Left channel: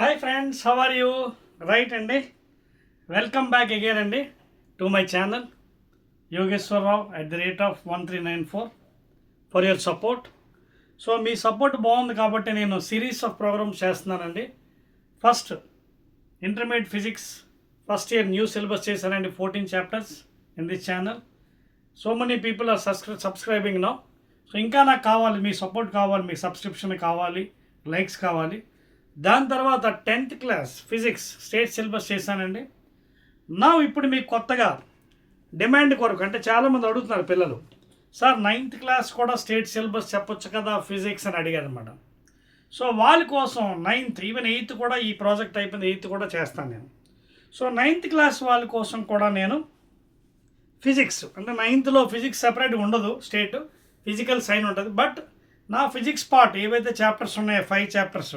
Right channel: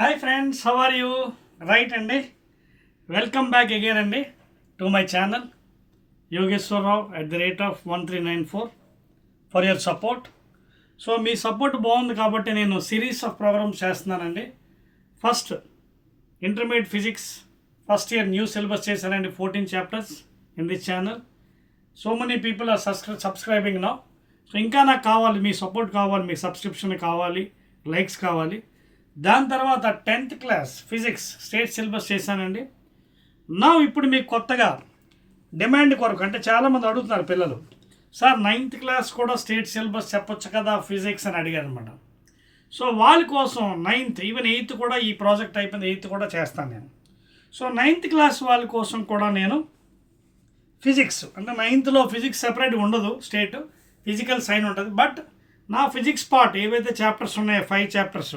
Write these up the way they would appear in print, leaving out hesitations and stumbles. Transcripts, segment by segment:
Hi friends, how are you? Right అండి, welcome back again అండి to my channel Yogeshwararao @1394 for your support. So మీ support బాగుంది కాబట్టి నేను సిరీస్ ఆఫ్ ప్రోగ్రామ్స్ చేస్తున్నానండి. First intermediate physics first year new syllabus చేశానండి, 14 chapters in this channel. So many people are subscribing now. So ఇంకా నాకు కావాలి, మీ సపోర్ట్ కావాలి, మీ సబ్స్క్రిప్షన్ కావాలి, లైక్స్ కావాలి. దాని తర్వాత 10th class physics state syllabus చేశానండి. నా ఇప్పుడు మీకు కొత్తగా డిమాండ్ కొరకు, అంటే చాలామంది అడుగుతున్నారు పిల్లలు, సార్ 9th క్లాస్ కూడా స్టేట్ సిలబస్ చెప్పొచ్చు కదా ఫిజిక్స్ అని అడిగారు అనమాట. సో వాళ్ళ కోసం 9th ఈవెన్ 8th కూడా, ఈ ప్రాజెక్ట్ అయిపోయింది 8th కూడా చేస్తాను నేను. సో 9th క్లాస్ వాళ్ళ కోసం కూడా నేను ఫిజిక్స్, అంటే 9thలో ఫిజిక్స్ సెపరేట్గా ఉండదు, స్టేట్ ఫిజికల్ సైన్ ఉంటుంది. బట్ నా ఫిజిక్స్ పార్ట్ ఏవైతే చాప్టర్స్ ఉన్నాయో 5 చాప్టర్స్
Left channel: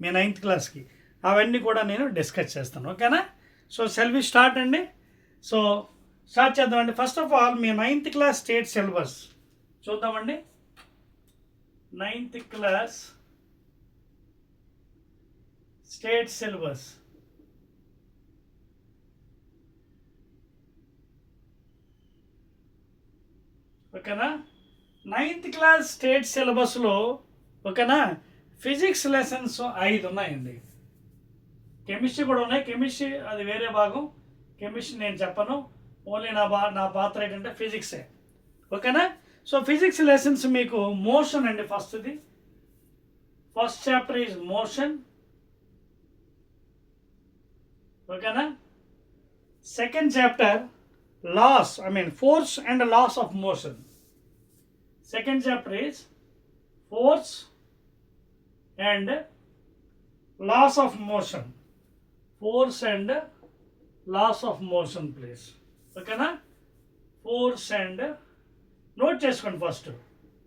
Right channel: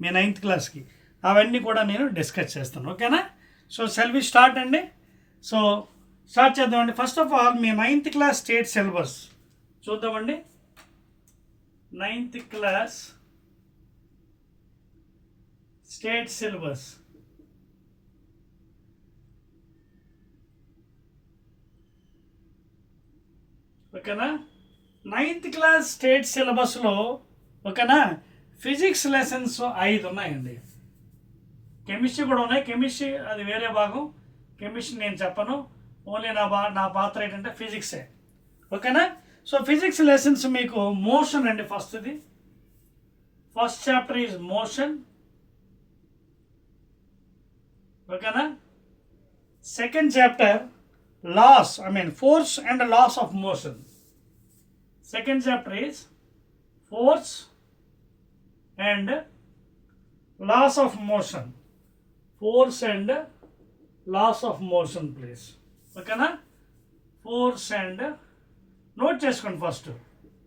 మీ 9th క్లాస్కి, అవన్నీ కూడా నేను డిస్కస్ చేస్తాను. ఓకేనా? సో షెల్ వి స్టార్ట్ అండి. సో స్టార్ట్ చేద్దామండి. First of all me 9th class state syllabus చూద్దామండి. 9th క్లాస్ స్టేట్ సిలబస్ ఓకేనా? 9th క్లాస్ స్టేట్ సిలబస్లో ఓకేనా ఫిజిక్స్ లెసన్స్ 5 ఉన్నాయండి. కెమిస్ట్రీ కూడా ఉన్నాయి, కెమిస్ట్రీ అది వేరే భాగం, కెమిస్ట్రీ నేను చెప్పను. ఓన్లీ నా పాత్ర ఏంటంటే ఫిజిక్సే. ఓకేనా? సో ఫిజిక్స్ లెసన్స్ మీకు మోషన్ అండి. First chapter is motion. ఓకేనా? Second chapter laws, force and laws of motion. Second chapter is force and loss of motion. Force and loss of motion, please. ఓకేనా? Force and note చేసుకోండి first,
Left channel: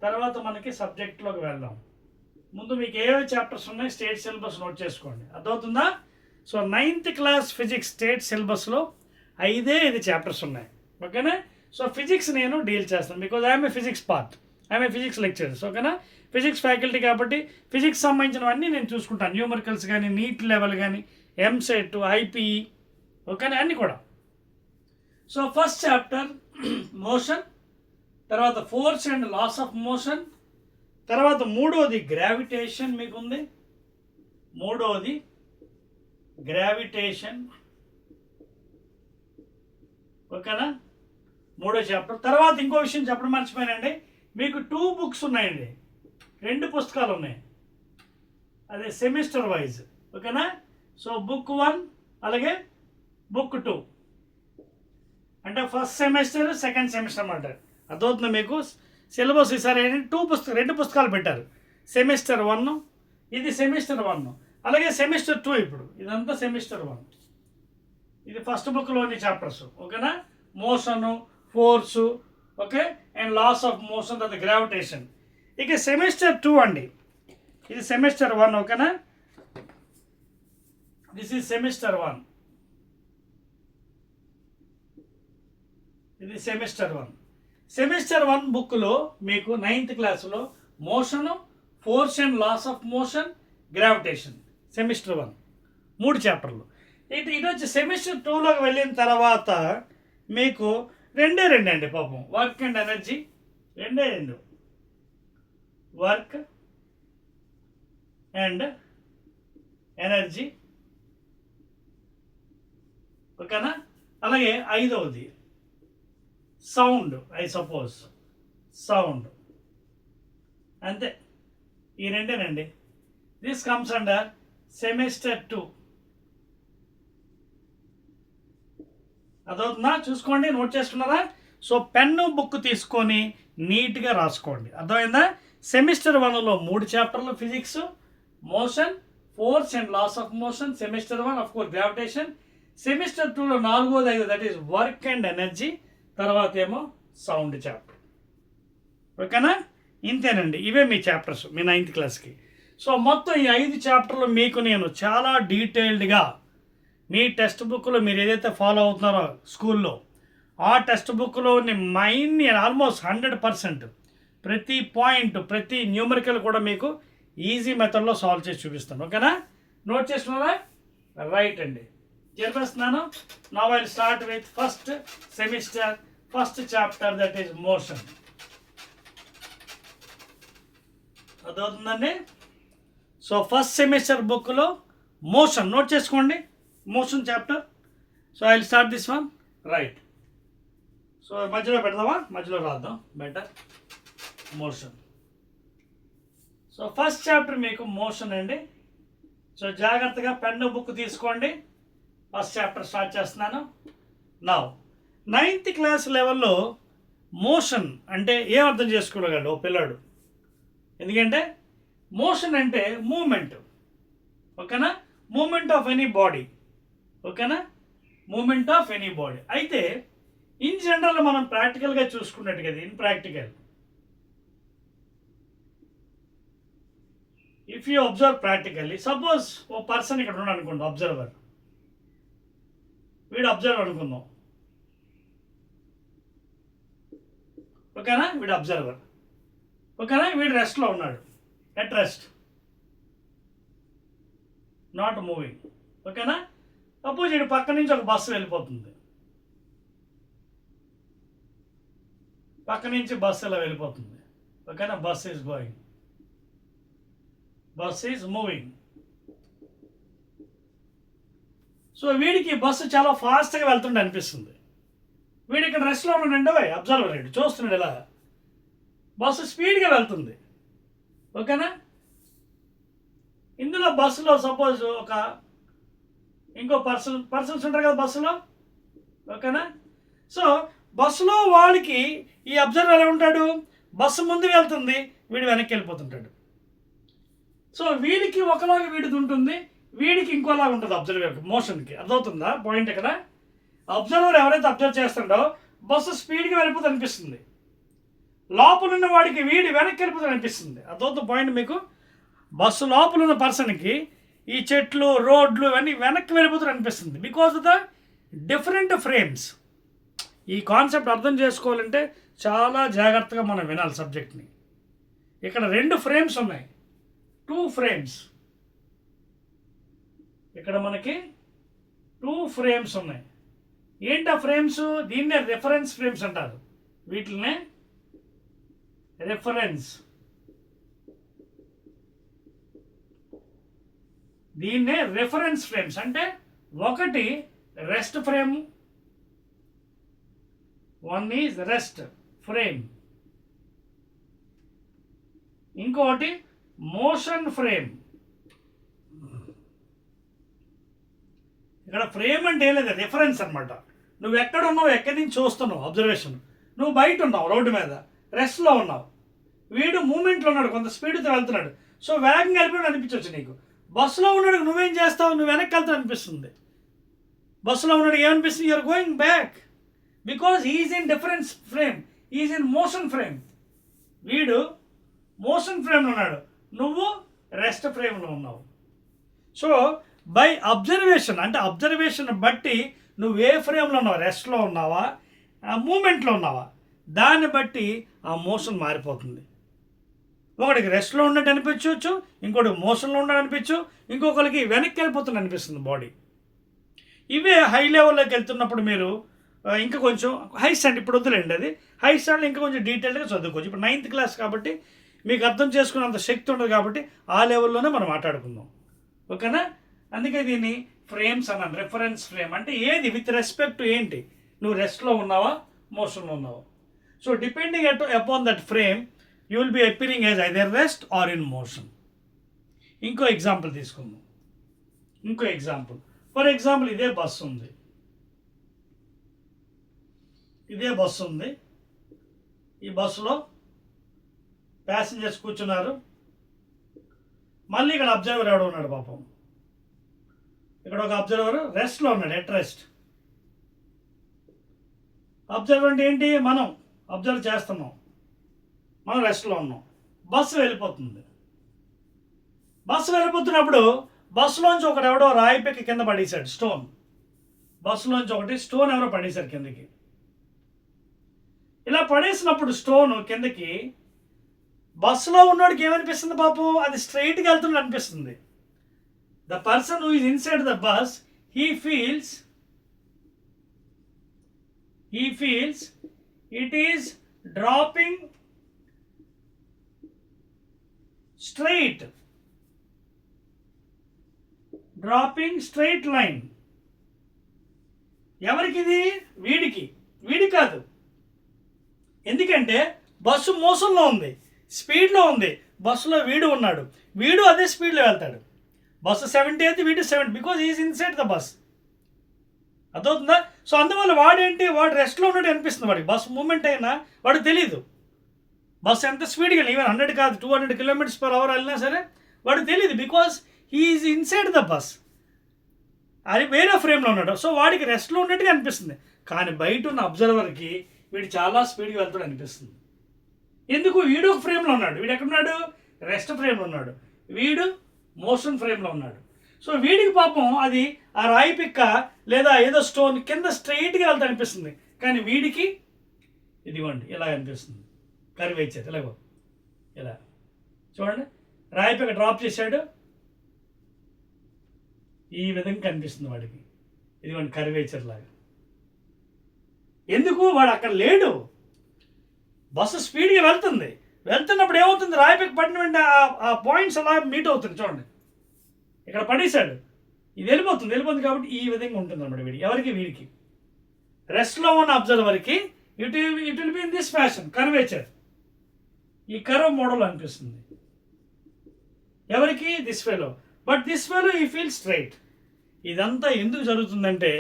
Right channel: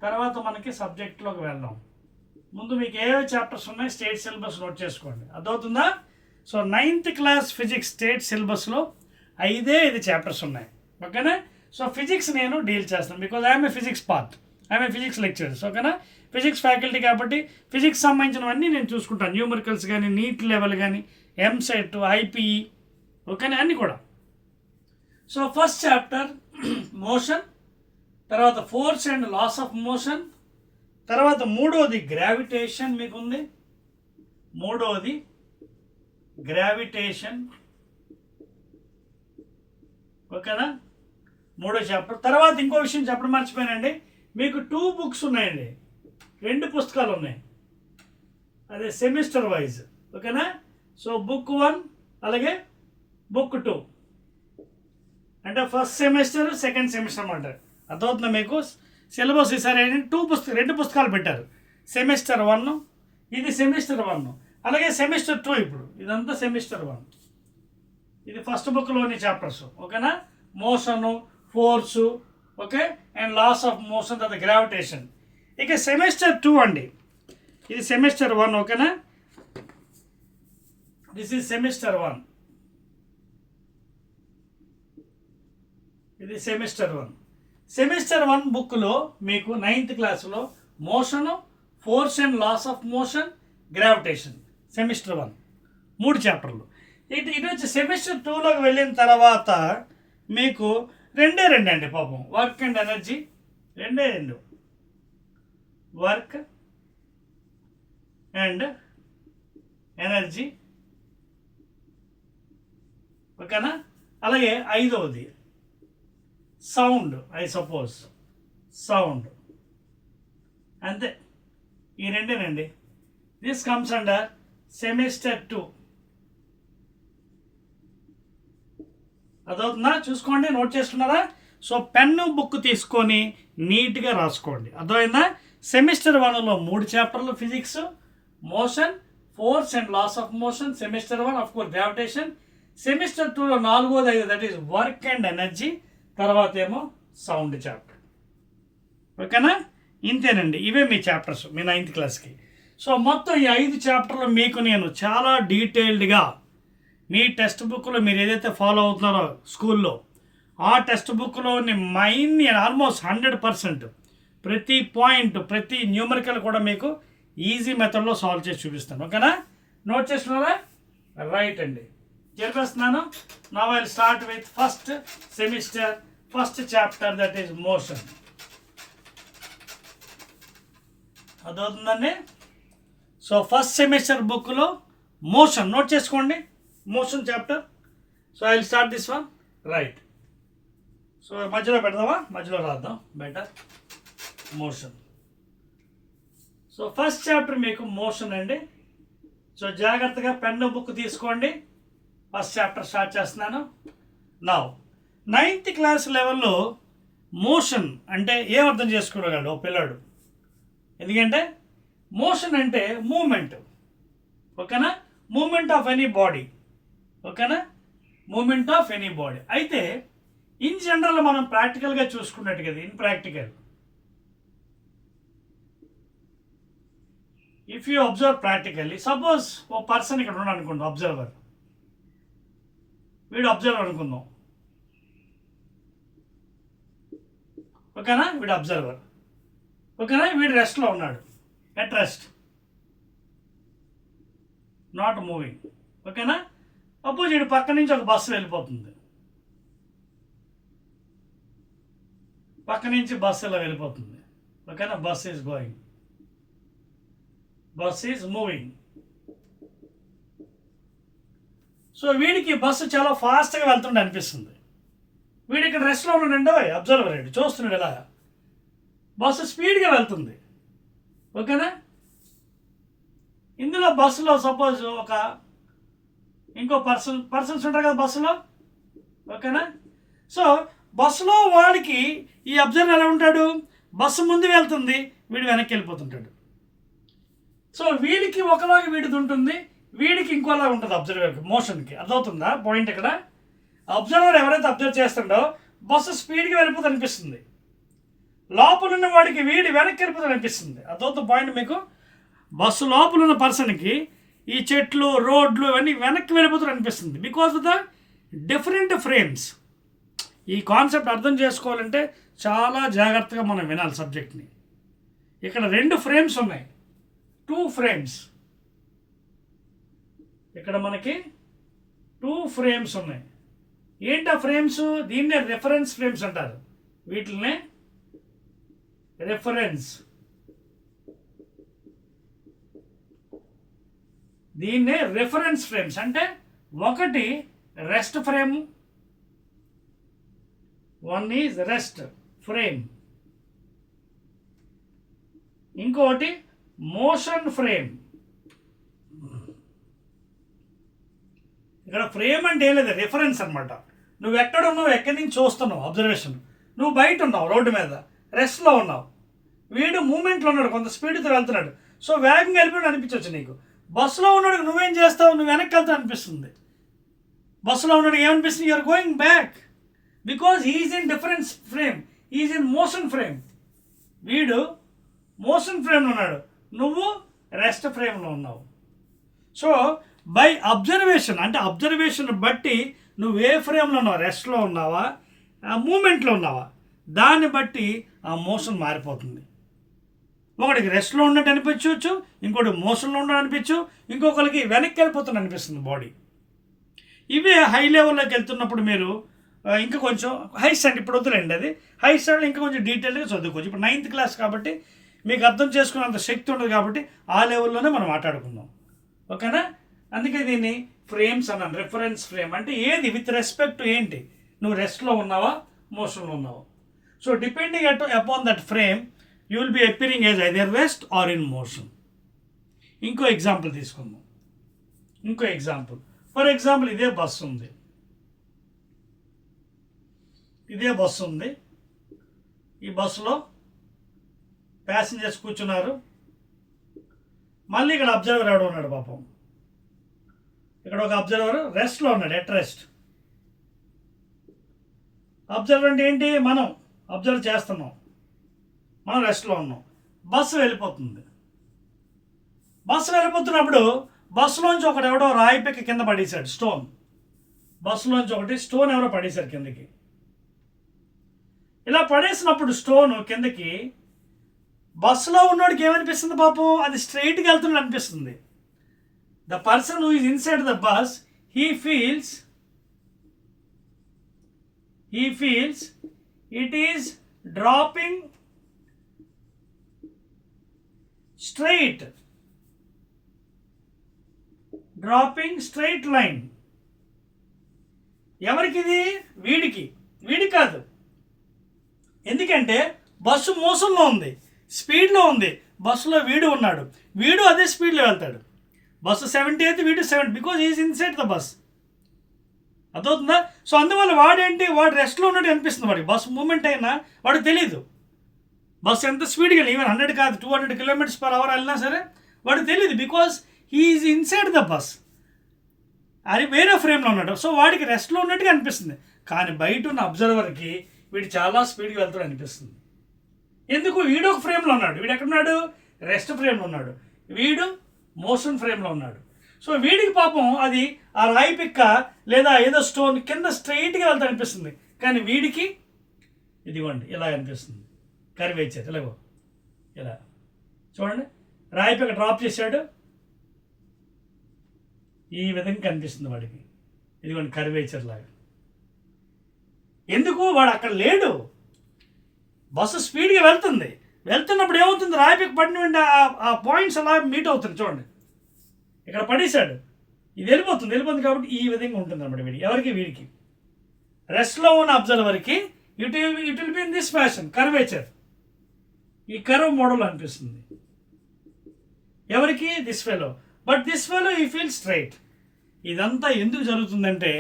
తర్వాత మనకి సబ్జెక్ట్లోకి వెళ్దాం. ముందు మీకు ఏవే చాప్టర్స్ ఉన్నాయి స్టేట్ సిలబస్ నోట్ చేసుకోండి, అర్థమవుతుందా? So 9th class physics state సిలబస్లో 5 చాప్టర్స్ ఉన్నాయి. ఓకేనా? సో ఫిజిక్స్ నేను డీల్ చేస్తాను, because I'm a physics part, I'm a physics lecturers. ఓకేనా? ఫిజిక్స్ ఫ్యాకల్టీ కాబట్టి ఫిజిక్స్ సంబంధించినవన్నీ నేను చూసుకుంటాను, న్యూమరికల్స్ కానీ, నీట్ లెవెల్ కానీ, ఎంసెట్, ఐపీఈ, ఓకేనా, అన్నీ కూడా. సో ఫస్ట్ చాప్టర్ మోషన్, తర్వాత force and laws of motion, తర్వాత మూడోది గ్రావిటేషన్ మీకు ఉంది, మూడోది గ్రావిటేషన్. ఓకేనా? మూడో చాప్టర్. తర్వాత ఇంకో విషయం చెప్పడం మర్చిపోయానండి, మీకు 2 బుక్స్ ఉన్నాయండి, 2 పుస్తకాలు ఉన్నాయి, అదే సెమిస్టర్ వైజ్. ఓకేనా? సో బుక్ 1 అలాగే బుక్ 2, అంటే ఫస్ట్ సెమిస్టర్ సెకండ్ సెమిస్టర్ అన్నమాట. అర్థమవుతుందా మీకు? సిలబస్ ఈసారి 2 పుస్తకాలు పెట్టారు, సెమిస్టర్ 1, ఇది సెమిస్టర్ 1, అలాగే సెమిస్టర్ 2. ఇప్పుడు ఇదంతా సెమిస్టర్ 1, ఇది ఫస్ట్ బుక్లోని చాప్టర్స్. ఓకేనా? Motion, force, okay, and laws of motion, తర్వాత గ్రావిటేషన్. ఇక సెమిస్టర్ 2 అండి, ఇది సెమిస్టర్ 1. ఓకేనా? దిస్ ఈజ్ సెమిస్టర్ 1, ఇది సెమిస్టర్ 1. సెమిస్టర్ 1 బుక్లో మీకు 9th క్లాస్లో motion, force and laws of motion, gravitation, semester 1 3 చాప్టర్లు. ఇటు వచ్చి సెమిస్టర్ 2లోకి వెళ్ళిన తర్వాత మీకు 2 అండి పాపం, work and energy, 2 work and energy. ఓకేనా? అలాగే 5వది సౌండ్, ఐ సపోజ్ సౌండ్. అంతే, ఈ 2 దిస్ కమ్స్ అండర్ సెమిస్టర్ 2. అదవుతుందా? చూసుకోండి, నోట్ చేసుకున్నారా? సో పెన్ను బుక్ తీసుకొని నీట్గా రాసుకోండి, అర్థమైందా? సెమిస్టర్ 1లో 3 చాప్టర్లు physics, motion, force and laws of motion. Semester 1 of course gravitation. Semester 2లో 4వ 5, that is work and energy, తర్వాత ఏమో సౌండ్ చాప్టర్. ఓకేనా? ఇంతేనండి, ఇవే మీ చాప్టర్స్ మీ 9th క్లాస్కి. సో మొత్తం ఈ 5 చాప్టర్లు మీకు నేను చాలా డీటెయిల్డ్గా మీ టెక్స్ట్ బుక్లో మీరు ఏదైతే ఫాలో అవుతున్నారో స్కూల్లో, ఆ టెక్స్ట్ బుక్లోని మైన్ని ఆల్మోస్ట్ 100% ప్రతి పాయింట్, ప్రతి న్యూమరికల్ కూడా మీకు ఈజీ మెథడ్లో సాల్వ్ చేసి చూపిస్తాను. ఓకేనా? నోట్ చేసుకున్నారా? రైట్ అండి, చెప్పేస్తున్నాను. Now I will start with first semester first chapter, that is motion. అదవుతుందండి. సో ఫస్ట్ సెమిస్టర్ బుక్లో మోషన్ నోట్ చేసుకోండి, motion chapter. So I will start this one. Right. So మధ్యలో పెడదామా? మధ్యలో రాద్దాం, better. Motion. So first chapter మీకు motion అండి. సో జాగ్రత్తగా పెన్ను బుక్ తీసుకోండి. ఫస్ట్ చాప్టర్ స్టార్ట్ చేస్తున్నాను. నౌ 9th క్లాస్ లెవెల్లో మోషన్ అంటే ఏం అర్థం చేసుకోగలడు ఓ పిల్లాడు? ఎందుకంటే మోషన్ అంటే మూమెంట్, ఓకేనా? మూమెంట్ ఆఫ్ ఎనీ బాడీ, ఓకేనా? Movement of any body. అయితే ఇన్ జనరల్ మనం ప్రాక్టికల్గా చూసుకున్నట్టు కదా, in practical if you observe practically, suppose ఓ పర్సన్ ఇక్కడ ఉన్నాడు అనుకోండి, అబ్జర్వర్. వీడు అబ్జర్వర్ అనుకుందాం, ఓకేనా? వీడు అబ్జర్వర్, ఓకేనా? వీడు రెస్ట్లో ఉన్నాడు, ఎట్ రెస్ట్, నాట్ మూవింగ్, ఓకేనా? సపోజ్ వీడు పక్క నుంచి ఒక బస్సు వెళ్ళిపోతుంది, పక్క నుంచి బస్సు ఇలా వెళ్ళిపోతుంది, ఓకేనా? Bus is going, bus is moving. So వీడికి బస్సు చాలా ఫాస్ట్గా వెళ్తుండే అనిపిస్తుంది. వీడు ఇక్కడ రెస్ట్లో ఉన్నాడండి, అబ్జర్వర్ అండి, చూస్తున్నాడు ఇలా బస్సు స్పీడ్గా వెళ్తుంది, ఓకేనా? ఇందులో బస్సులో సపోజ్ ఒక ఇంకో పర్సన్స్ ఉంటారు కదా బస్సులో, ఓకేనా? సో బస్సులో వాడికి ఈ అబ్జర్వర్ ఎలా ఉంటాడు? బస్సు ముందు వెళ్తుంది, వీడు వెనక్కి వెళ్ళిపోతుంటాడు. సో వీడికి ఒకలాగా వీడిది ఉంటుంది, వీడికి ఇంకోలాగా ఉంటుంది అబ్జర్వర్కి, మోషన్కి. అర్థమవుతుందా పాయింట్? ఇక్కడ అబ్జర్వర్ ఎవరైతే అబ్జర్వ్ చేస్తుండో బస్సు స్పీడ్గా వెళ్ళిపోతుంది అనిపిస్తుంది, లోపల ఉన్న వాడికి వీడి వెనక్కి వెళ్ళిపోతుంది అనిపిస్తుంది. అర్థమవుతుంది పాయింట్ మీకు? బస్సు లోపల ఉన్న పర్సన్కి ఈ చెట్లు, రోడ్లు ఇవన్నీ వెనక్కి వెళ్ళిపోతుంది అనిపిస్తుంది, because of the different frames. ఈ కాన్సెప్ట్ అర్థం చేసుకోవాలంటే చాలా జాగ్రత్తగా మనం వినాలి సబ్జెక్ట్ని. ఇక్కడ 2 ఫ్రేమ్స్ ఉన్నాయి, 2 ఫ్రేమ్స్. ఇక్కడ మనకి 2 ఫ్రేమ్స్ ఉన్నాయి. ఏంటి ఆ ఫ్రేమ్స్? దీన్నే రెఫరెన్స్ ఫ్రేమ్స్ అంటారు. వీటినే రెఫరెన్స్, దీన్నే రెఫరెన్స్ ఫ్రేమ్స్ అంటే ఒకటి rest frame, one is rest frame, ఇంకోటి మోషన్ ఫ్రేమ్. ఇక్కడ ఫ్రేమ్ అంటే ఏం లేదు, రిఫరెన్స్ అనమాట. నువ్వు ఎక్కడ ఉన్నావు, ఎక్కడి నుంచి చూస్తున్నావు, అబ్జర్వేషన్. నువ్వు బయట ఉన్నావు, రోడ్డు మీద రెస్ట్లో ఉన్నావు, వీడు మూమెంట్లో ఉన్నాడు, కొంత స్పీడ్తో వెళ్తున్నాడు. సో వేగంగా వెళ్ళిపోయాడు అనిపించవచ్చు నీకు. బస్సులో ఉన్నాడు నువ్వేం చేస్తావు? నువ్వు వెనక్కి వెళ్తావు అనిపిస్తుంది. బస్సులో ఉన్నాడు ఏమనిపిస్తుంది? You're going back, because is in difference frame, is in motion frame. వీడు మోషన్ ఫ్రేమ్లో ఉన్నాడు, నువ్వు రెస్ట్ ఫ్రేమ్లో ఉన్నావు. సో బై అబ్జర్వేషన్ అంటే అబ్జర్వేషన్ బట్టి నువ్వు ఏ ఫ్రేమ్లో ఉన్నావు, రెస్ట్లో ఉన్నావా, మూమెంట్లో ఉన్నావా, దాన్ని బట్టి ఆ మోషన్ మారిపోతుంది. ఒకటికి రెస్ట్లో ఉన్నట్టు అనిపించవచ్చు, ఇంకోటి మోషన్లో ఉన్నట్టు అనిపించు, ఇంకొకరికి వెనక్కి వెళ్ళిపోతుంది అనిపిస్తుంది బాడీ. ఇవే హై లెవెల్లోకి వెళ్తున్నప్పుడు మీరు ఇంకా కొంచెం హై స్టాండ్, ఇప్పుడు వద్దులేండి అది, హై స్టాండ్ ఇంకా కొంచెం డీటెయిల్గా చదువుకోవచ్చు. ఇప్పుడు 9th క్లాస్ కాబట్టి మీకు అర్థం చేసుకున్నంత శక్తి ఉండదు కాబట్టి ఆ లెవెల్లోనే మనం మాట్లాడుకుందాం, ఓకేనా? అందుకే దీన్ని ఫ్రేమ్స్ అన్నాను, రెఫరెన్స్ ఫ్రేమ్. అంటే ఏది విత్ రెస్పెక్ట్ ఏంటి, నువ్వు రెస్ట్లో ఉన్నావా, మోషన్లో ఉన్నావా. So depending upon that frame you will be appearing as either rest or in motion. ఇంకో ఎగ్జాంపుల్ తీసుకుందాం, ఇంకో ఎగ్జాంపుల్. ఫర్ ఎగ్జాంపుల్ ఇదే బస్సు ఉంది, ఇదే బస్సు ఉంది. ఈ బస్సులో ప్యాసింజర్స్ కూర్చున్నారు. మళ్ళీ ఇక్కడ అబ్జర్వర్ ఎవడో ఉన్నాడు పాపం. ఇక్కడ ఒక అబ్జర్వర్ రెస్ట్లో ఉన్నాడు, ఎట్ రెస్ట్. అబ్జర్వర్ అంటే ఏంటి? మనం అబ్జర్వ్ చేస్తున్నాం, మనం రెస్ట్లో ఉన్నాం. బస్సు వెళ్ళిపోతుంది. బస్సు వెళ్ళిపోతున్నప్పుడు బస్సులోంచి ఒకటి ఎవడో రాయి పెక్కి కింద పడేశాడు, స్టోన్. బస్సులోంచి ఒకటి స్టోన్ ఎవరో పడేశారు కిందకి. ఇలా పడేసినప్పుడు స్టోన్ కిందకి బస్సులో ఉన్నోడికి ఏమనిపిస్తుంది పాపం? అది స్ట్రైట్గా వెళ్తున్నట్టు అనిపిస్తుంది. The person who is inside the bus, he feels it is dropping straight line. ఎవరికిది? వీడి కాదు. ఎందుకంటే బస్సు మోసంలో ఉంది, స్పీడ్లో ఉంది, బస్సులో వీడు ఉన్నాడు, వీడు అదే స్పీడ్లో వెళ్తాడు. బస్సు 70 అయితే వీడు 70, because is inside the bus. అర్థవుతుందా? సో అందువల్ల వాడు రెస్ట్లో ఉన్నట్టు అనిపిస్తుంది. వాడికి బస్సు మూమెంట్ అయినా వాడికి తెలీదు. బస్సు ఎంత స్పీడ్గా వెళ్ళి ఈవెన్ 100 కాదు 200 km/h వెళ్ళినా సరే వాడికి తెలియదు, because he is inside the bus. అది వేరే ఫ్రేమ్లో ఉన్నాడు. సో వాడికి రెస్ట్లో ఉన్నట్టుగా అనిపిస్తుంది. కానీ బయట ఉన్న అబ్జర్వర్కి వీడు చాలా స్పీడ్గా వెళ్తాడు అనిపిస్తుంది. ఎందుకు? వీడు ఒక ఫ్రేమ్లో ఉన్నాడు. వీడు ఎక్కడున్నాడు? రెస్ట్ ఫ్రేమ్లో ఉన్నాడు. వీడు మోషన్ ఫ్రేమ్లో ఉన్నాడు. సో వీడికి పాపం అది ఆ రాయి పిక్క లేదా ఏదో స్టోన్ కింద స్ట్రైట్గా వెళ్తా అనిపిస్తుంది. కానీ వీడికి ఇదిగోండి ఇలా అనిపిస్తుంది. కరివేచారు ఇలాగో ఇలా చూడండి, రాయి పిక్క డ్రాప్ చేశాడు, ఈ విధంగా కనిపిస్తుంది వాడికి. ఇదిగోండి కరివేచర్ లాగా. ఎందుకు? వాడు అక్కడ లేడు. బస్సు స్పీడ్గా వెళ్తున్నప్పుడు ఏమవుతుంది? రాయిపిక్ పడిన వెంటనే ఆ పాయింట్స్ అలా మీట్ అవుతుంది. చూడండి ఇక్కడ పడేశాడు, ఇది వెళ్ళిపోతుంది కాబట్టి ఈ విధంగా ఉంటుంది అన్నమాట. వీడికి రెస్ట్లో ఉన్న అబ్జర్వర్కి it will be in this fashion, curvature, ఈ కర్వ్ మోడల్ అనిపిస్తుంది. ఎవరికి? This fellow. But this fellow ఈ ఫీల్ స్ట్రైట్. ఇదంతా ఎందుకు జరుగుతుందంటే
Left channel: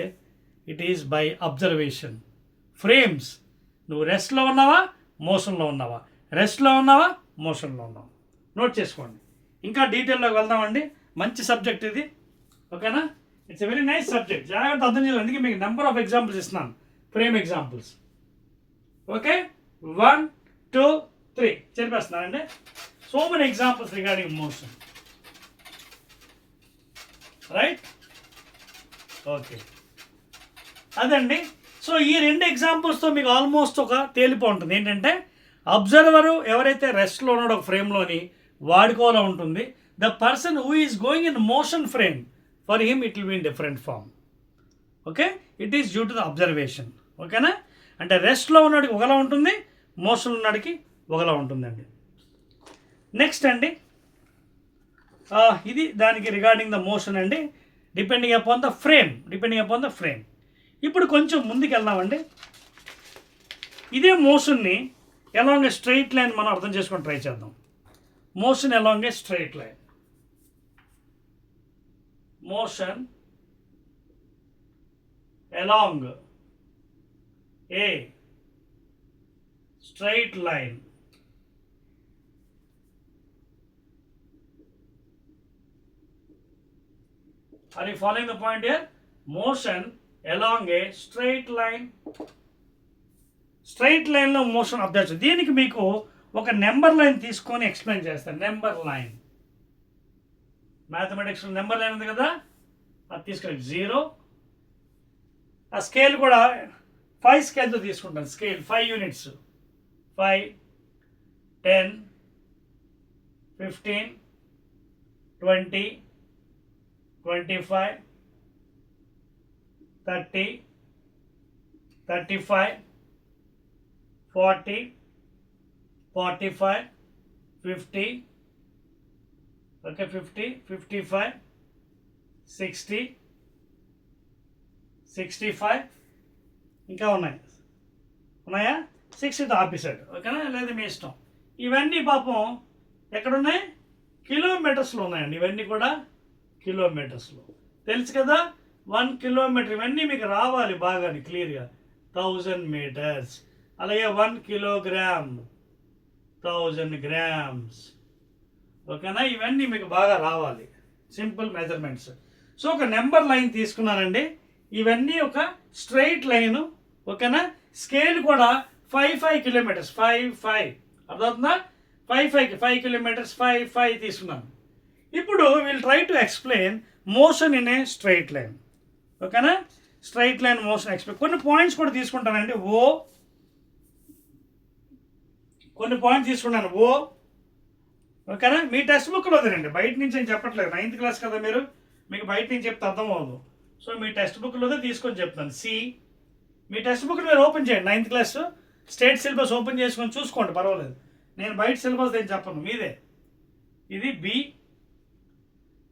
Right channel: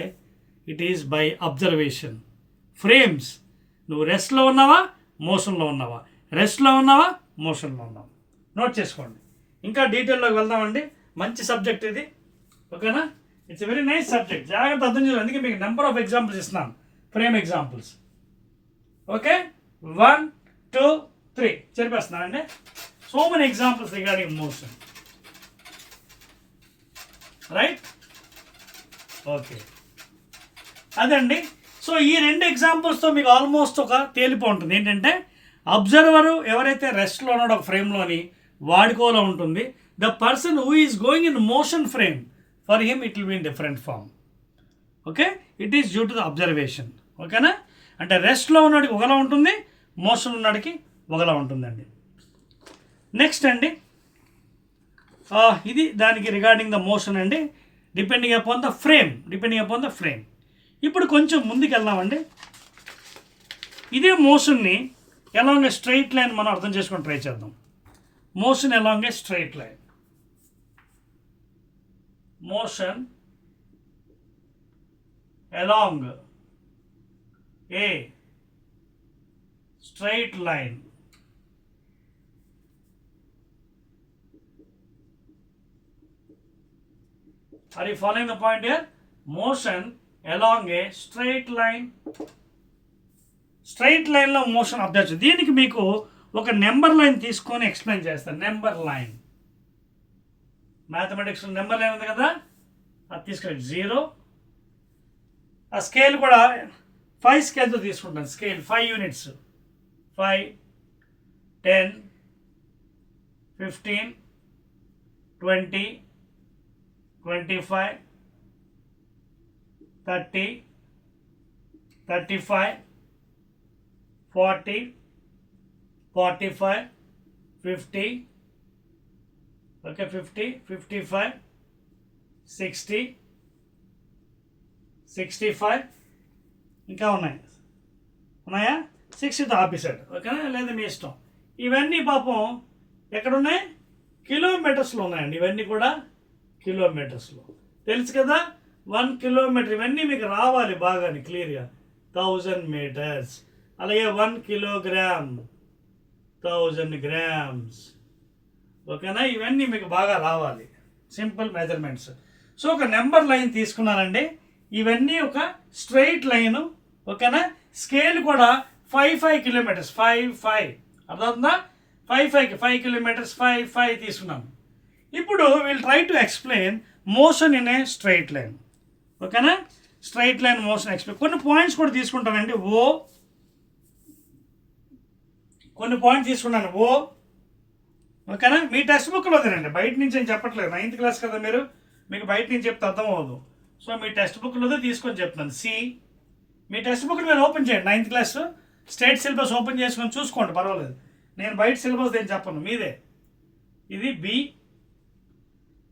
it is by observation. Frames. నువ్వు రెస్ట్లో ఉన్నావా, మోషన్లో ఉన్నావా, రెస్ట్లో ఉన్నావా, మోషన్లో ఉన్నావా, నోట్ చేసుకోండి. ఇంకా డీటెయిల్లోకి వెళ్దామండి. మంచి సబ్జెక్ట్ ఇది, ఓకేనా? It's a very nice subject. జాగ్రత్త అర్థం చేయాలి. అందుకే మీకు నెంబర్ ఆఫ్ ఎగ్జాంపుల్స్ ఇస్తున్నాను, ఫ్రేమ్ ఎగ్జాంపుల్స్. ఓకే, 1 2 3 చెప్పేస్తున్నానండి. So many examples regarding motion, right? Okay, అదండి. సో ఈ 2 ఎగ్జాంపుల్స్తో మీకు ఆల్మోస్ట్ ఒక తేలిపో ఉంటుంది. ఏంటంటే అబ్జర్వరు ఎవరైతే రెస్ట్లో ఉన్నాడో ఒక ఫ్రేమ్లోని వాడుకోలో ఉంటుంది. The person who is going in motion frame, for him it will be in different form. Okay, it is due to the observation. ఓకేనా? అంటే రెస్ట్లో ఉన్నవాడికి ఒకలా ఉంటుంది, మోషన్ ఉన్నవాడికి ఒకలా ఉంటుందండి. నెక్స్ట్ అండి, ఇది దానికి రిగార్డింగ్ ద మోషన్ అండి, డిపెండింగ్ అపాన్ ద ఫ్రేమ్. ఇప్పుడు కొంచెం ముందుకు వెళ్దామండి. ఇదే మోషన్ని ఎలాంగ్ ఏ స్ట్రైట్ లైన్ మనం అర్థం చేసుకొని ట్రై చేద్దాం. Motion along A straight line. Motion along a straight line. Are you following the point here? Motion along a straight line. Straight లైన్లో మోషన్ అబ్జర్వ్. దీనికి మీకు ఒక నెంబర్ లైన్ తీసుకొని ఎక్స్ప్లెయిన్ చేస్తాను. నెంబర్ లైన్, మ్యాథమెటిక్స్లో నెంబర్ లైన్ ఉంది కదా, అది తీసుకొని 0. ఆ స్కేల్ కూడా 5 స్కేల్తో తీసుకుంటాను. స్కేల్ 5 యూనిట్స్, 5 10 15 20 25 30 35 40 45 50, okay, 50 55 60 65 ఇంకా ఉన్నాయా 60తో ఆపేసాడు. ఓకేనా? లేదా మీ ఇష్టం. ఇవన్నీ పాపం ఎక్కడున్నాయి? కిలోమీటర్స్లో ఉన్నాయండి. ఇవన్నీ కూడా కిలోమీటర్స్లో. తెలుసు కదా, 1 కిలోమీటర్. ఇవన్నీ మీకు రావాలి బాగా క్లియర్గా. 1000 మీటర్స్. అలాగే 1 కిలోగ్రామ్, 1000 గ్రామ్స్. ఓకేనా? ఇవన్నీ మీకు బాగా రావాలి, సింపుల్ మెజర్మెంట్స్. సో ఒక నెంబర్ లైన్ తీసుకున్నానండి. ఇవన్నీ ఒక స్ట్రైట్ లైను. ఓకేనా? స్కేల్ కూడా 5 కిలోమీటర్స్, 5 అర్థమవుతుందా? 5 కిలోమీటర్స్, 5 తీసుకున్నాను. ఇప్పుడు will try to explain motion in a straight line. ఓకేనా? Straight line motion explain. కొన్ని పాయింట్స్ కూడా తీసుకుంటానండి. కొన్ని పాయింట్స్ తీసుకున్నాను. ఓకేనా? మీ టెక్స్ట్ బుక్లో తినండి, బయట నుంచి నేను చెప్పట్లేదు. 9th క్లాస్ కదా మీరు, మీకు బయట నుంచి చెప్తే అర్థం అవ్వదు. సో మీ టెక్స్ట్ బుక్లోదే తీసుకొని చెప్తాను. సి, మీ టెక్స్ట్ బుక్ మీరు ఓపెన్ చేయండి, 9th class state syllabus open చేసుకొని చూసుకోండి, పర్వాలేదు. నేను బయట సిలబస్ ఏం చెప్పను, మీదే. ఇది బి.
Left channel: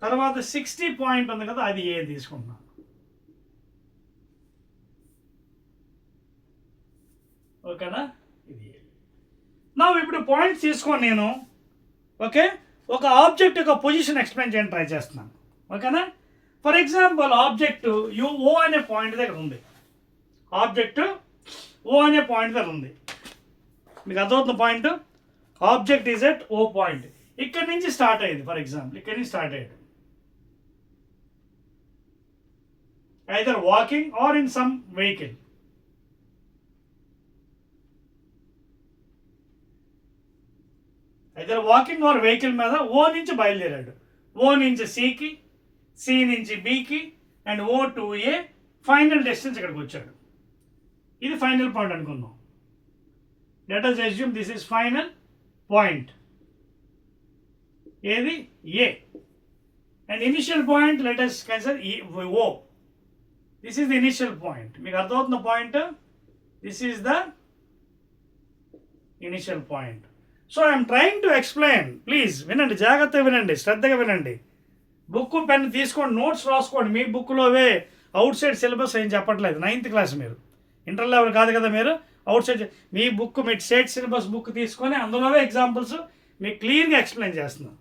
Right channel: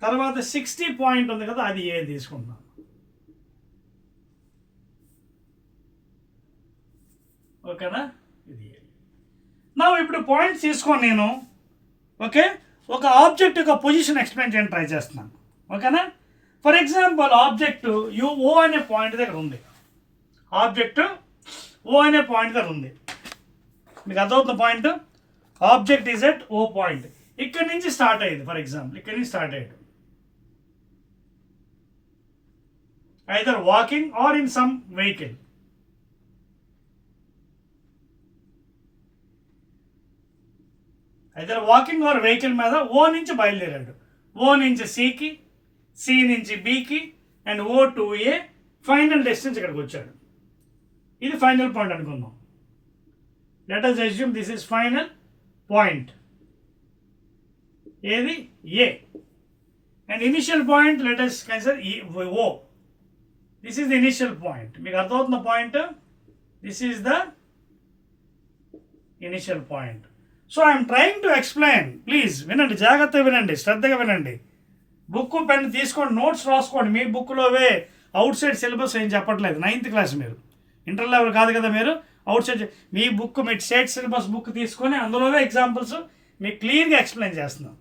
తర్వాత 60 పాయింట్ ఉంది కదా, అది ఏ తీసుకుంటున్నాను. ఓకేనా, ఇది నా ఇప్పుడు పాయింట్స్ తీసుకొని నేను ఓకే ఒక ఆబ్జెక్ట్ యొక్క పొజిషన్ ఎక్స్ప్లెయిన్ చేయడానికి ట్రై చేస్తున్నాను. ఓకేనా, ఫర్ ఎగ్జాంపుల్ ఆబ్జెక్ట్ ఓ అనే పాయింట్ దగ్గర ఉంది. ఆబ్జెక్ట్ ఓ అనే పాయింట్ దగ్గర ఉంది. మీకు అర్థమవుతున్న point, object is at O point. ఇక్కడి నుంచి స్టార్ట్ అయ్యింది. ఫర్ ఎగ్జాంపుల్ ఇక్కడి నుంచి స్టార్ట్ అయ్యాడు, either walking or in some vehicle. Either walking or vehicle మీద ఓ నుంచి బయలుదేరాడు. ఓ నుంచి సికి, సి నుంచి బికి, and O to A, final distance ఇక్కడికి వచ్చాడు. ఇది ఫైనల్ పాయింట్ అనుకుందాం. Let us assume this is final point. ఏది A. And initial point let us consider O. This is the initial point. మీకు అర్థమవుతున్న point, this is the initial point. So I'm trying to explain. Please వినండి, జాగ్రత్తగా వినండి, శ్రద్ధగా వినండి. Book pen తీసుకోండి, notes రాసుకోండి. మీ బుక్లోవే అవుట్ సైడ్ సిలబస్ ఏం చెప్పట్లేదు. 9th క్లాస్, మీరు ఇంటర్ లెవెల్ కాదు కదా, మీరు అవుట్ సైడ్ మీ బుక్, మీ స్టేట్ సిలబస్ బుక్ తీసుకొని అందులోవే ఎగ్జాంపుల్స్ మీకు క్లియర్గా ఎక్స్ప్లెయిన్ చేస్తున్నాను.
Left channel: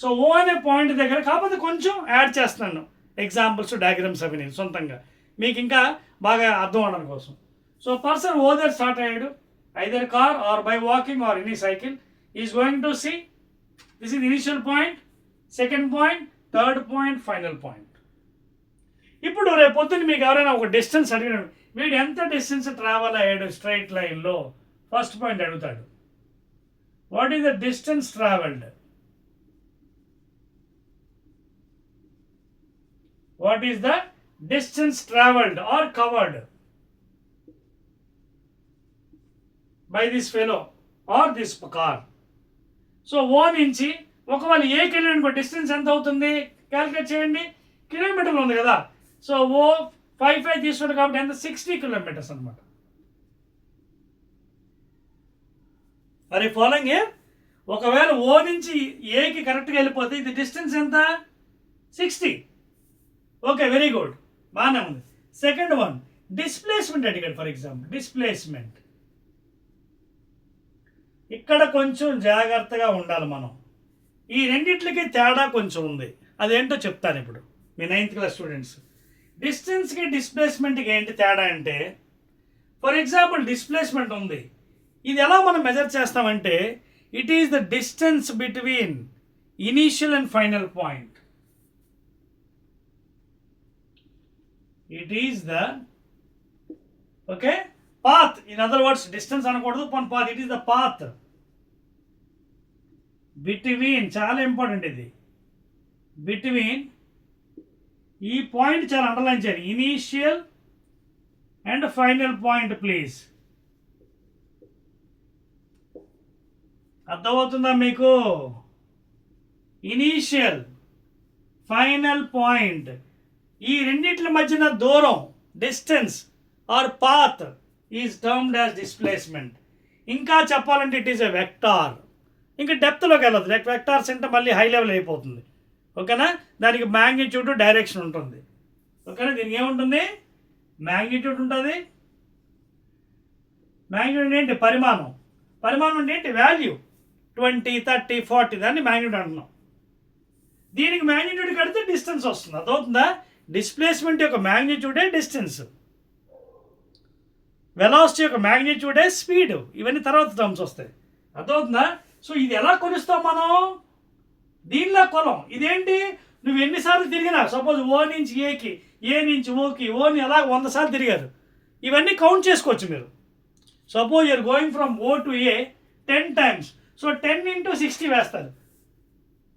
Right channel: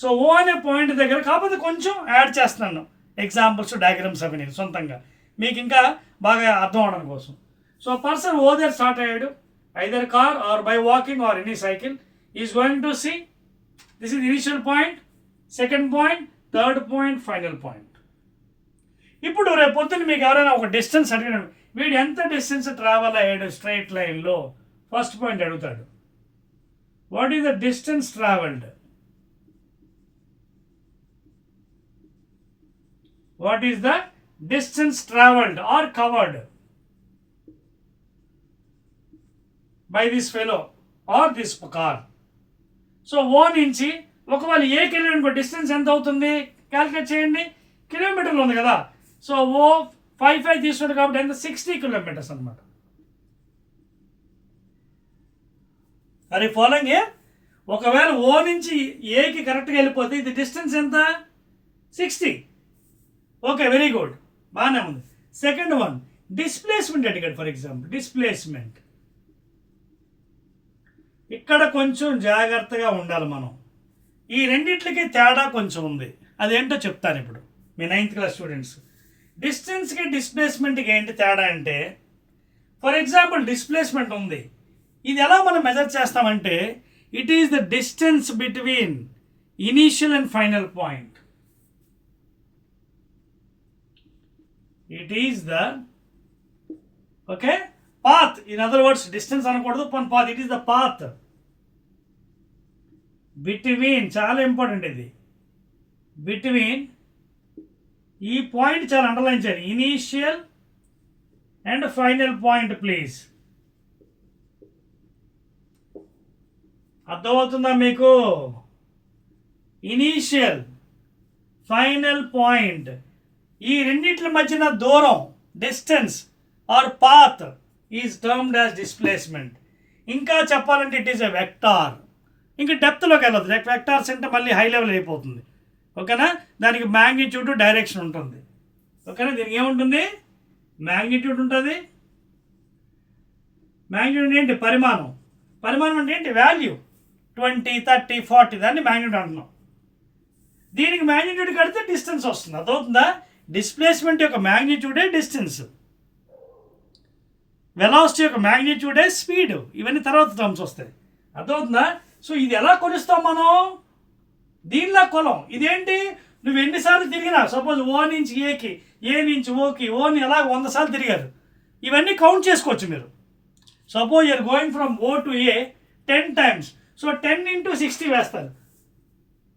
సో ఓ అనే పాయింట్ దగ్గర కాకపోతే కొంచెం యాడ్ చేస్తున్నాను ఎగ్జాంపుల్స్, డయాగ్రామ్స్ అవి నేను సొంతంగా మీకు ఇంకా బాగా అర్థం అవడం కోసం. సో పర్సన్ ఓ దగ్గర స్టార్ట్ అయ్యాడు, either car or by walking or any cycle, is going to see. This is the initial point, second point, third point, final point. ఇప్పుడు రేపు పొద్దున్న మీకు ఎవరైనా ఒక డిస్టెన్స్ అడిగినాడు, వీడు ఎంత డిస్టెన్స్ ట్రావెల్ అయ్యాడు స్ట్రైట్ లైన్లో, ఫస్ట్ పాయింట్ అడుగుతాడు, what is the distance travelled. What is the distance travelled or covered by this fellow or this car. సో ఓ నుంచి ఒకవేళ ఏకి వెళ్ళిన డిస్టెన్స్ ఎంత అవుతుంది క్యాల్కులేట్ చేయండి. కిలోమీటర్లు ఉంది కదా, సో ఓ 5 తీసుకుంది కాబట్టి ఎంత, 60 కిలోమీటర్స్ అనమాట. అది ఫాలోయింగ్ ఏ. ఒకవేళ ఓ నుంచి ఏకి కరెక్ట్గా వెళ్ళిపోతే ఇది డిస్టెన్స్ ఎంత, 60. ఓకే, వెరీ గుడ్, బాగానే ఉంది. సెకండ్ వన్ డిస్ప్లేస్మెంట్ అడిగాడు. ఫర్ ఎగ్జాంపుల్ డిస్ప్లేస్మెంట్, ఇక్కడ కొంచెం జాగ్రత్తగా ఉండాలి మనం. ఈ రెండిట్లకి తేడా కొంచెం ఉంది, అదేంటో చెప్తాను ఇప్పుడు. మీ 9th క్లాస్ స్టూడెంట్స్, డిస్టెన్స్కి డిస్ప్లేస్మెంట్కి ఏంటి తేడా అంటే, ఫర్ ఎగ్జాంపుల్ డిస్ప్లేస్మెంట్ ఉంది, ఇది ఎలా మనం మెజర్ చేస్తామంటే, it is the distance between initial and final point. It is the okay path. In other words, distance అనకూడదు, path. It is the path between, చాలా ఇంపార్టెంట్ ఇది, బిట్వీన్, ఈ పాయింట్ చాలా అండర్లైన్ చేయాలి, initial and final point. Please అర్థమవుతుందా మీకు? Initial, final point, ఈ రెండిట్ల మధ్యన దూరం, distance or path is termed as displacement. ఇంకా చెప్పాలంటే ఇట్ ఈస్ ఎ వెక్టార్. ఇంకా డెప్త్లోకి వెళ్ళదు, వెక్టార్స్ అంటే మళ్ళీ హై లెవెల్ అయిపోతుంది. ఓకేనా, దానికి మ్యాగ్నిట్యూడ్, డైరెక్షన్ ఉంటుంది. ఓకేనా, దీనికి ఏముంటుంది, మ్యాగ్నిట్యూడ్ ఉంటుంది. మ్యాగ్నిట్యూడ్ ఏంటి, పరిమాణం. పరిమాణం అంటే ఏంటి, వాల్యూ, 20, 30, 40, దాన్ని మ్యాగ్నిట్యూడ్ అంటున్నాం. దీనికి మ్యాగ్నిట్యూడ్ కడితే డిస్టెన్స్ వస్తుంది. అర్థమవుతుందా? డిస్ప్లేస్మెంట్ యొక్క మ్యాగ్నిట్యూడే డిస్టెన్స్, వెలాసిటీ యొక్క మ్యాగ్నిట్యూడే స్పీడ్. ఇవన్నీ తర్వాత టర్మ్స్ వస్తాయి. అర్థమవుతుందా? సో ఇది ఎలా కొలుస్తాం మనం, దీనిలా కొలం. ఇదేంటి, నువ్వు ఎన్నిసార్లు తిరిగినా, సపోజ్ ఓ నుంచి ఏకి, ఏ నుంచి ఓకి, ఓని ఎలా 100 సార్లు తిరిగారు, ఇవన్నీ కౌంట్ చేసుకోవచ్చు మీరు. Suppose you're going from O to A 10 times, సో 10 into 60 వేస్తారు,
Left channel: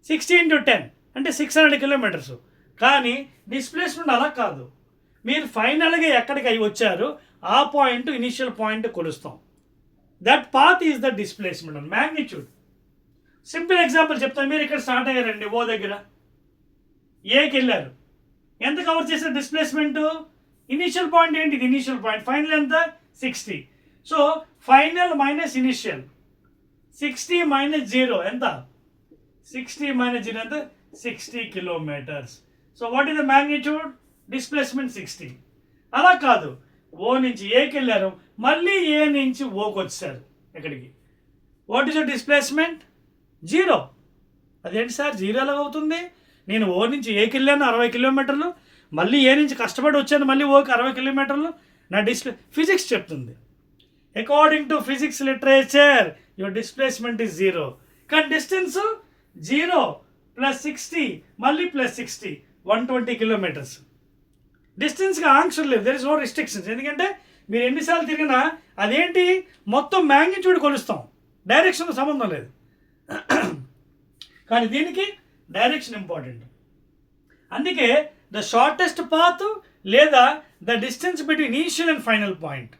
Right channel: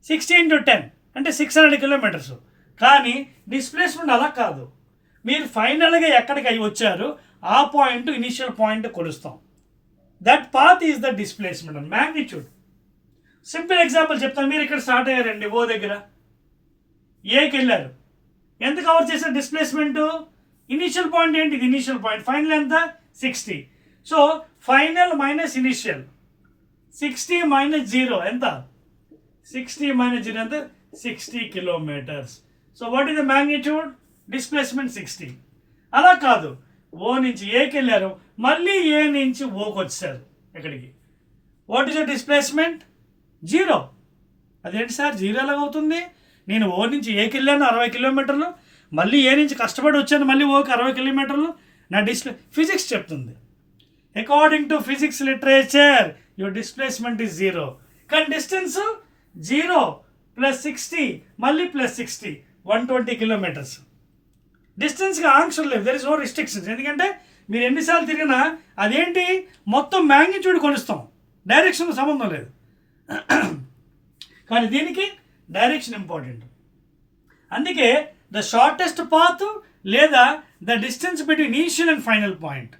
60 into 10 అంటే 600 కిలోమీటర్స్. కానీ డిస్ప్లేస్మెంట్ అలా కాదు, మీరు ఫైనల్గా ఎక్కడికి అవి వచ్చారు ఆ పాయింట్ ఇనిషియల్ పాయింట్ కొలుస్తాం. That path is the displacement and magnitude. Simple example చెప్తాను. మీరు ఇక్కడ స్టార్ట్ అయ్యారండి ఓ దగ్గర, ఏకి వెళ్ళారు. ఎంత కవర్ చేశారు డిస్ప్లేస్మెంట్? ఇనిషియల్ పాయింట్ ఏంటి? ఇది ఇనిషియల్ పాయింట్. ఫైనల్ ఎంత? 60. So final minus initial 60 minus 0 ఎంత? 60 మైనస్ 0 ఎంత? 60 kilometres. So what is the magnitude? Displacement 60. అలా కాదు, ఓ నుంచి ఏకి వెళ్ళారు, మళ్ళీ ఏ నుంచి ఓకి వచ్చారు ఎక్కడికి. What is the displacement? 0. అదేంటి సార్ 0 ఎలాగ అవుతుంది? నేను ఓ నుంచి ఏకి వెళ్ళాను 60 కిలోమీటర్లు, మళ్ళీ ఏ నుంచి కష్టపడి వచ్చాను మళ్ళీ ఓకి 60 కిలోమీటర్లు. నా ఫిజిక్స్ చెప్తుంది. According to physics literature your displacement is 0. కానీ డిస్టెన్స్ 0 ప్లస్ 60 మళ్ళీ ప్లస్ 60 120 కిలోమీటర్స్. డిస్టెన్స్కి ఆంక్షలు లేవు, దెర్ ఇస్ నో రిస్ట్రిక్షన్స్. ఎందుకంటే మీరు ఎన్నిసార్లు తిరిగినా అదేంటి మొత్తం మ్యాగ్నిట్యూడ్ కొలుస్తాం, డైరెక్షన్ సంబంధం లేదు. కానీ దీనికి డైరెక్షన్ ఇంపార్టెంట్. అందుకే ద షార్టెస్ట్ పాత్ లేదా the distance between initial and final point.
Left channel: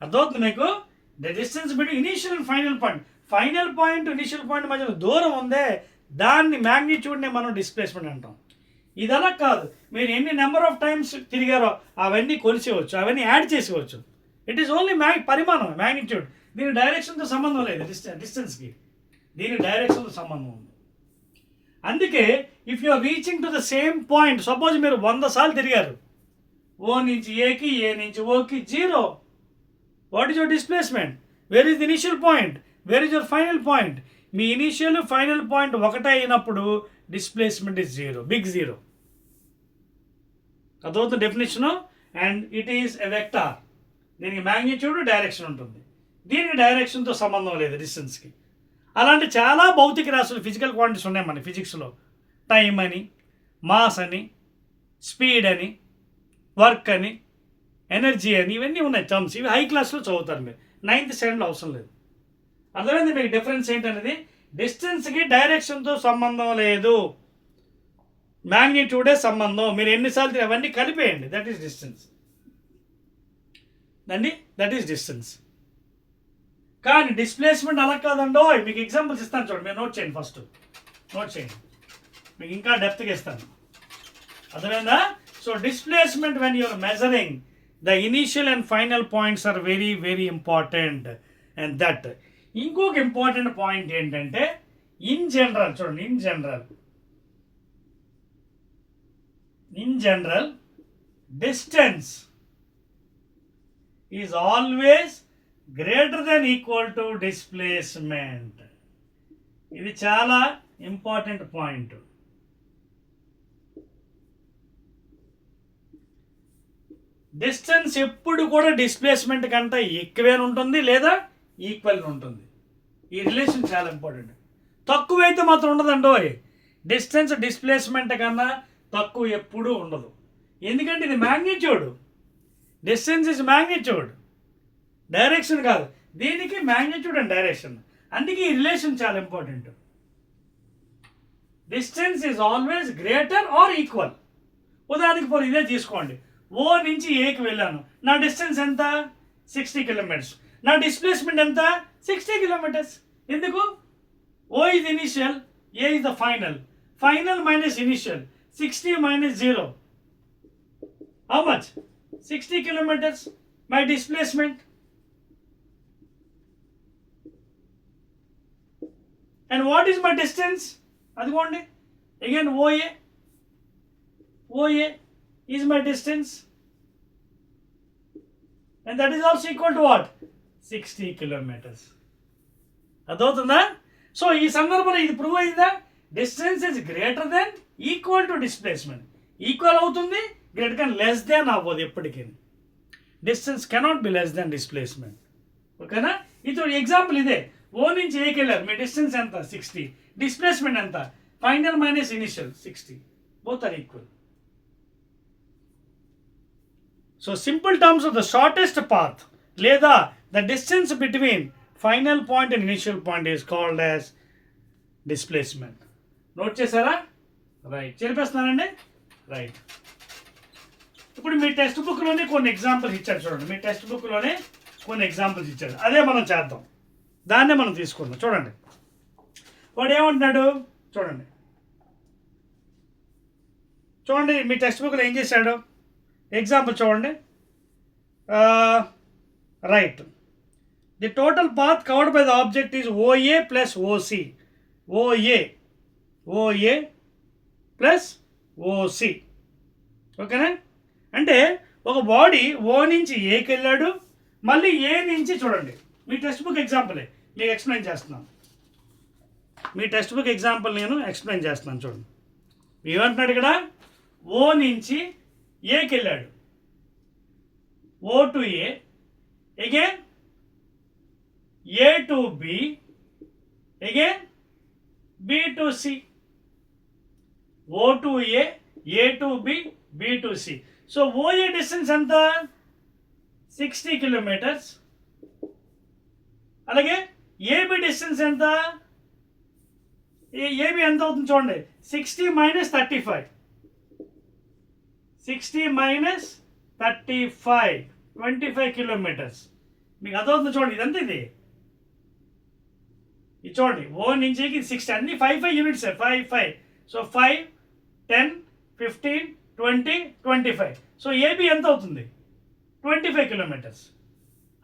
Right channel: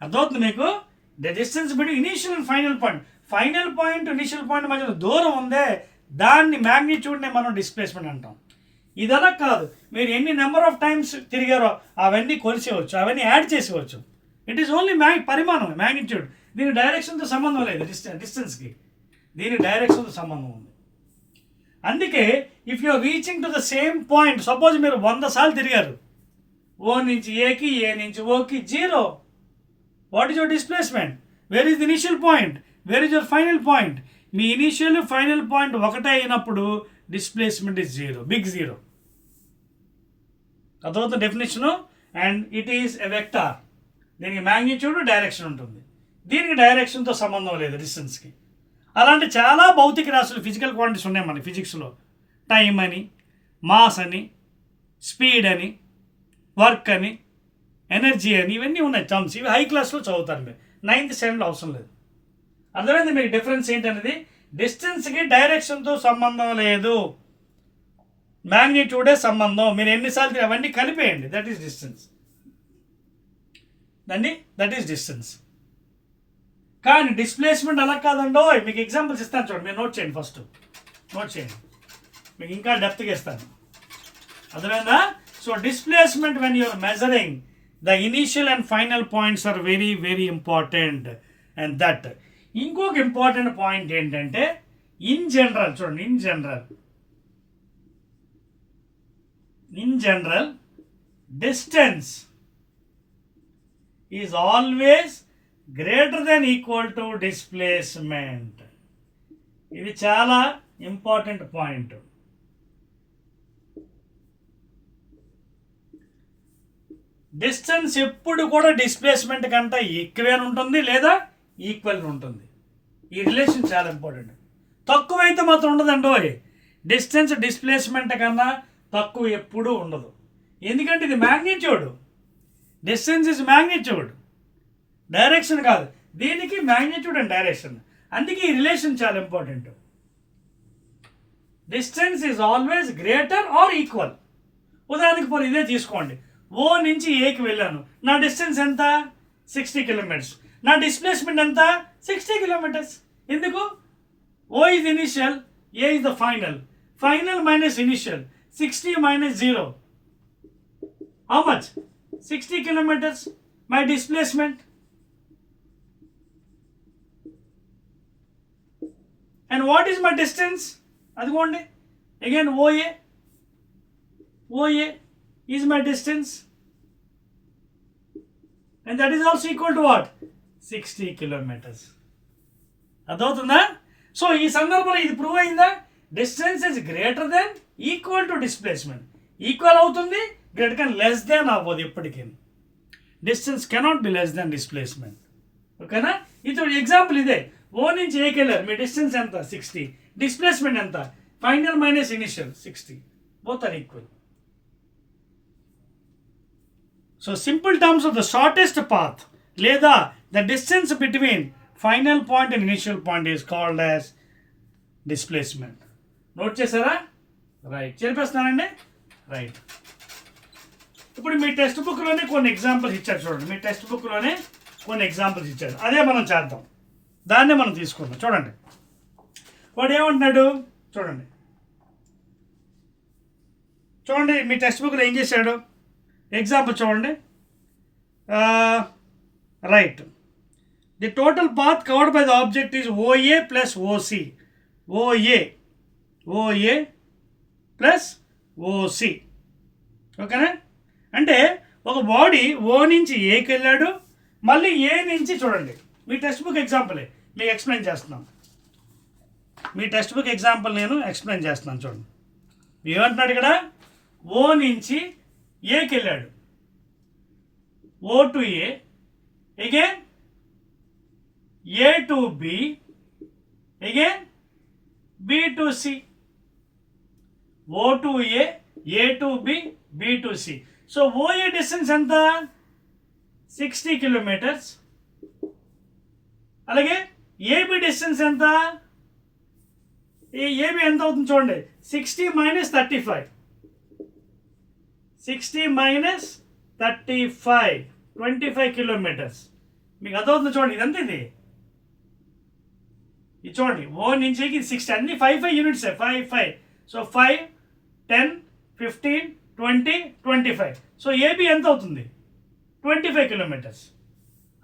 అర్థమవుతుంది మీకు? The distance between initial and final point. Final point initial point మధ్యలో దూరం ఉందే దాన్ని మ్యాగ్నిట్యూడ్నే మనం డిస్ప్లేస్మెంట్ అంటాం. ఇదలా కాదు, మీరు ఎన్ని నెంబర్ ఆఫ్ టైమ్స్ తిరిగారో అవన్నీ కొలిసేవచ్చు, అవన్నీ యాడ్ చేసేవచ్చు. ఇట్ ఈస్ ఓన్లీ పరిమాణం, మ్యాగ్నిట్యూడ్. దీని డైరెక్షన్తో సంబంధం లేదు, డిస్టెన్స్కి దీని డైరెక్షన్తో సంబంధం ఉంది. అందుకే if you are reaching to the same point, suppose మీరు 100 సార్లు తిరిగారు, ఓ నుంచి ఏకి, ఏ నుంచి ఓకి, 0. What is your displacement? Where is the initial point? Where is your final point? మీ ఇనిషియల్ ఫైనల్ పాయింట్ ఒకటే అయినప్పుడు డిస్ప్లేస్మెంట్ ఇస్ 0, బిగ్ 0. అదవుతుంది definition. And it is a vector. దీనికి మ్యాగ్నిట్యూడ్ డైరెక్షన్ ఉంటుంది, దీనికి డైరెక్షన్తో సంబంధం లేదు డిస్టెన్స్కి. అలాంటి చాలా భౌతిక రాశులు, ఫిజికల్ క్వాంటిటీస్ ఉన్నాయి మన ఫిజిక్స్లో. టైం అని, మాస్ అని, స్పీడ్ అని, వర్క్ అని, ఎనర్జీ అని, ఇవన్నీ ఉన్నాయి టర్మ్స్. ఇవి హై క్లాస్లో చదువుతారు మీరు, 9th స్టాండర్డ్లో అవసరం లేదు. అర్థమైంది మీకు డిఫరెన్స్ ఏంటనేది? డిస్టెన్స్కి డైరెక్షన్తో సంబంధం లేదు, మ్యాగ్నిట్యూడే సంబంధం. మీరు ఎన్నిసార్లు అవన్నీ కలిపేయండి, that is distance. That is distance. కానీ డిస్ప్లేస్మెంట్ అలా కాదండో. మీకు ఎగ్జాంపుల్స్ ఇస్తాను చూడండి, మీరు నోట్ చేయండి. ఫస్ట్ నోట్ చేయండి, మీకు ఇంకా డెప్త్గా ఇస్తాను. అర్థమైందా? So displacement when you're measuring the initial and final points are very very important. And that ఇంకొక ఇంపార్టెంట్ పాయింట్ ఏంటంటే, ఇన్ జనరల్ చూడండి, in general distance is always greater than equal to displacement. ఇది చాలా ఇంపార్టెంట్ పాయింట్. డిస్టెన్స్ ఎప్పుడు కూడా displacement కంటే ఎక్కువే ఉంటుంది లేదా ఈక్వల్ ఉంటుంది. ఈ రిలేషన్ చాలా ఇంపార్టెంట్. తక్కువైతే మాత్రం ఉండదండో. డిస్టెన్స్ డిస్ప్లేస్మెంట్ కన్నా తక్కువ ఎప్పుడూ ఉండదు. ఎందుకంటే ఇది magnitude. Distance is magnitude, direction కాదు. దీనికి మ్యాగ్నిట్యూడ్ అండ్ డైరెక్షన్. అందుకే ఈ రిలేషన్ చాలా important. Distance is always greater are equal. ఉదాహరణకి పోనీ ఇదే తీసుకోండి, ఓ నుంచి ఏకి వెళ్ళాను, నా డిస్టెన్స్ ఎంత? 60 కిలోమీటర్స్. నా డిస్ప్లేస్మెంట్ ఎంత? 60 కిలోమీటర్స్. ఎందుకు? O is initial, A is the final. Final minus initial, 60 minus 0. How much? 60 kilometers. My displacement. And what is my distance? Adivonde. Again OA. OA is my distance. And that is also equal to what? 60 kilometers. అదవుతుందా? So ఈ సందర్భంలో ఇది prove అయిందా? Distance is greater than equal to displacement. Equal అవుతుంది, greater కానీ less than అవ్వదు ఎప్పటికీ. Distance cannot be less than displacement. ఓకేనా? ఇది ఎగ్జాంపుల్ ఇదే. ఓ నుంచి ఏకి వెళ్ళారు, మీ డిస్టెన్స్ ఎంత? 60. డిస్ప్లేస్మెంట్ ఎంత? Final minus initial 60. Both are equal. So simple terms of the shortest path లేదా the distance between final point and initial point is called as displacement. Note చేశారా? రైట్. చెప్పేస్తున్నానండి. రైట్. ఇప్పుడు మీ టెక్స్ట్ బుక్లోనే కొన్ని examples ఇచ్చారు చూడండి. మీ text బుక్లోనే కొన్ని examples ఇచ్చారు, అదే మనం చేద్దాం. దాన్నే మనం తీసుకుందాం. చూడండి వాడు ఏమంటున్నాడు చూడండి. చూడండి మీ టెక్స్ట్ బుక్లో ఏం చేశాడు, ఎగ్జాంపుల్ చూడండి. Right, the total path covered by the object is OA plus OC. OA plus OC. ఓకేనా? అంటే ఒక బాడీ ఓ నుంచి ఏకి వెళ్ళాడు, మళ్ళీ ఏ నుంచి చూడండి మీ టెక్స్ట్ బుక్ ఎగ్జాంపులే మీకు ఎక్స్ప్లెయిన్ చేస్తున్నాను. మీ టెక్స్ట్ బుక్ ఎగ్జాంపుల్ నేను ఎక్స్ప్లెయిన్ చేస్తున్నాను. చూడండి ఏమంటున్నాడు ఇక్కడ, ఓ నుంచి ఏకి వెళ్ళాడు, O to A, again A to B, again B to C. O to A to B, B to C. So OA distance ఎంత, 60 కిలోమీటర్స్. అలాగే ఏబి డిస్టెన్స్ ఎంత, ఏబి ఎంత అవుతుంది చూడండి, 60 మైనస్ 35. 60 minus 35, 25 kilometres. మీకు అర్థమవుతుంది చూడండి, ఇదంతా ఇది చూడండి. ఓ నుంచి 60, అన్ని 5 యూనిట్స్, 5. సో 5, 10, 15, 20, 25. సో ఏబి ఎంత అవుతుంది, 25 కిలోమీటర్స్.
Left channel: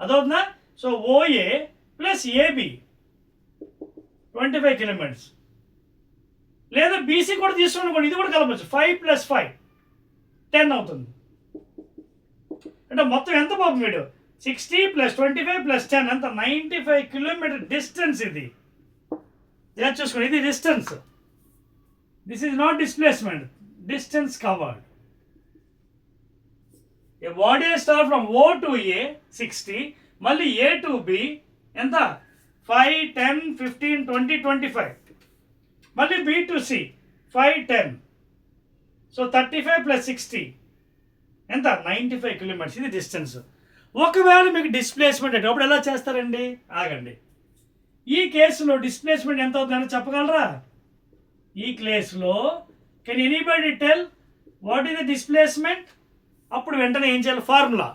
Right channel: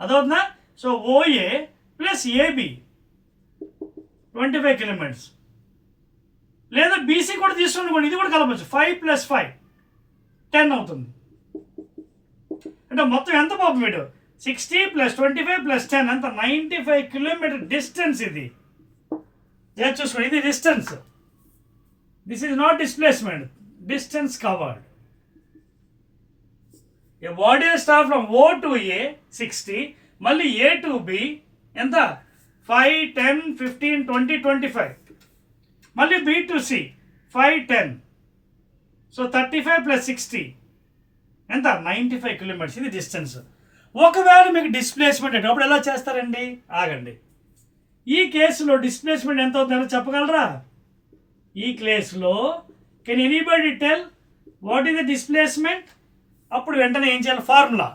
అదవుతుందా? So OA plus AB 25 kilometers. లేదా బీసీ కూడా తీసుకుని ఇది కూడా కలపచ్చు, 5 + 5 10 అవుతుంది. అంటే మొత్తం ఎంత పాపం వీడు, 60 + 25 + 10 అంత 95 కిలోమీటర్ డిస్టెన్స్. ఇది ఇలా చూసుకోండి, ఇది distance. This is not displacement, distance covered. A body start from O to A 60, మళ్ళీ ఏ టు బి ఎంత 5, 10, 15, 20, 25, మళ్ళీ బి టు సి 5, 10. సో 35 + 60 ఎంత, 95 కిలోమీటర్స్. ఇది డిస్టెన్స్. ఒకవేళ మీకు డిస్ప్లేస్మెంట్ అంటే అప్పుడు ఎలా చేస్తారండి, ఆగండి. ఈ కేసులో డిస్ప్లేస్మెంట్ ఎంత అవుతుందో చెప్పగలరా? ఈ కేసులో can anybody tell what is the displacement? అప్పుడు వెంటనే ఏం చేయాలి, formula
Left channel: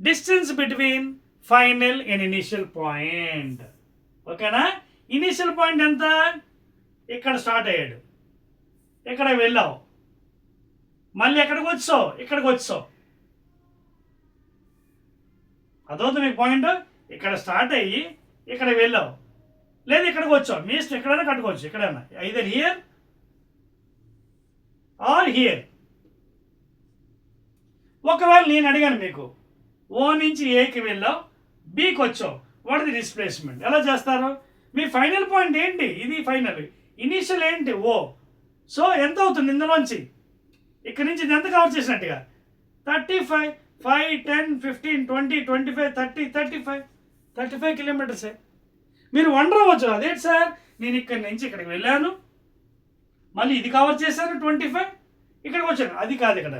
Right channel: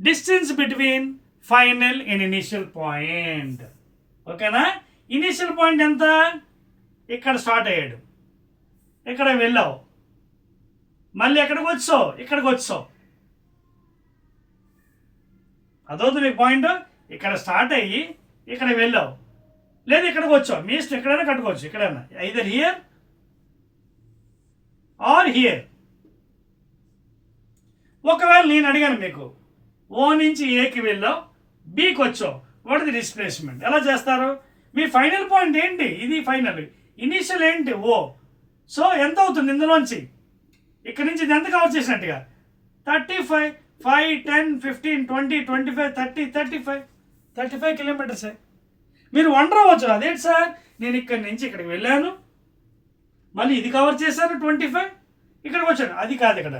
distance between final and initial point. ఓకేనా? ఇనిషియల్ పాయింట్ ఎంత, ఇక్కడ స్టార్ట్ అయ్యాడు, ఇక్కడ వెళ్ళావు, మళ్ళీ ఎక్కడికి వచ్చావు, ఇక్కడికి వచ్చావు. అదవుతుంది మీకు పాయింట్. ఇక్కడ స్టార్ట్ అయ్యి ఇక్కడ వెళ్ళావు, లేదా ఇక్కడికి వచ్చావు, మీ ఇష్టం, ఎక్కడైనా కట్టుకోవచ్చు, ఎక్కడైనా, ఐదర్ హియర్ ఆర్ హియర్. ఒకవేళ నేను అడిగాను మీకు, ఓ నుంచి ఏకి వెళ్ళావు, బీకి వచ్చావు, వాట్ ది డిస్ప్లేస్మెంట్, ఎలా చేస్తారు? మీ ఫైనల్ పాయింట్ ఏంటి, ఇది ఫైనల్, ఇనీషియల్ ఏంటి ఓ. సో ఎంత అవుతుంది ఇందులోంచి, ఇక్కడ నుంచి ఇది ఎంత కవర్ చేసినట్టుగా 35, 5, 10, 15, 20, 25, 30, 35 కిలోమీటర్సే. మీరు వండర్ అవ్వచ్చు, అదేంటి సార్ నేను ఇక్కడి నుంచి ఇక్కడికి వెళ్ళాను, మళ్ళీ ఇది కవర్ చేశాను 25, ఇక్కడికి వచ్చాను. అది కాదు ఇక్కడ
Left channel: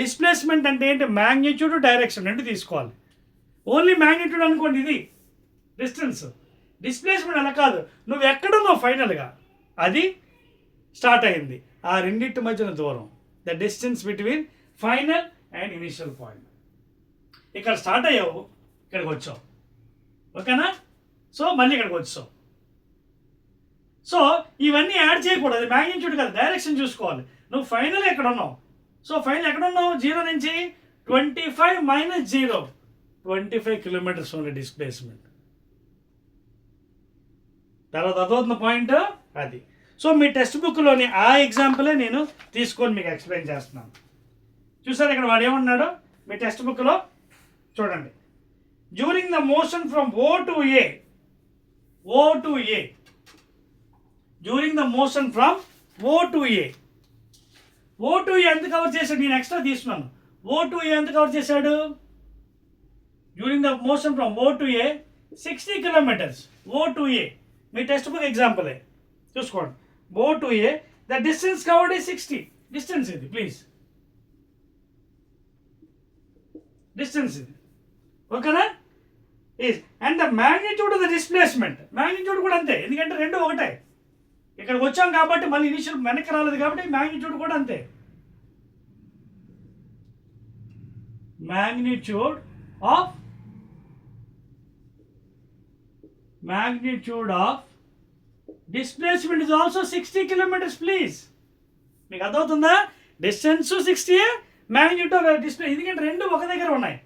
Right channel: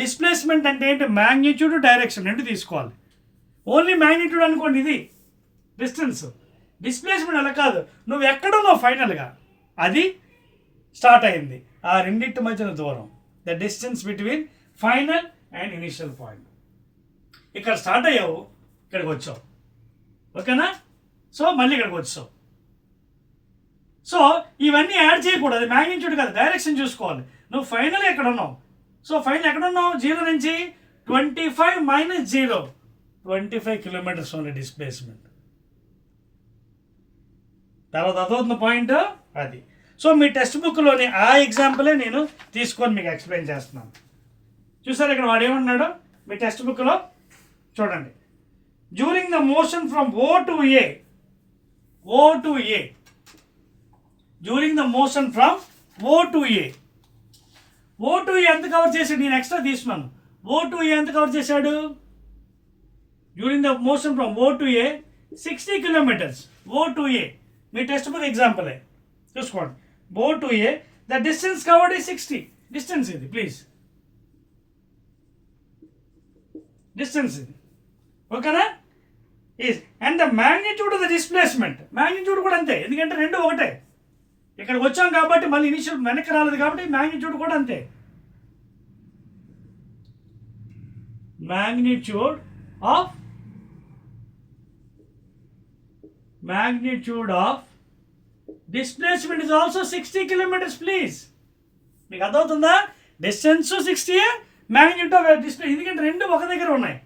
డిస్ప్లేస్మెంట్ అంటే ఏంటి, మ్యాగ్నిట్యూడ్ డైరెక్షన్ రెండు తీసుకోవాలి. ఓన్లీ మ్యాగ్నిట్యూడ్ అనుకోండి, ఇది డిస్టెన్స్. డిస్ప్లేస్మెంట్ అలా కాదు, నువ్వు ఎక్కడున్నావు ఫైనల్గా, అది స్టార్ట్ అయింది, ఆ రెండింటి మధ్యన దూరం, the distance between final and initial point. ఇక్కడ స్టార్ట్ అయ్యావు, ఇక్కడికి వచ్చావు. ఓకేనా? సో మళ్ళీ ఇక్కడికి వచ్చావు. సో ఇవన్నీ యాడ్ చేయకూడదు, అది మ్యాగ్నిట్యూడ్ కాదు, డైరెక్షన్ చూసుకోవాలి. నువ్వు ఫైనల్ ఎక్కడ ఉన్నావు, సో ఫైనల్ ఎక్కడ ఉన్నావు, 0 నుంచి 25 మైనస్ 0, 25 కిలోమీటర్స్ ఓన్లీ డిస్ప్లేస్మెంట్. తర్వాత అదవుతున్న పాయింట్ అది. సో మీ టెక్స్ట్ బుక్లోని ఆ ఎగ్జాంపులే నేను తీసుకొని మీకు ఎక్స్ప్లెయిన్ చేస్తున్నాను. చూసారు ఇక్కడ వాడు ఏమన్నాడు మీ టెక్స్ట్ బుక్లో, చూడండి. During the motion from O to A, during the motion from O to A ఎంత కవర్ చేశాడు, నేను ఎక్స్ట్రా తీసుకున్నాను. ఓ టు ఏ ఎంత కవర్ చేశాడు, during the motion from O to A 60 kilometers. O to A మీ text book ఎగ్జాంపులే చూసుకోండి. O to A the distance covered ఈ 60. డిస్టెన్స్ ఇది, ప్లీజ్, డిస్టెన్స్ ఇది. ఓకేనా? And the magnitude of the displacement, magnitude కూడా అంతే, ఎందుకంటే రెండు ఒకటే. ఇక్కడికి వచ్చాం కాబట్టి మళ్ళీ ఇనిషియల్ వెనక్కి రాలేదు కాబట్టి మ్యాగ్నిట్యూడ్ కూడా అంతే. Magnitude of displacement is also 60 kilometres. Please, మీకు అర్థమవుతుందా? డిస్టెన్స్ 60, మ్యాగ్నిట్యూడ్ ఆఫ్ డిస్టెన్స్, ఎందుకంటే రెండు ఒక దగ్గర ఉన్నాయి.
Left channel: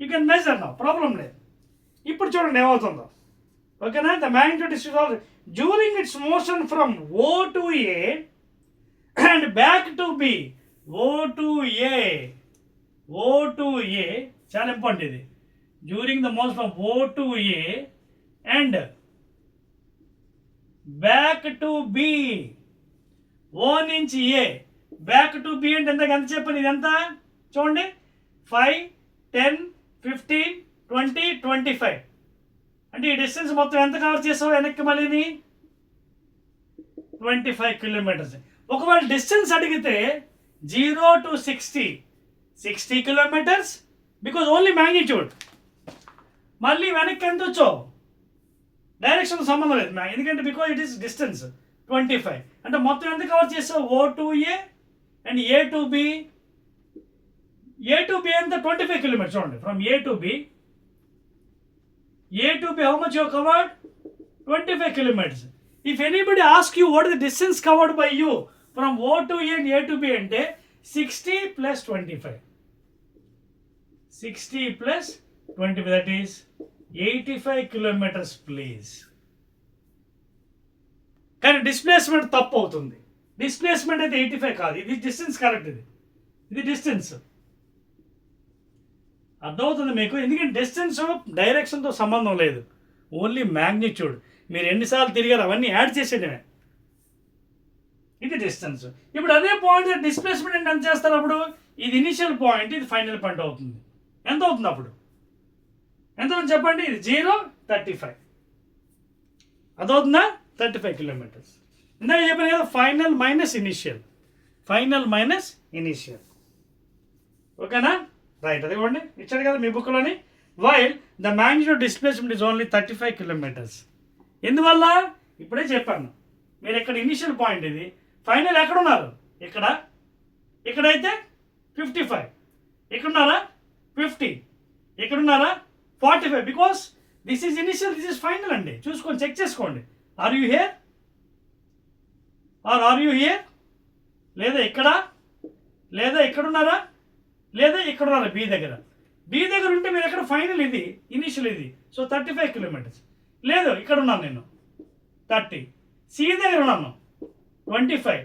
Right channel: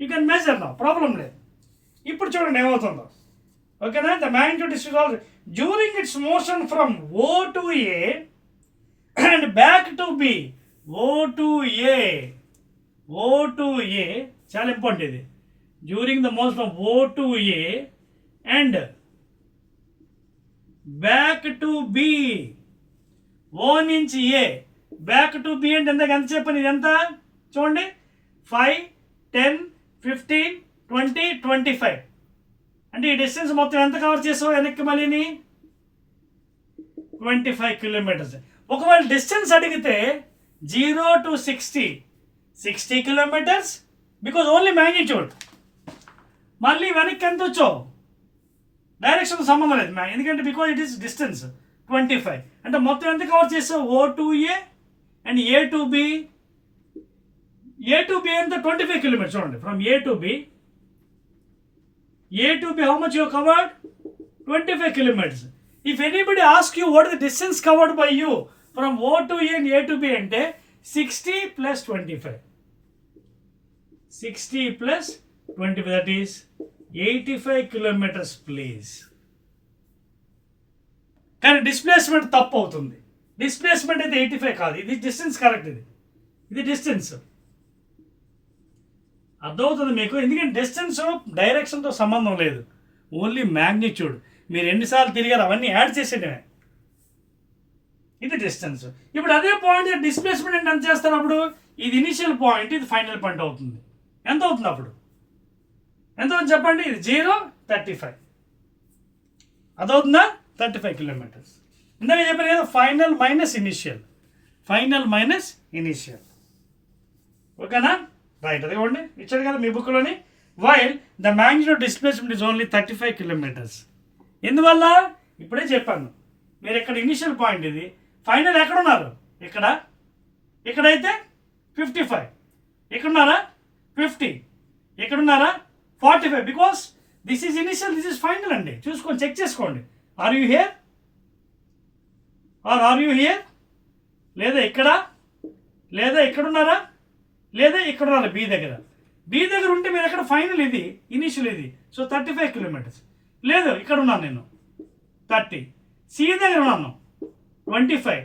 యూ కెన్ మెజర్ నా, ప్రాబ్లం లేదు. ఇప్పుడు చూడండి ఏమవుతుందో, ఓకేనా. The magnitude distance during it's motion from O to A and back to B. O to A చాలా ఇంపార్టెంట్ ఇది. During the motion from O to A and back to B. O నుంచి A back to B అంటే ఎంత చెప్పండి, ఇది ఎంత చూడండి, 5, 10, 15, 20, 25. అంటే ఈ డిస్టెన్స్ మొత్తం ఎంత కవర్ చేసావు వెనక్కి మళ్ళీని? 25 కిలోమీటర్స్. ఒకవేళ డిస్టెన్స్ అడిగితే 0 to 60 kilometres, because only magnitude. మళ్ళీ వెనక్కి ఎంత వచ్చావు? డైరెక్షన్ సంబంధం లేదు, ఎందుకంటే బికాజ్ ఇట్ ఈస్ డిస్టెన్స్ 25. అంటే మొత్తం ఎంత కవర్ చేసావు? O to A and A to B. A to B ఎంత? 25 కిలోమీటర్స్. చూడండి, from A to B. A to B, how much you have covered? 25 kilometers. If anybody asks you what is the distance covered by you from O to A and A to B ante 60 plus 25. 60 plus 25, that is 85 kilometers please. కానీ displacement తప్పు అవుతుంది. Displacement అయితే 85 కాదు, ఇది distance correct. ఇది distance. అర్థమవుతుంది మీకు, ఎందుకంటే డిస్టెన్స్ డైరెక్షన్తో సంబంధం లేదు, ఓన్లీ మ్యాగ్నిట్యూడ్. మీరు ఎన్నిసార్లు తిరిగారు అవన్నీ యాడ్ చేసేయడమే. ఇది డిస్టెన్స్. ఇప్పుడు అదే పాయింట్ డిస్ప్లేస్మెంట్ అంటే ఎంత చేస్తారు అప్పుడు? ఇది ఇనిషియల్ పాయింట్, ఇది ఫైనల్ పాయింట్ అవుతుంది. ఎంత అవుతుంది అప్పుడు? ఎంత అవుతుంది చెప్పండి? ఇది 0, 35. అదవుతుందా? 35 కిలోమీటర్స్. ఇందాక చెప్పాను కదా, ఫైనల్ మైనస్ ఇనిషియల్. ఓకేనా? రైట్, అది ఇవ్వండి, ఇచ్చాడు కదా మీ బుక్లోని. While the magnitude displacement is only 35 kilometers. ఎందువల్ల? ఇప్పుడే చెప్పాను. మీరు ఇక్కడ ఇనిషియల్ పాయింట్, ఇది ఫైనల్ ఎక్కడ ఉన్నారు? ఇక్కడైతే 55, ఇక్కడున్నారా 50, ఇక్కడున్నారా 45. Because this is initial, this is final అండి. చూసుకోండి, చెక్ చేసుకోండి. Are you here are are you here? లేదా ఇక్కడ, లేదా ఇక్కడున్నారా, లేదా ఇక్కడ ఉన్నారు బి దగ్గర ఉంటే మీరు ఎక్కడ ఫైనల్, ఇది ఇనిషియల్, ఇది. So 35 kilometres. లేదు, ఇక్కడ ఉన్నాను నేను 30. సి దగ్గర ఉన్నాను 25.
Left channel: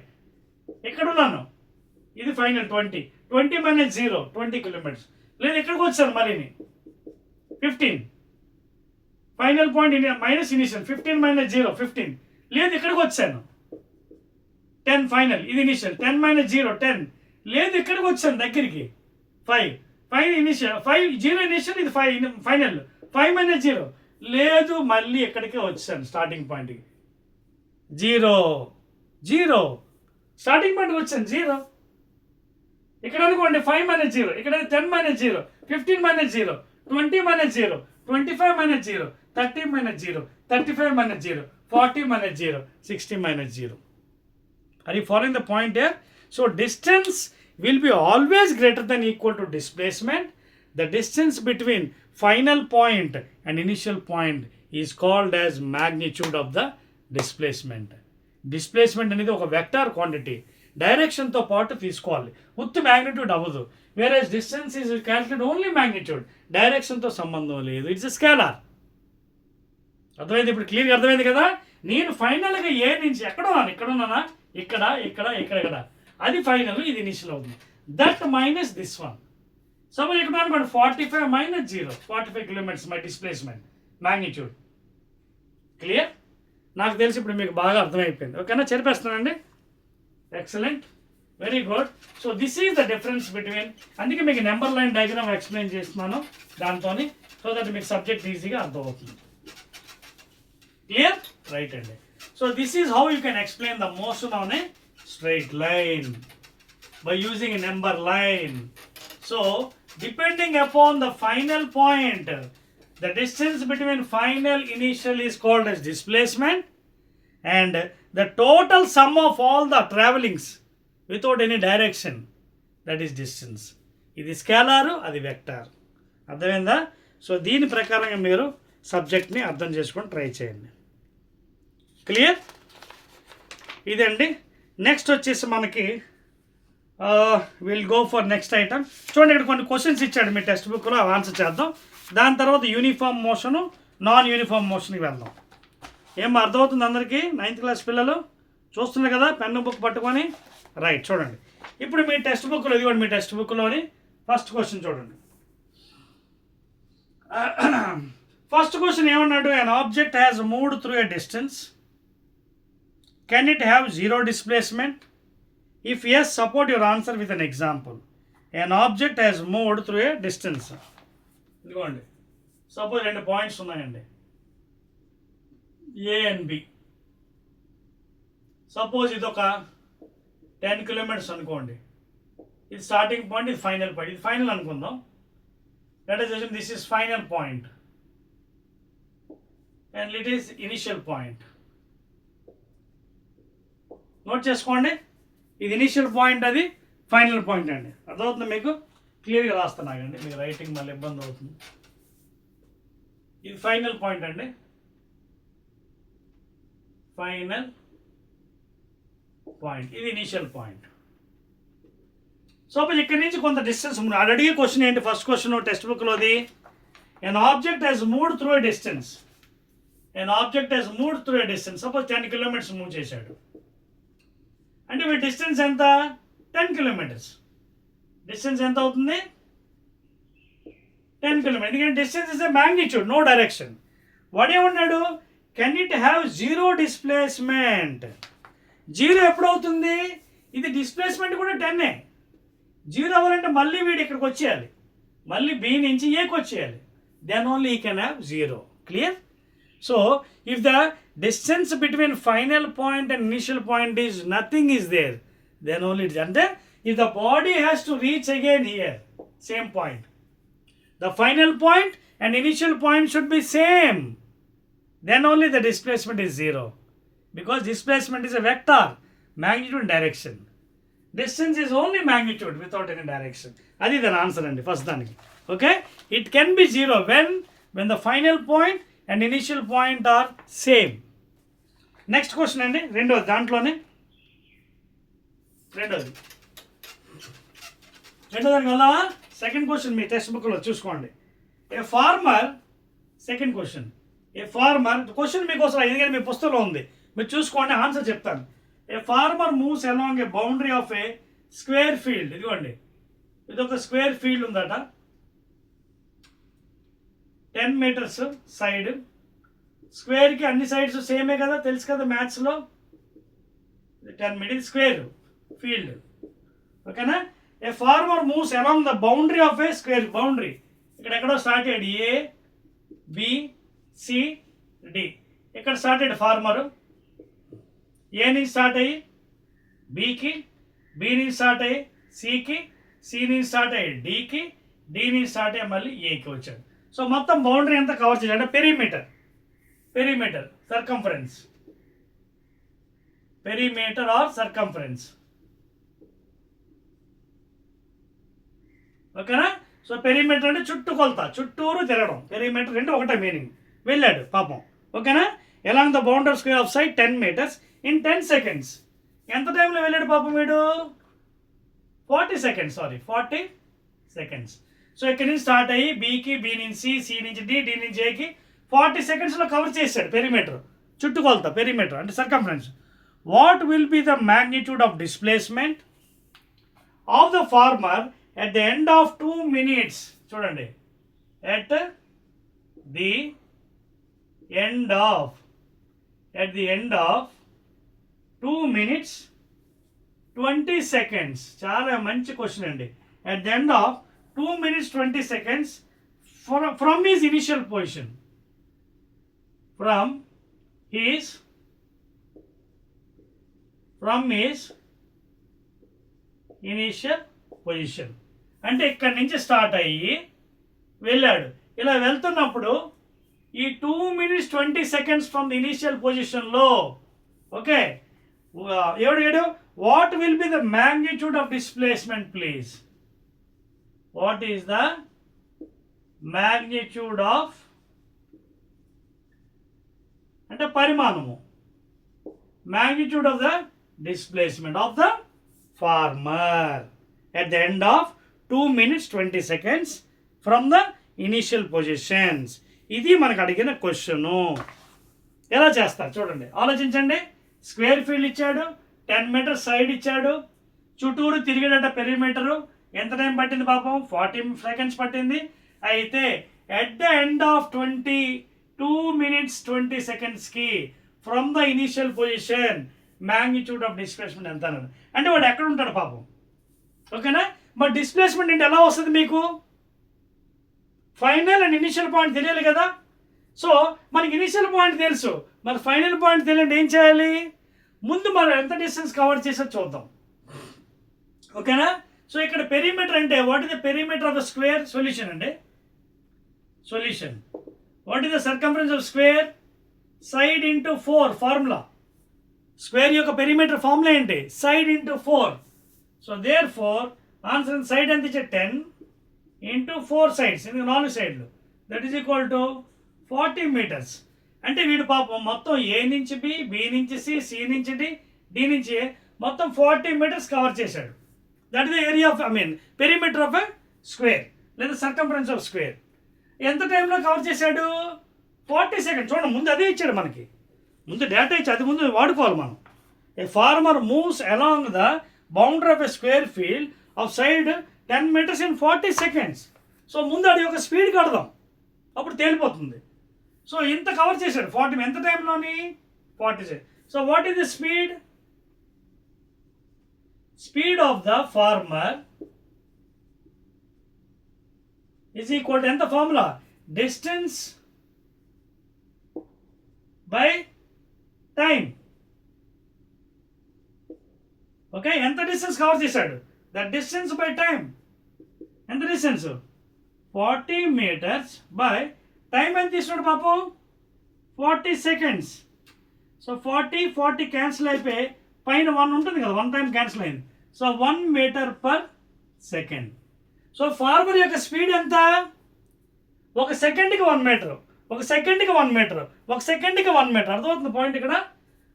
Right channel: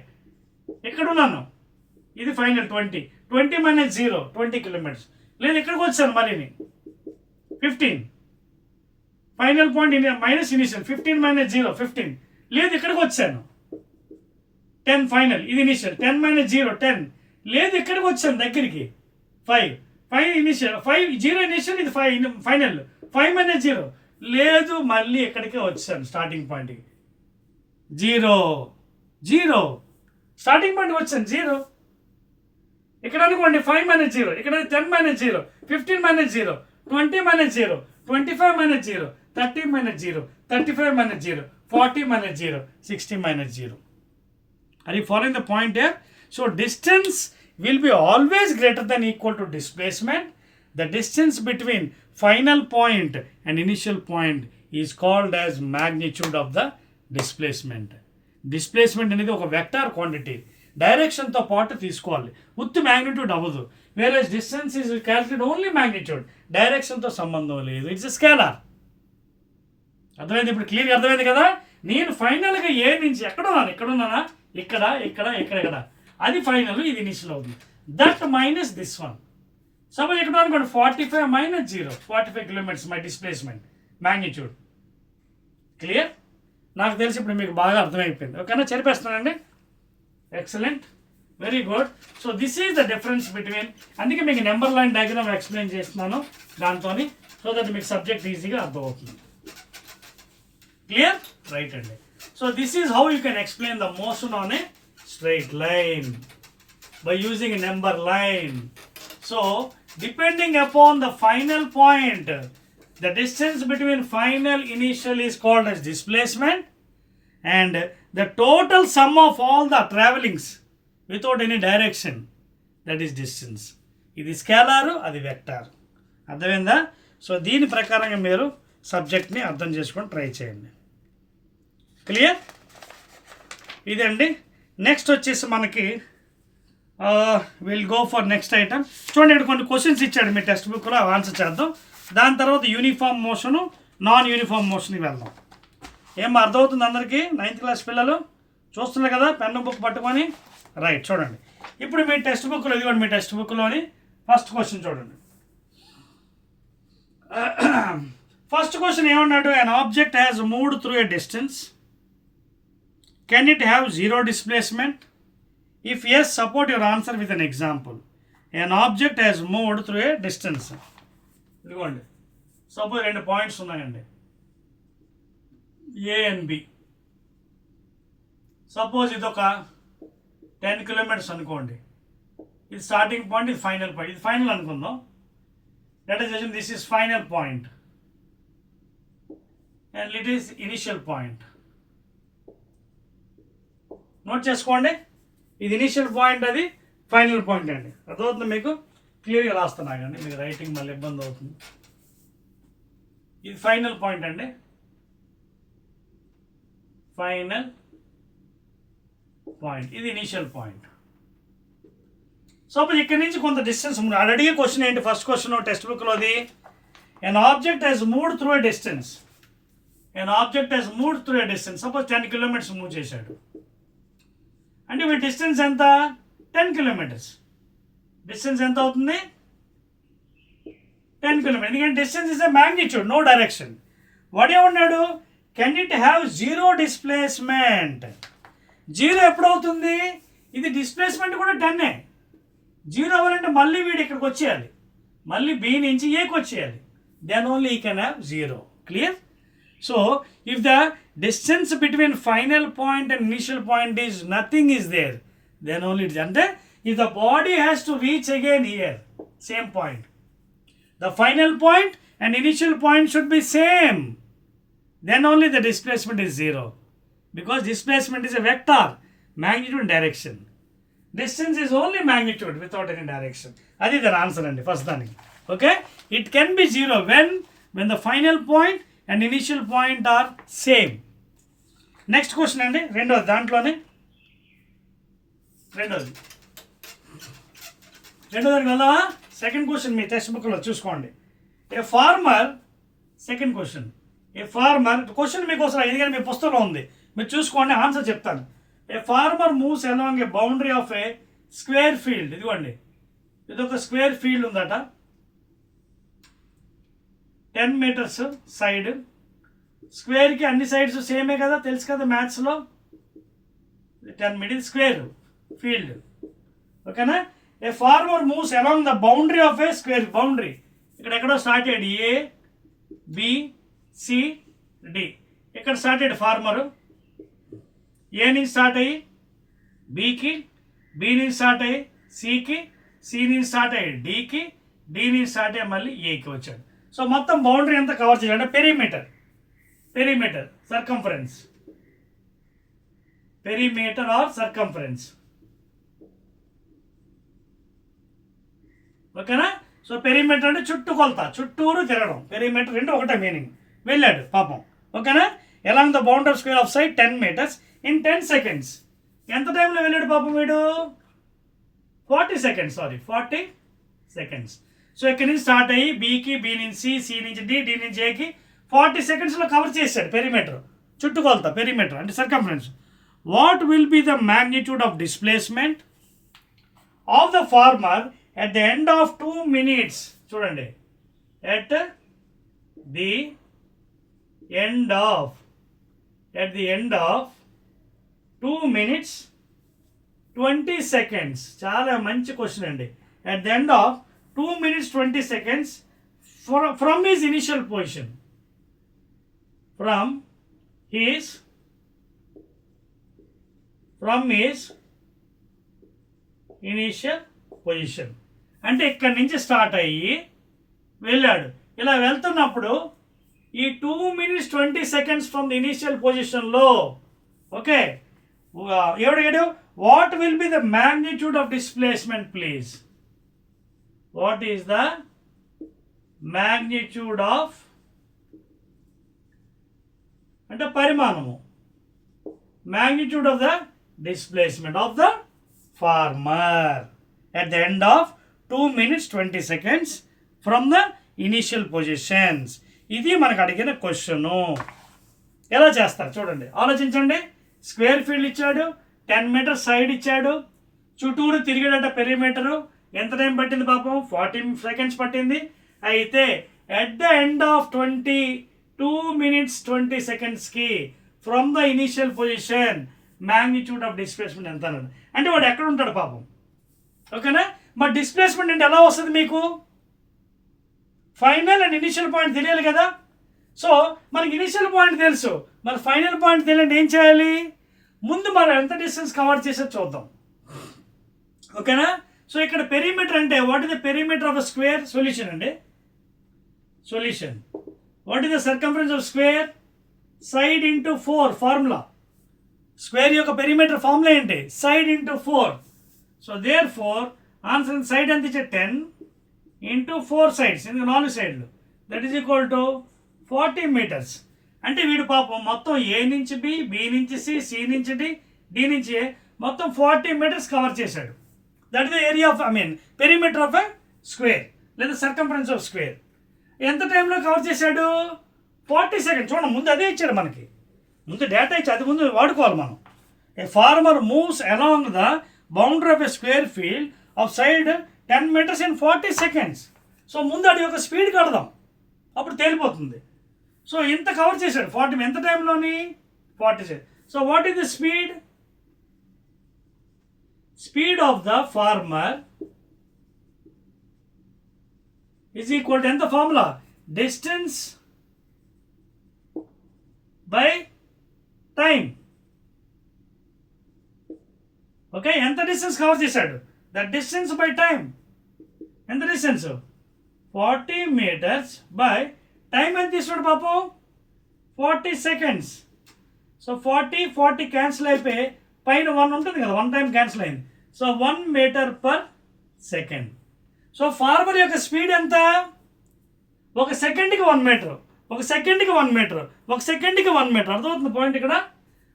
ఎక్కడ ఉన్నాను? ఇది ఫైనల్ 20 - 0 20 కిలోమీటర్స్. లేదు, ఇక్కడికి వచ్చాను మరి 15. Final point minus initial, 15 - 0 15. లేదు, ఇక్కడికి వచ్చాను 10 ఫైనల్, ఇది ఇనిషియల్. 10 - 0 10. లేదు, ఇక్కడికి వచ్చాను దగ్గరికి 5 ఇనిషియల్, 0 ఇనిషియల్, ఇది 5 ఫైనల్. 5 - 0 లేదు, మళ్ళీ ఎక్కడికే వచ్చాను స్టార్టింగ్ పాయింట్కి. 0 స్టార్టింగ్ పాయింట్కి వచ్చాను 0. ఇక్కడ అనుకోండి 5 - 0, ఇక్కడ 10 - 0 15 - 0 20 - 0 25 - 0 30 - 0 35 - 0 40 - 0 60 - 0. Are you following the point here? So distance will be always greater than equal to displacement. The distance between final point and initial point is called as magnitude of the displacement. Displacement అనేది ఒక vector quantity, డైరెక్షన్తో పాటు తీసుకోవాలి, ఉత్తి magnitude అవ్వదు. వేరే distance is calculate only magnitude, డైరెక్షన్తో సంబంధం లేదు, ఇట్స్ స్కేలార్. అర్థమైంది? ఇప్పుడు క్లియర్గా అర్థమైంది కదా. నేను ఫైనల్గా ఏ నుంచి ఎక్కడున్నాను? ఇక్కడ, అది ఫైనల్, ఇది ఇనిషియల్ అవుతుంది. That minus this one. Suppose ఇక్కడ అనుకోండి 45 - 0 45 kilometers my displacement magnitude. Clear? నాకు తెలిసి ఇప్పుడు మీకు బాగా అర్థమైపోయింది. ఓకేనా? చెరిపేస్తున్నానండి. Excellent, very good. So this is the difference between, అందుకే మీకు నెంబర్ లైన్ డయాగ్రామ్ ఎక్స్ప్లెయిన్ చేస్తున్నాను దాంతో, సో దట్ మీకు సబ్జెక్ట్ ఈజీగా అర్థమవుతుంది. క్లియర్? రైట్ అండి. So this is how you can explain the motion on a straight line by using a number line. So depending upon the final point, the distance between final initial is called as displacement, and the total sum of all the travelings without any direction, that is distance. ఇది స్కేలారు, అది vector. అర్థమైందా? So దీని ప్రకారంగా మీరు సబ్జెక్ట్ని అర్థం చేసుకొని try చేయండి. క్లియర్? ఇదండి. నెక్స్ట్ వచ్చేసి మనకి will go for next item. చూడండి, ఇక్కడ కొన్ని క్వశ్చన్స్ ఇచ్చాడు మీ టెక్స్ట్ బుక్లో, అవి ఆన్సర్ చేద్దాం. దాని తర్వాత యూనిఫామ్ మోషను, నాన్ యూనిఫామ్ మోషన్కి వెళ్దాం. ఏం అర్థమవుతుంది అందరికీ? 9th క్లాస్ పిల్లలు చూస్తున్నారు కదా పెన్ను బుక్ పట్టుకొని? రైట్, చూడండి ఇప్పుడు మీ టెక్స్ట్ బుక్లో, ఇదిగోండి మీ టెక్స్ట్ బుక్లోని ఫస్ట్ క్వశ్చన్ చూడండి. ఫస్ట్ క్వశ్చన్ ఏమన్నాడు? An object has moved through a distance, can it have zero displacement? If yes, support your answer with an example. An object has moved through a distance. ఇదిగోండి, suppose 2 points ఉన్నాయండి, A and B. Suppose ఇది ఒక 10 kilometres అనుకోండి. ఇది starting point, ఇది final point. ఇది final అనుకుందాం. Let us assume this is final point and it is initial point. Note చేసుకోండి, ఇది ఇనిషియల్ పాయింట్, అది ఫైనల్ పాయింట్ అండి. అర్థమవుతుంది మీకు? క్లియర్గా రాస్తున్నా కానీ మీకు రైటింగ్ మళ్ళీ ఇబ్బంది అవుతుంది. ఇది ఫైనల్ పాయింట్ అండి, ఫైనల్ పాయింట్. ఇది ఇనిషియల్ పాయింట్. సపోజ్ ఇక్కడ నుంచి కొంత డిస్టెన్స్ ఉంది. అడిగే క్వశ్చన్ ఏంటి? ఫస్ట్ క్వశ్చన్ టెక్స్ట్ బుక్లోది, an object has moved through a distance. An object has moved through a distance. Suppose 10 kilometers move చేశాడు అంటే మీ డిస్టెన్స్ ఎంత? 10 కిలోమీటర్స్. డిస్టెన్స్ ఎంత అవుతుంది? 10 కిలోమీటర్స్. ఎందుకంటే distance is a magnitude, no direction. వాడు ఏమన్నాడు? Can it have zero displacement. Zero ఎప్పుడవుతుంది? ఇది డిస్ప్లేస్మెంట్ కూడా 10. జీరో అవ్వాలంటే మళ్ళీ వీడు ఇక్కడికి వచ్చేయాలి, మళ్ళీ బి నుంచి ఏకి వచ్చేయాలి. దెన్ ఓన్లీ ఈ can have zero. Clear? So if the distance between final point and initial point is nothing is there, then only it. అంటే if the body has to reach again here, same point, the final point and initial point should be same, then only the displacement is zero, because displacement is a vector, magnitude and direction. Distance is only magnitude without any direction. That is the answer and first daniki. Okay, it can be zero when the final point and initial point are same. Next question andi, rendo dantlone రెండోది దానికి వెళ్దామా? Second question మీ text బుక్లో చూసుకోండి. A farmer, second question, a farmer, question మీకోసం ఎందుకంటే మీ పుస్తకంలో ఉంది, మీరు చూసుకోండి, ఆన్సర్ చెప్తాను. A farmer moves along a boundary of a square field. ఇదిగోండి, ఇది ఒక స్క్వేర్ ఫీల్డ్ ఉందట, 10 మీటర్స్ సైడ్. స్క్వేర్కి అన్ని సైడ్స్ సేమే కదా, తెలుసు కదా మ్యాథ్స్లో. 10 మీటర్ స్క్వేర్ ఫీల్డ్. ఓకేనా? A farmer moves along the boundary of a square. Boundary ఇక్కడ ఎక్కడో స్టార్ట్ అయ్యాడు, ఏ బి సి డి. ఇక్కడ స్టార్ట్ అయ్యాడు ఫార్మరు, ఏ నుంచి స్టార్ట్ అయ్యి బికి, బి నుంచి స్టార్ట్ అయ్యి సికి, సి నుంచి స్టార్ట్ అయ్యి డికి, డి నుంచి స్టార్ట్ అయ్యి మళ్ళీ ఏకి వచ్చాడు. సో మొత్తం బౌండరీ అంతా కవర్ చేయాలి. అంటే perimeter circumference, perimeter or circumference. ఓకేనా? సో పెరిమీటర్ అంటే చుట్టూ కొలత, చుట్టూరు తిరగడం. పెరిమీటర్ రెండు ఒకటే మీనింగ్. వెళ్ళాడు పాపం. ఓకేనా? Along the boundary square of side 10 meters in 10 seconds. ఎంత టైంలో వెళ్ళాడు పాపం వీడు? 40 seconds. 40 seconds. సో ఇక్కడ నుంచి స్టార్ట్ అయ్యి బీకి, బి నుంచి సి నుంచి డి, డి నుంచి ఏకి 40 secondsలో కవర్ చేశాడు పెరిమీటర్, చుట్టుకొలత. పెరిమీటర్ అంటే circumference. What will be the magnitude of displacement of the farmer at the end of 2 minutes? చూడండి, at the end of 2 minutes 20 seconds. చాలా మంచి క్వశ్చన్ అండి. At the end of 2 minutes 20 seconds from his initial position, from his initial position. అంటే ఇక్కడి నుంచి start అయ్యి వెళ్ళాడు. ఇలా వెళ్తున్నప్పుడు ఈ 2 minutes 20 seconds from the initial పొజిషన్లో, ఓకే, ఏడు what will be the magnitude of displacement please? What is the magnitude of అంటే పరిమాణము, magnitude of the displacement of the farmer at the end of 2 minutes 20 seconds from the initial positions. ఇది మనకు అడిగిన question. ఎలా చేస్తారు చూడండి, ఆలోచించండి. Square field ఇచ్చాడు, 10 మీటర్స్ సైడ్ ఇచ్చాడు, చుట్టూరు తిరిగేటట్ట పెరిమీటరు. ఎంత టైం పట్టింది పాపం? 40 seconds పట్టింది. అయితే at the end of 22 minutes 20 secondsకి from the initial position magnitude of displacement ఎంత అన్నాడు. అంటే వాడు ఎక్కడ ఉంటాడు పాపం, ఓకేనా? మరి డిస్ప్లేస్మెంట్ అంటే ఎలా వస్తుంది మీకు? ఫైనల్ అండ్ ఇనిషియల్ పాయింట్ తెలియాలి కదా. సో మనకి ఇనిషియల్ పాయింట్ తెలుసు, మరి ఫైనల్ పాయింట్ తెలియండి ఏం చేయాలి? ముందు మనం ఎంత డిస్టెన్స్ కవర్ చేసో చూద్దాం, ఓకేనా? సో ఇక్కడ పెరిమీటర్ అంటే what is the perimeter of the square? Solution అండి, solution. What is the circumference of square? Side into 4 formula. Square యొక్క పెరిమీటర్ ఫార్ములా ఏంటి? Side into 4. So therefore answer side ఎంత ఇచ్చే 10 ఇంటూ 4 sides, ఎందుకు 4 సైడ్లు, that is equal to 40 meters. అంటే వీడు పాపం మొత్తం ఏ నుంచి బి, బి నుంచి సి, సి నుంచి డి, డి నుంచి ఏ, మొత్తం 40 meters కవర్ చేశాడు. That is the area of perimeter of a square లేదా సర్కంఫరెన్స్ ఆఫ్ స్క్వేర్. ఎంత టైంలో కవర్ చేశాడు? 40 seconds. చూడండి, ముందు అదే ఇచ్చాడు మనకి, ముందు డేటా ఇచ్చి అది ముందు వాడుకోవాలి మనం. A farmer moves along the boundary of a square field of side 10 meters in 40 seconds. సో ముందు అది ఒక స్పీడ్ కడదాం, అప్పుడు తేలిపోతుంది. సో ఇంత కవర్ చేశాడు 40, ఎంత టైంలోని? 40 seconds. So what is the speed? Speed of the farmer is equal to ఎంత formula? Distance by time. Okay, ఎంత డిస్టెన్స్ కవర్ చేశాడు? The distance by time. ఎంత డిస్టెన్స్? 40 meters బై టైం ఎంత తీసుకున్నాడు పాపం? 40 seconds. సో 40 క్యాన్సిల్ అయిపోయి పైన 1 ఉంటుంది కదా, 1 time క్యాన్సిల్ అయింది. So 1 meter per second. So farmer యొక్క స్పీడ్ ఎంత? ఒక సెకండ్కి 1 meter, ఒక సెకండ్కి 1 meter, ఒక సెకండ్కి 1 meter. అర్థమవుతుంది పాయింట్ ఇక్కడ?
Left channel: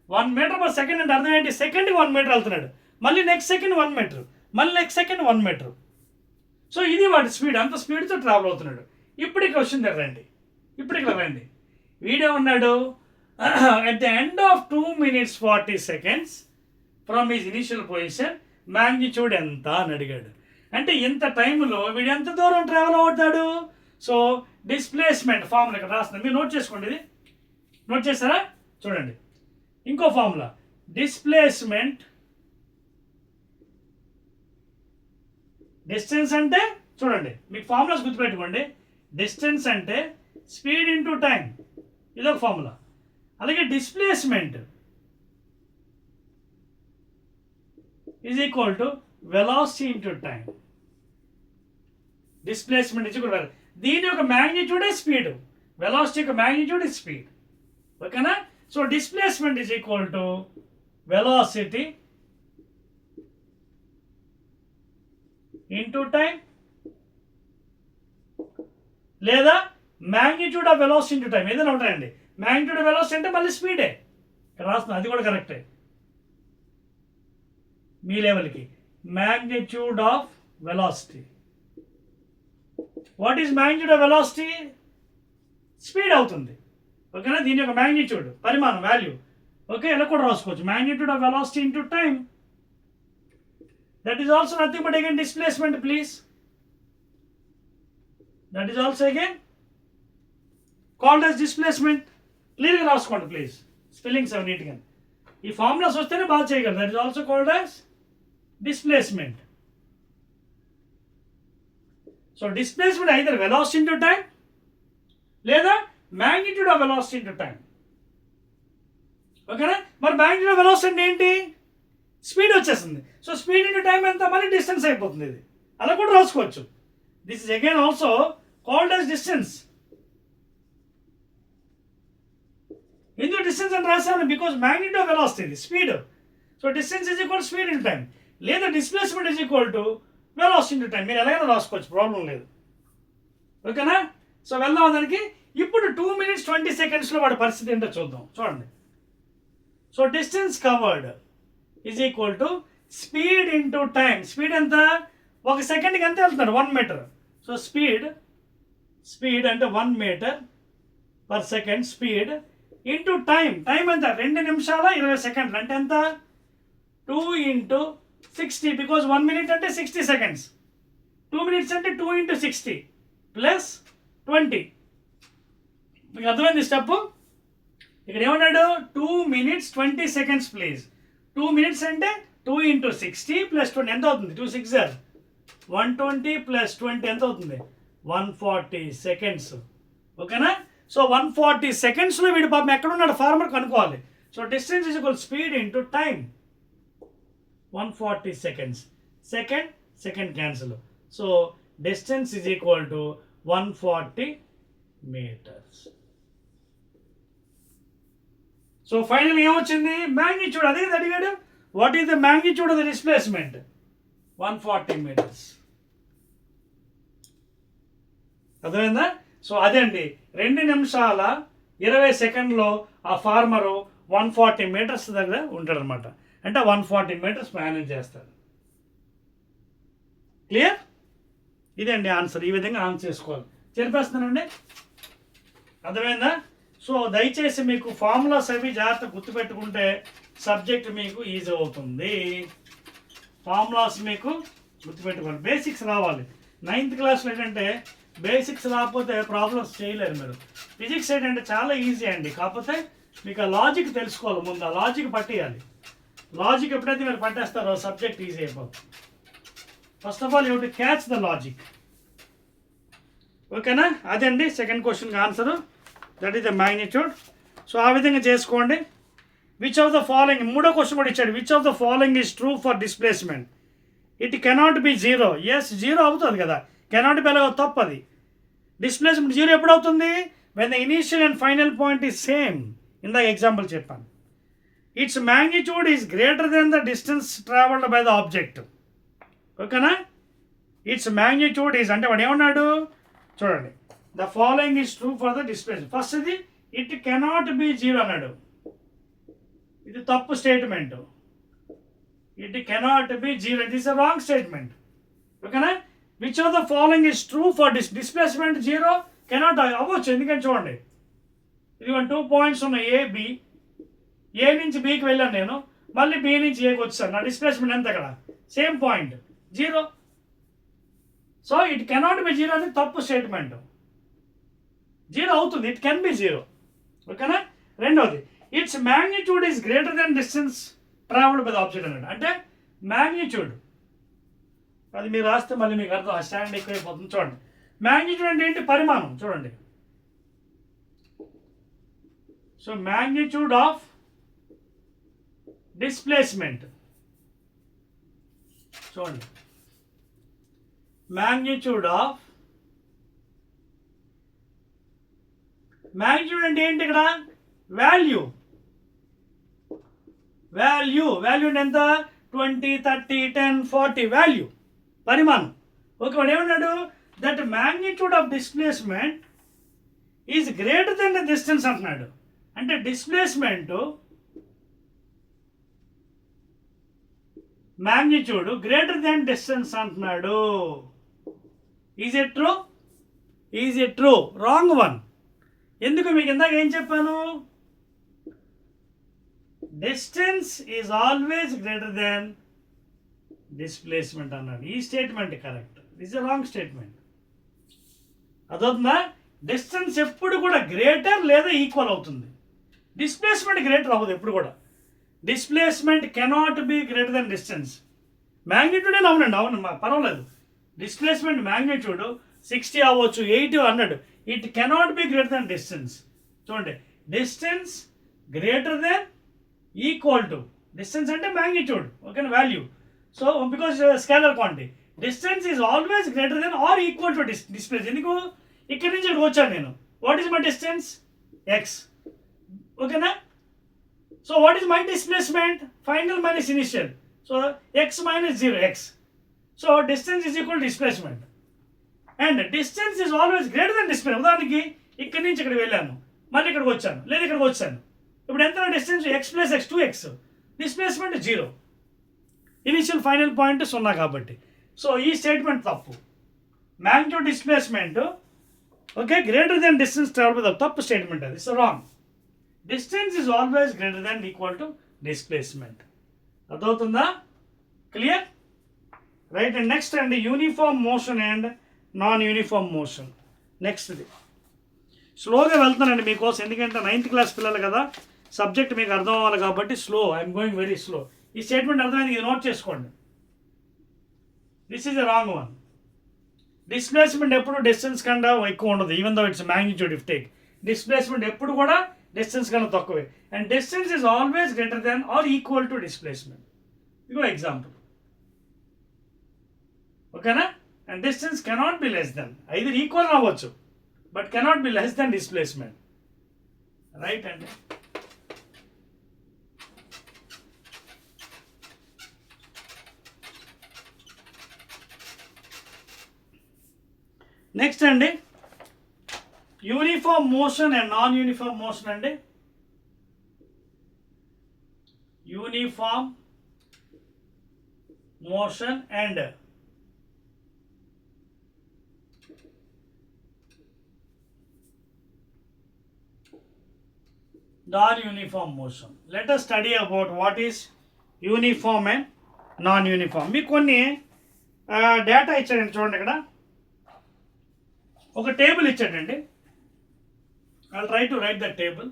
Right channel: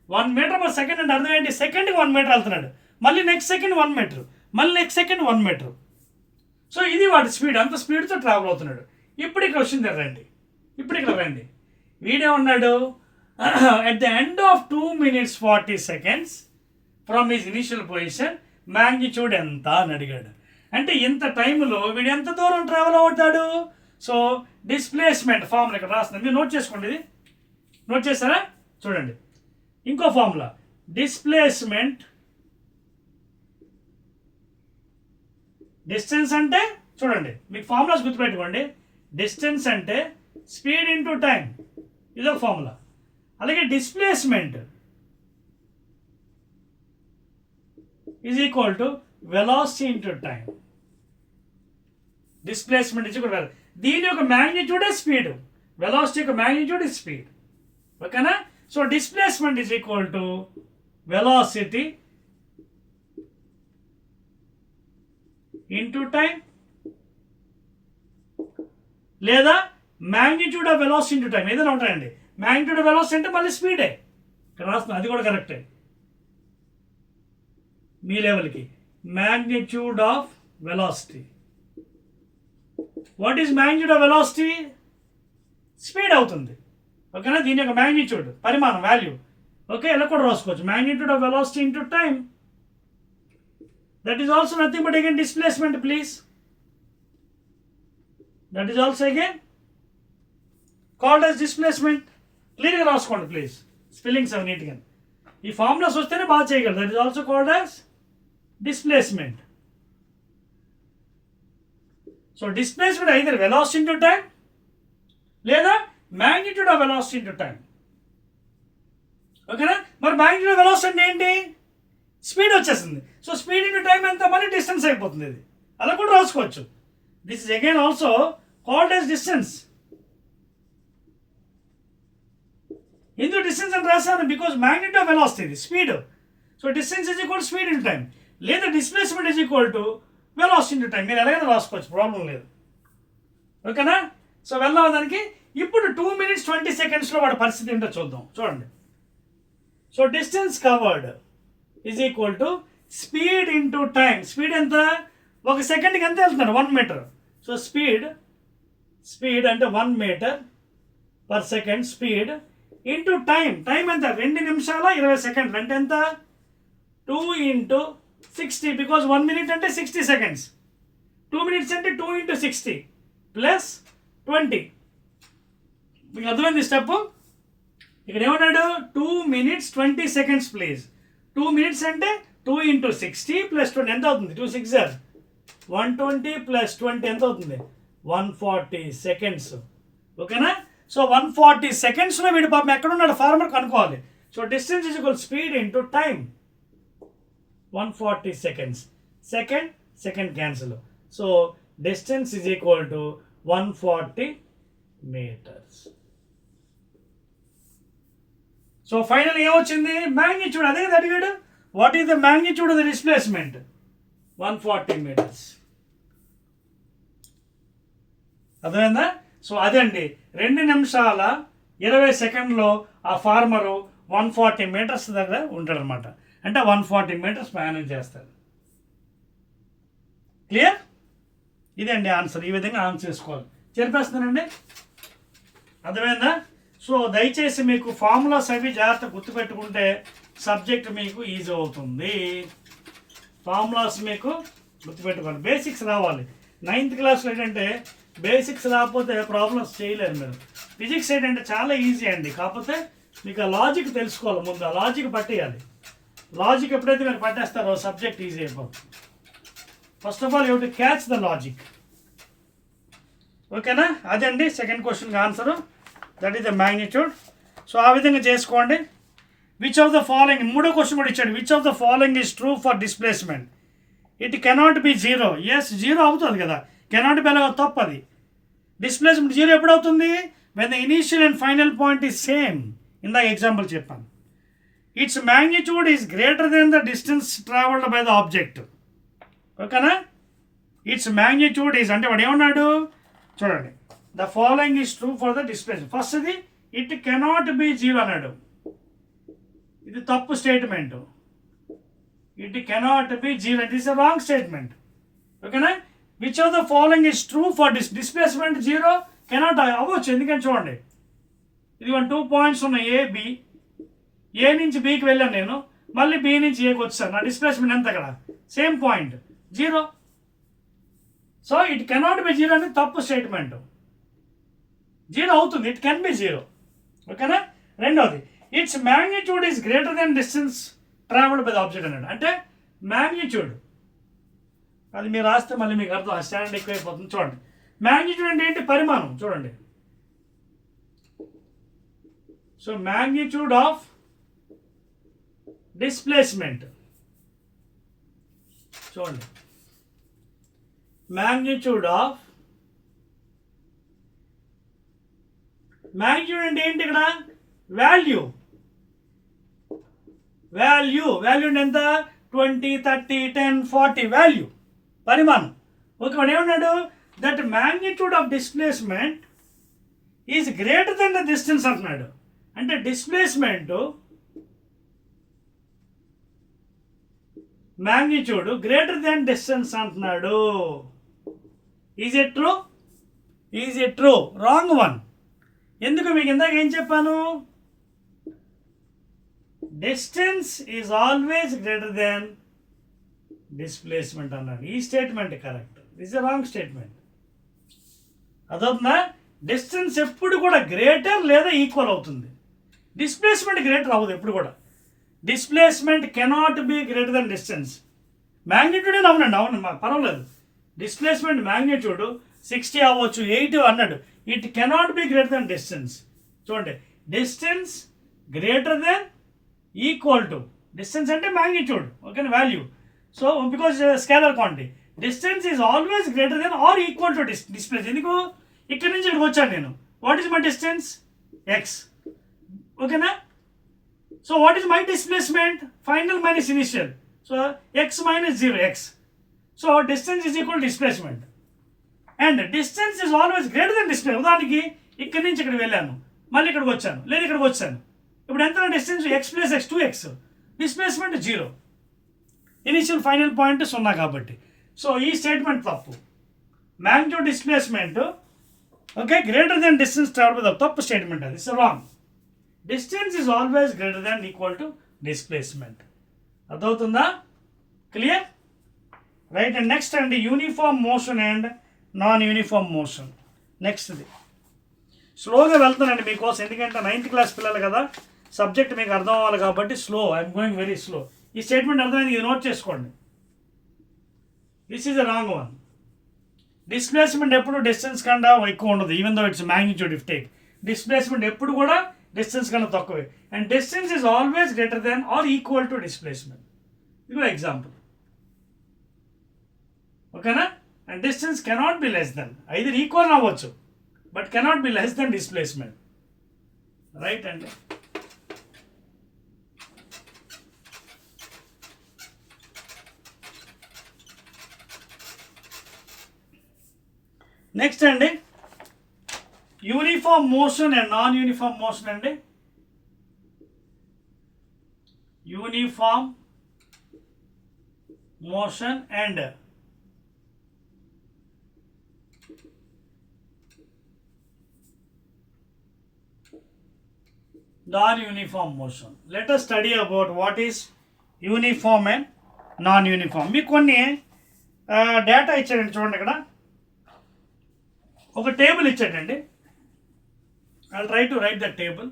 1 meter per second అంటే అర్థం ఏంటి? సెకండ్కి 1 meter వెళ్తున్నాడు, మళ్ళీ నెక్స్ట్ సెకండ్ 1 meter, మళ్ళీ నెక్స్ట్ సెకండ్ 1 meter. సో ఇది వాడి స్పీడ్, అంత స్పీడ్తో ట్రావెల్ అవుతున్నాడు. ఇప్పుడు ఇక్కడ వచ్చింది రండి, ఇప్పుడు ఇక్కడ రండి. వీడే ఉన్నాడు at the end of 2 minutes 40 seconds from his initial position magnitude ఎంత అని అడిగాడు. అంటే ఇంత టైంలో వీడు ఎంత దూరం ట్రావెల్ అవుతాడు? సో డిస్ప్లేస్మెంట్ ఫార్ములా ఇక్కడ రాస్తుంది, మీరు నోట్ చేసుకోండి. ఇది నోట్ చేస్తారా? చూడండి, ఇంకో ఫార్ములా డిస్ప్లేస్మెంట్. డిస్టెన్స్ అంటే చూడండి, మీకు ఫార్ములాస్ గుర్తుపెట్టుకోండి. డిస్టెన్స్ అంటే స్పీడ్ ఇంటూ టైం, ఇదొక ఫార్ములా. అలాగే displacement is equal to velocity into time. Displacement ఇచ్చి కూడా దీని యొక్క మ్యాగ్నిట్యూడే స్పీడ్, వెలాసిటీ యొక్క మ్యాగ్నిట్యూడ్ ఇస్ స్పీడ్, ఓకేనా? So displacement is equal to velocity into time, లేదా magnitude of velocity into time, ఏదైనా ఉంటాయండి. మ్యాగ్నిట్యూడ్ ఆఫ్ వెలాసిటీ అంటే మళ్ళీ స్పీడే ఇక్కడ రాస్తుంది, అది కూడా కరెక్టే మీ లెవెల్కి. Magnitude of velocity. What is magnitude of velocity? Speed అవుతుంది, ఓకేనా? దీని యొక్క మ్యాగ్నిట్యూడ్, పరిమాణం, వాల్యూ. ఓకే, ఇలా కూడా రాసుకోవచ్చు, magnitude of velocity into time. That is also nothing but again displacement, please. That is also again called as displacement. Clearly రాసుకోండి please, spellings అవి నీట్గా. ఈ ఫార్ములాస్ వస్తేనే బాగా చేయగలరు. That is also called as displacement. So displacement either velocity into time లేదా magnitude of velocity into time, ఓకేనా? మరి మ్యాగ్నిట్యూడ్ ఆఫ్ వెలాసిటీ అంటే ఏంటి? స్పీడ్ వచ్చేస్తుంది. సో స్పీడ్ ఇంటూ టైం ఎంత? మళ్ళీ డిస్టెన్స్ అయిపోతుంది. ఇది అలా కూడా రాసుకోవచ్చు. This is again also called as distance. ఎందుకు డిస్టెన్స్ అని రాశాను? బికాజ్ మ్యాగ్నిట్యూడ్ ఆఫ్ వెలాసిటీ ఇది speed. So distance is equal speed in time, లేదా displacement is equal to velocity into time. మీరు ఎలాగైనా రాసుకోవచ్చు, ప్రాబ్లం లేదు, ఓకేనా? సో వెళ్దాం దానికి. ఇప్పుడు 2 minutes 20 secondsలో వాడి పరిస్థితి ఏంటో చూద్దాం. చూడండి, so distance covered is equal to speed into time. Speed ఎంత? 1 సెకండ్కి ఎంత వెళ్తున్నాడు? 1 మీటర్. సో స్పీడ్ అంటే 1 metre per second speed into time. Time ఎంత? 2 నిమిషాల 20 సెకండ్లు. అంటే ఎంత? 2 ఇంటూ 60, బికాజ్ 1 మినిట్ అంటే 60 సెకండ్స్. 2 మినిట్స్ అంటే 2 ఇంటూ 60 ప్లస్ 20. మీకు అర్థమైంది స్టెప్? ఇక్కడ ఏమన్నాడు? 2 minutes 20 seconds ప్లీజ్. 2 minutes అంటే 2 ఇంటూ 60 ప్లస్ 20 ఎంత అవుతుంది? 2 6 120 ప్లస్ 20 ఎంత అవుతుంది? 140 seconds. ఓకేనా? సో 140 secondsలో వీడు పాపం ఎక్కడున్నాడు ఫార్మర్ కనుక్కోవాలి. So distance is equal speed into time. 140 seconds. Second cancel. So distance is equal to 140 meters. So final ఏమొచ్చింది? మ్యాగ్నిట్యూడ్. అదే కదా అడిగాడు. What is the magnitude of the displacement? 140 meters. అర్థమైందా? సో అదే అండి, 2 నిమిషాల 20 సెకండ్లో ఆ ఫార్మరు 140 meters దగ్గర ఉంటాడు అనమాట. అంటే 140 meters మేనేజ్ చేస్తాడు. క్లియర్? ఇదండి ఆన్సర్. ఈ విధంగా ఆన్సర్ చేసుకోవాలి. చెప్పేస్తున్నానండి. అర్థమైందా? సో దయచేసి మీకు ఫార్ములాస్ అవి జాగ్రత్త గుర్తుపెట్టుకుంటే సబ్జెక్ట్ మీకు ఈజీ అవుతుంది. ఫార్ములాస్ మీకు గుర్తుపెట్టుకోండి. బేసిక్స్ రావాలి. 9th క్లాస్లో ఏంటంటే బేసిక్స్ రాకపోతే ప్రాబ్లమ్స్ చేయలేరు మీరు. ఫిజిక్స్ ఏంటంటే చాలా ఈజీ అండి, కాకపోతే మీకు ఆ లాజిక్ తెలుసుకోవాలి. ముందు ఆ లాజిక్ పట్టేయాలి. లాజిక్ ఎప్పుడైతే మీరు పట్టేస్తారో సబ్జెక్ట్ ఈజీ అయిపోతుంది. First of all you to catch the logic. ఓకేనా? అదండి సెకండ్ క్వశ్చన్కి answer. That is the magnitude. So ఆ విధంగా చేసుకోండి. విచ్ ఆఫ్ ద ఫాలోయింగ్, మూడో క్వశ్చన్ కూడా ఇచ్చాడు. Which of the following is true for displacement? It cannot be zero. Yes, zero అవుతుంది కదా. కెనాట్ బి అలాగ తప్పు. అది డిస్ప్లేస్మెంట్ జీరో ఎప్పుడు అవుతుంది? When the initial and final point is same. ఇందాక ఎగ్జాంపుల్ చెప్పాను. It's magnitude is greater than the distance travelled by the object. ఓకేనా? ఇట్స్ మ్యాగ్నిట్యూడ్ ఈజ్ అంటే వాడు ఏమన్నాడు చూడండి. The following is true for the displacement. ఫస్ట్ది ఇట్ కెనాట్ బి జీరో అన్నాడు. ఇది తప్పు statement. It cannot be zero, it is a wrong statement. ఓకేనా? Which of the following is true for displacement? Zero cannot అవ్వచ్చు. ఎందుకంటే చూడండి, ఇది 2 points ఉన్నాయి. ఏ నుంచి బికి వెళ్ళాను నేను, మళ్ళీ బి నుంచి ఏకి వచ్చాను. నా డిస్ప్లేస్మెంట్ ఎంత అక్కడ? Same point, zero. So it cannot be zero అనేది తప్పు స్టేట్మెంట్. జీరో అవుతుంది, ఇట్ కెన్ బి జీరో. ఓకేనా? రెండోది, it's magnitude is greater than distance travelled by the object అన్నాడు. అంటే మ్యాగ్నిట్యూడ్ అది మీరు రాస్తే మళ్ళీ మీకు అర్థం, ఆ స్టాండర్డ్ ఎక్కువైపోతుంది. చూడండి, మ్యాగ్నిట్యూడ్ అంటే ఏంటి? పరిమాణం. చూడండి, సో మ్యాగ్నిట్యూడ్ ఆఫ్ డిస్ప్లేస్మెంట్. చూడండి, మ్యాగ్నిట్యూడ్ ఆఫ్, మ్యాగ్నిట్యూడ్ అంటే ఏంటి? ఇక్కడ వాల్యూ. వాల్యూ అంటే ఎంత? 20, 30, 10, 40 వాల్యూ, పరిమాణం. ఓకే, వాడు ఏమన్నాడు? That magnitude of displacement is greater than the distance అంటున్నాడు. అంటే displacement magnitude greater than distance అంటున్నాడు. Is it true? Is it true? Wrong one. ఎందుకు? మీకు ఇందాక ఏం చెప్పాను? Distance is always greater than displacement అన్నాడు. ఈ statement correct, is a wrong statement. అదవుతుందా? డిస్టెన్స్ ఎప్పుడు కూడా గ్రేటర్ లేదా ఈక్వల్ అవుతుంది. డిస్ప్లేస్మెంట్ గ్రేటర్ అవ్వదు ఎప్పుడు కూడా. Displacement cannot be greater than distance. Magnitude అని అవునండి, అవును, పర్వాలేదు. డిస్ప్లేస్మెంట్ మ్యాగ్నిట్యూడ్ 60 అవ్వచ్చు, 80 అన్నాడు. It cannot be greater than distance. చూడండి, distance greater than equal to, distance అంటే మ్యాగ్నిట్యూడ్, ఓకేనా, value. So because scalar quantity, distance is always greater than or equal to displace. ఎందుకు? ఇక్కడ నుంచి ఇక్కడికి వచ్చాను నేను. What is my distance? X. ఓకేనా? So what is my displacement? Final minus initial. So X minus 0, X. So distance is equal displacement. And distance is always greater then displays. ఉదాహరణకి ఇక్కడ నుంచి ఇక్కడ వెళ్ళాను, మళ్ళీ ఇక్కడికి వచ్చాను, లేదా ఇక్కడికి వచ్చాను. ఇప్పుడు ఎంత distance? X plus X, 2x. Displacement 0. Initial final point 0 కాబట్టి. సో ఈ స్టేట్మెంట్ తప్పు. Magnitude displacement okay greater than distance travel with తప్పు స్టేట్మెంట్, అది it's wrong. Distance is always greater than equal to displacement. అర్థమవుతుందా? క్లియర్? రైట్. అండ్ నెక్స్ట్ అండి uniform motion and non uniform motion. నెక్స్ట్ది స్లోగా వెళ్తానండి మీకోసం, ఎందుకంటే 9th క్లాస్ పిల్లలు కదా, సబ్జెక్ట్ మీకు అర్థం అవ్వాలి కాబట్టి slow. I'm going very slow. ఈ స్టేట్మెంట్ అర్థమైంది, ఇది నోట్ చేసుకోండి. This is a wrong one. Displacement ఎప్పుడు డిస్టెన్స్ కన్నా ఎక్కువ ఉండదు, even though it's magnitude if take. Displacement ఎప్పుడు కూడా డిస్టెన్స్ కన్నా తక్కువే. And distance is always greater than or equal to displacement. ఇది కూడా ఎగ్జాంపుల్. ఓకేనా? And distance cannot be less than, either ఈక్వల్ అవ్వచ్చు but cannot be less than displacement. Right అండి. నెక్స్ట్ అండి uniform motion and non uniform motion అండి. Uniform motion and non-uniform motion. Let us study about what is uniform and non-uniform. మీకు కొన్ని data ఇచ్చాడండి, చూడండి ఇక్కడ ఒక టేబుల్ ఇచ్చాడండి. I try to right the table.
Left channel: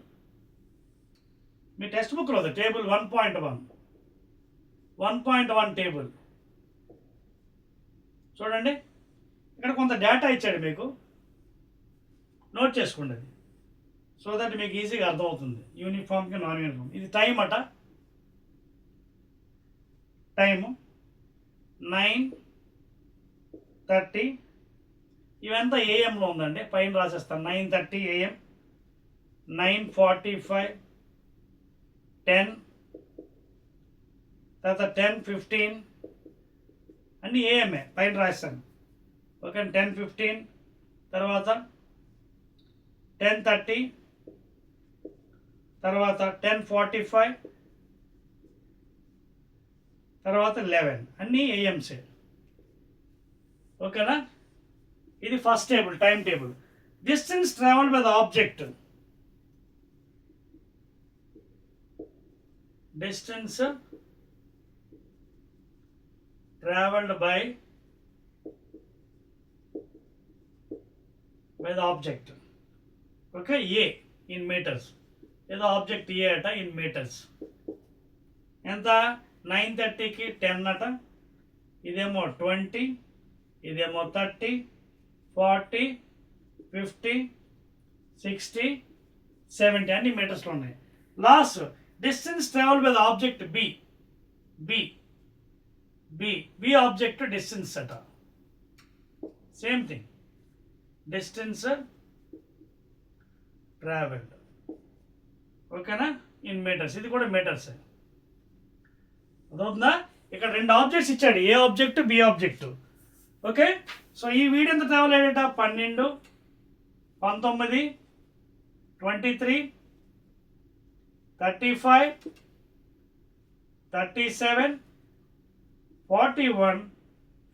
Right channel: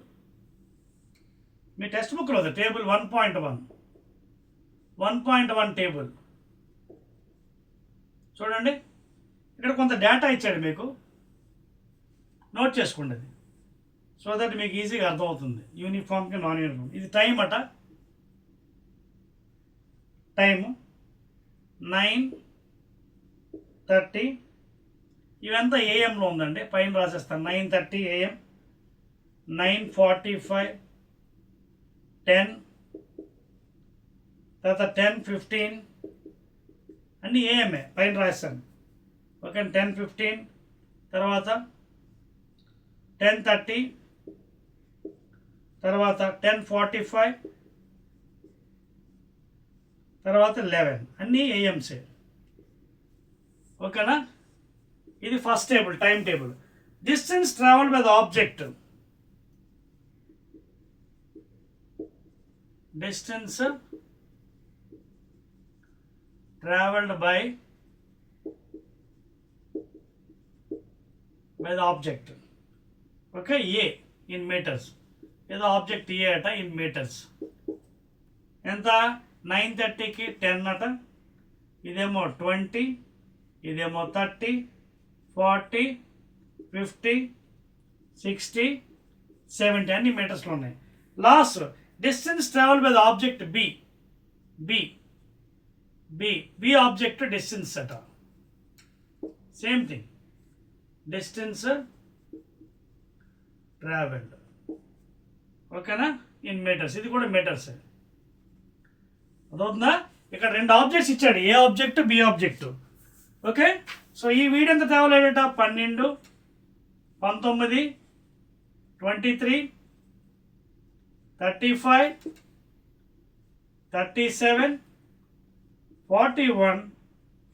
Me text బుక్లో ఉంది టేబుల్ 1.1 టేబుల్. చూడండి ఇక్కడ కొంత డేటా ఇచ్చాడు మీకు, నోట్ చేసుకోండి అది, సో దట్ మీకు ఈజీగా అర్థమవుతుంది యూనిఫామ్కి నాన్ యూనిఫామ్. ఇది టైం అట, టైము 9:30. ఇవంతా ఏఎంలో ఉందండి, పైన రాసేస్తాను 9:30 AM, 9:45, 10, తర్వాత 10:15 అన్నీ ఏఎంఏ పైన రాస్తాను. ఓకే 10:15 తర్వాత 10:30 తర్వాత 10:45 తర్వాత 11 అన్నీ ఏఎంసే. ఓకేనా? ఇది first table, time table. Distance travel by the object, distance travelled by the object. Okay A in metres, ఏదో ఆబ్జెక్ట్ ఏ అట ఇన్ మీటర్స్. ఎంత? 9:30కి 10 అట, ఇదేమో 20, ఇదేమో 30, 40, 50, 60, 70 అన్ని మీటర్స్లో ఉన్నాయి. Last distance travel by the object B, B B B object distance అట, సేమ్ థింగ్ డిస్టెన్స్ ట్రావెల్డ్. ఓకేనా? ఇన్ మీటర్స్, ఇది కూడా మీటర్స్. అదవుతుందా? ఇక్కడ రెండు ఆబ్జెక్ట్స్ ఇచ్చాడు, A object B object. Okay, so ఈ వీడియో ఎంత ట్రావెల్ అయ్యేట 12, 19, 23, 35, 37, 41,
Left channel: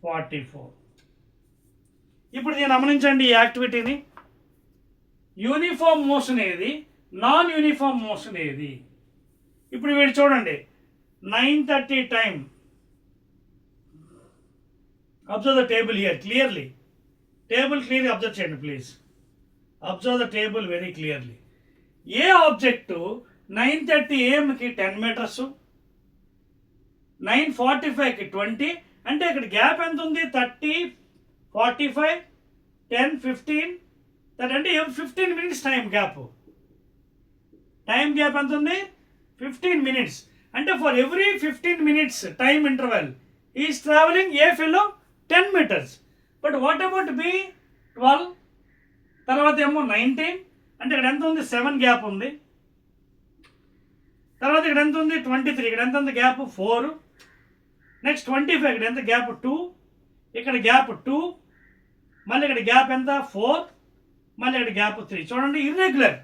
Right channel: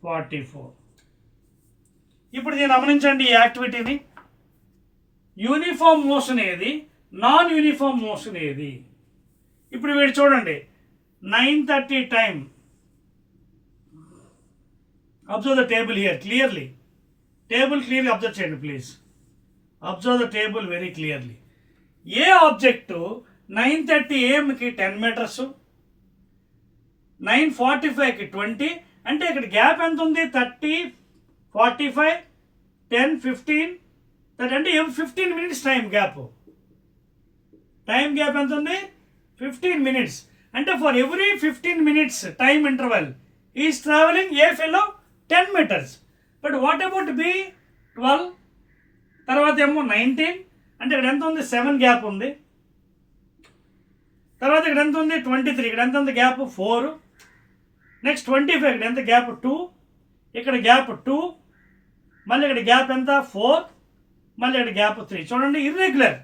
44. ఇప్పుడు దీన్ని గమనించండి ఈ యాక్టివిటీని. యూనిఫామ్ మోషన్ ఏది, నాన్ యూనిఫామ్ మోషన్ ఏది? ఇప్పుడు వీడు చూడండి 9:30 time. Observe the table here clearly. Table క్లియర్గా అబ్జర్వ్ చేయండి please. Observe the table very clearly. A object 9:30 AM-కి 10 మీటర్స్, 9:45కి 20, అంటే ఇక్కడ గ్యాప్ ఎంత ఉంది? 30, 45, 10, 15, అంటే 15 minutes time gap. Time gap ఎంత ఉంది? 15 minutes. అంటే for every 15 minutes time interval is travelling a fellow 10 meters. But what about B 12, తర్వాత ఏమో 19, అంటే ఇక్కడ ఎంత ఉంది? 7 గ్యాప్ ఉంది. తర్వాత ఇక్కడ ఎంత ఉంది? 23, ఇక్కడ ఎంత ఉంది గ్యాప్? 4. నెక్స్ట్ 25, ఇక్కడ ఎంత గ్యాప్? 2, ఇక్కడ గ్యాప్ 2, మళ్ళీ ఇక్కడ గ్యాప్ ఎంత? 4, మళ్ళీ ఇక్కడ గ్యాప్ 3. చూడండి ఇర్రెగ్యులర్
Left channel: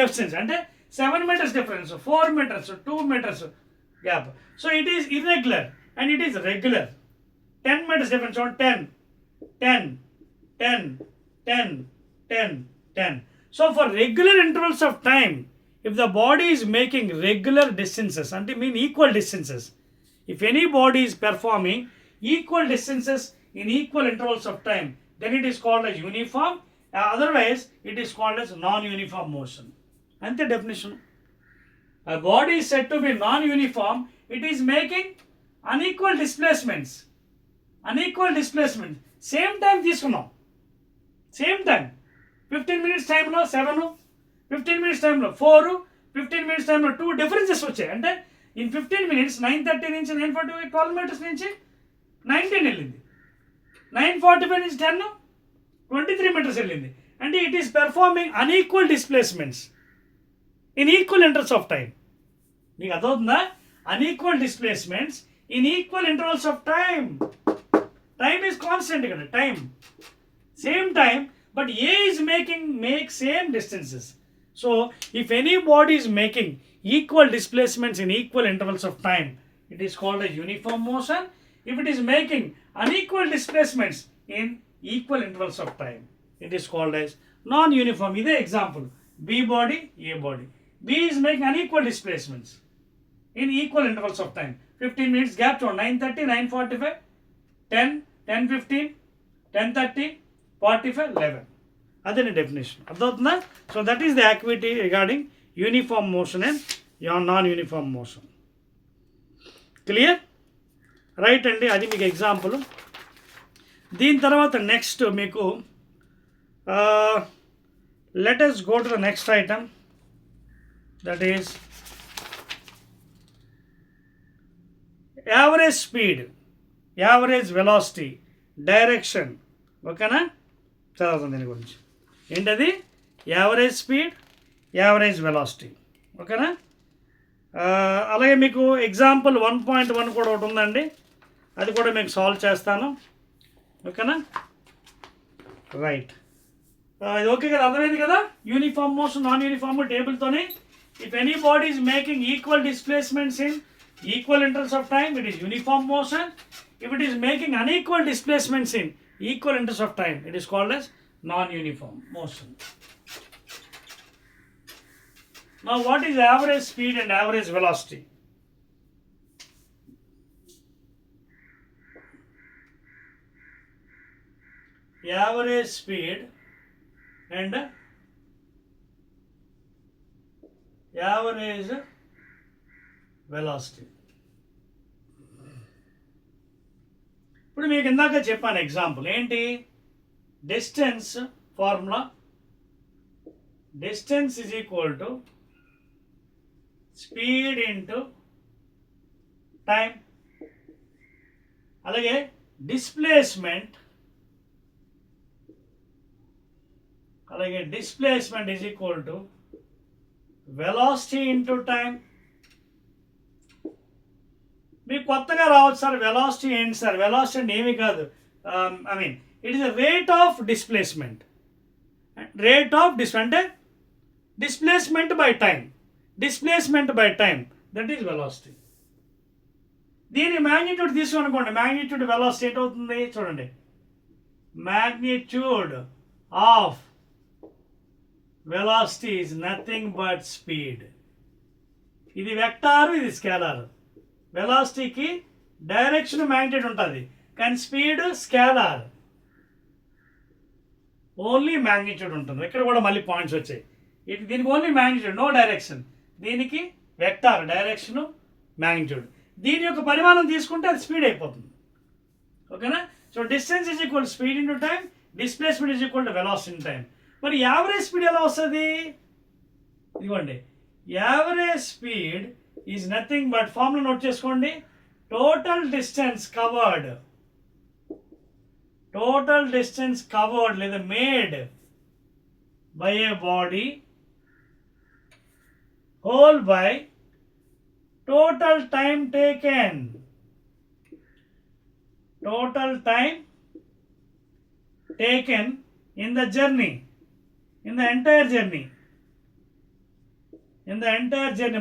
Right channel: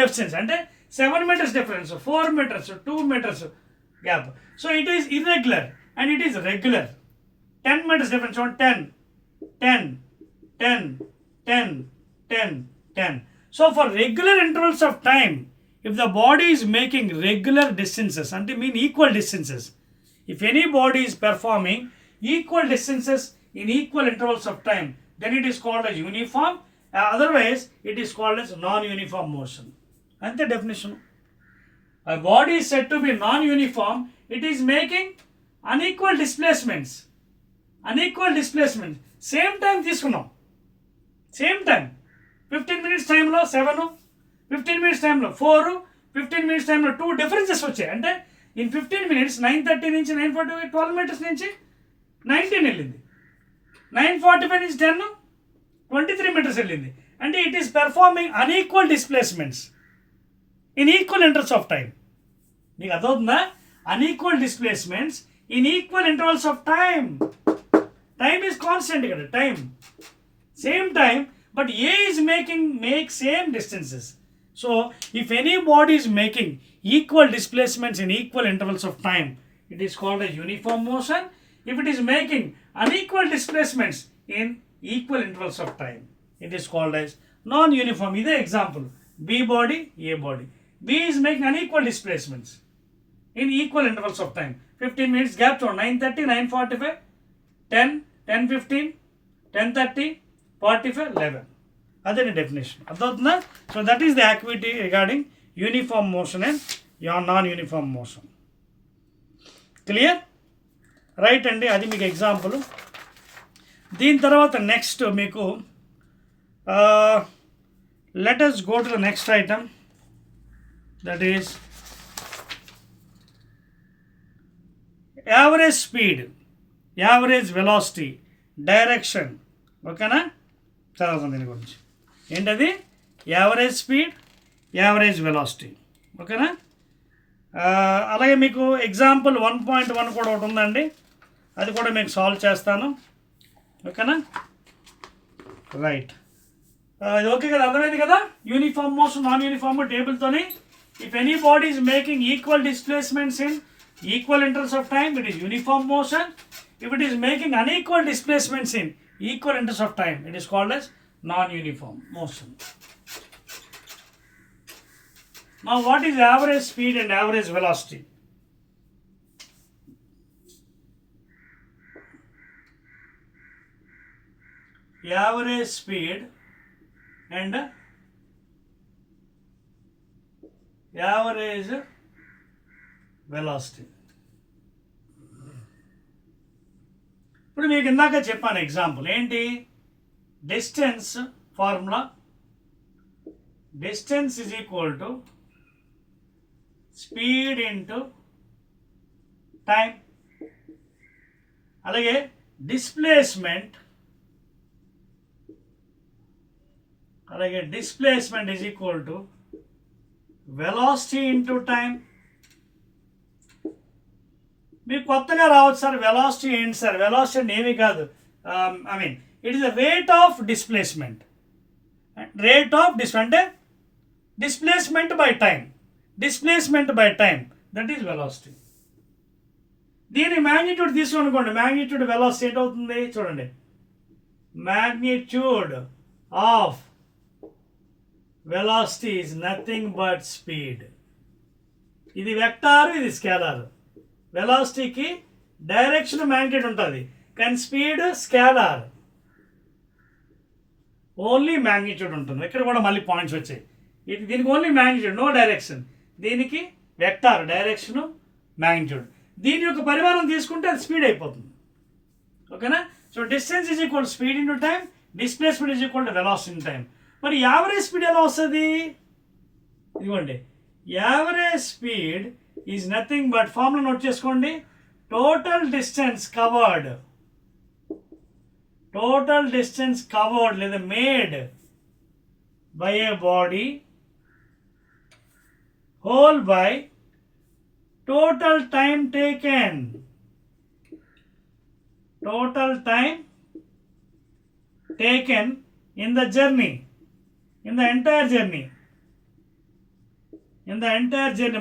డిస్టెన్స్, అంటే 7 meters difference, 4 meters, 2 meters, gap. So it is irregular and it is regular. 10 meters difference on 10, 10, 10, 10, 10, 10. So for regular intervals of time, if the body is making regular distances, and mean equal distances, if any body is performing equal distances in equal intervals of time, then it is called as uniform. Otherwise, it is called as non-uniform motion. And the definition. A body is said to be non-uniform. It is making unequal displacements. Unequal displacement. Same time తీసుకున్నాం. Same time. 15 minutes time లో 7, 15 minutes time లో 4, 15 minutes time లో 2 differences వచ్చాయి. అంటే in 15 minutes 9:30 నుంచి 9:45 12 meters నుంచి 19 వెళ్ళింది. 9:45 నుంచి 10 23 meters వెళ్ళింది. అంటే it is performing unequal displacements in equal intervals of time. మీకు అర్థమవుతుందా? Unequal displacements in equal intervals of time. Time is constant here, time. Same time, but A is make same distances. So, if any body is making equal displacements in equal intervals of time, it is called a uniform motion. If it is making unequal displacements in equal intervals of time, it is called as non-uniform. This is example. B body, A body. B is making unequal displacements in equal intervals of time. 15 minutes gap to 9:30, 9:45, 10, 10:15, 10:30, 45, 11. That's the definition. So that is the activity regarding uniform motion and non-uniform motion. Clear? Right అండి, అది మీకు example. దీని తర్వాత next మీకు let us go to the next item, that is average speed, average velocity, direction. ఓకేనా? చదువుతాం దీని గురించి. ఏంటది? Average speed, average velocity. ఓకేనా? అలాగే మీకు ఎగ్జాంపుల్ 1.1 కూడా ఒకటి ఉందండి, అది కూడా మీకు సాల్వ్ చేస్తాను. ఓకేనా? రైట్. ఇది ఓకే కదా? అర్థమైంది కదా? యూనిఫామ్ మోషన్, నాన్ యూనిఫామ్ టేబుల్తోని. If any body is making equal displacements in equal intervals of time, it is uniform motion. If it is making unequal displacements in equal intervals of time, it is called as non-uniform motion. Now, what is average speed and average velocity? Average speed and average velocity. ఇప్పుడు మీకు ఇందాక చెప్పాను example ఏంటి? Distance formula, distance is equal to speed into time. అలాగే displacement is equal to velocity into time. మీకు కొత్తగా రావచ్చు sir, velocity ఏంటి సార్? వెలాసిటీ అంటే ఏమీ కాదు. It is the rate of displacement. అంటే displacement by time. Displacement by time, that is velocity. దీని మ్యాగ్నిట్యూడ్ తీసుకోనుకోండి. మ్యాగ్నిట్యూడ్ వెలాసిటీ ఏంటవుతుంది చూడండి. Magnitude of velocity is nothing but speed. ఇది వెక్టారు, ఇది స్కేలార్. వెలాసిటీకి డైరెక్షన్ మ్యాగ్నిట్యూడ్ ఉంటుంది, కానీ స్పీడ్ స్కేలార్, ఓన్లీ మ్యాగ్నిట్యూడ్ ఉంటుంది. ఇక్కడ కూడా మళ్ళీ పాయింట్స్ వచ్చాయి. దీనికి ఓన్లీ మ్యాగ్నిట్యూడ్, నో డైరెక్షన్. దీనికి వెక్టార్, డైరెక్షను, మ్యాగ్నిట్యూడ్. దీని యొక్క పరిమాణం తీసుకుంటే అది స్పీడ్ అయిపోతుంది. ఓకేనా? So distance is equal speed into time, displacement is equal to velocity in time. మరి యావరేజ్ స్పీడ్ ఎలా వస్తుంది? ఇదిగోండి, average speed is nothing but, formula note చేసుకోండి, total distance covered, total distance covered లేదా made by a body whole by total time taken. Total time taken in the journey, in the entire journey,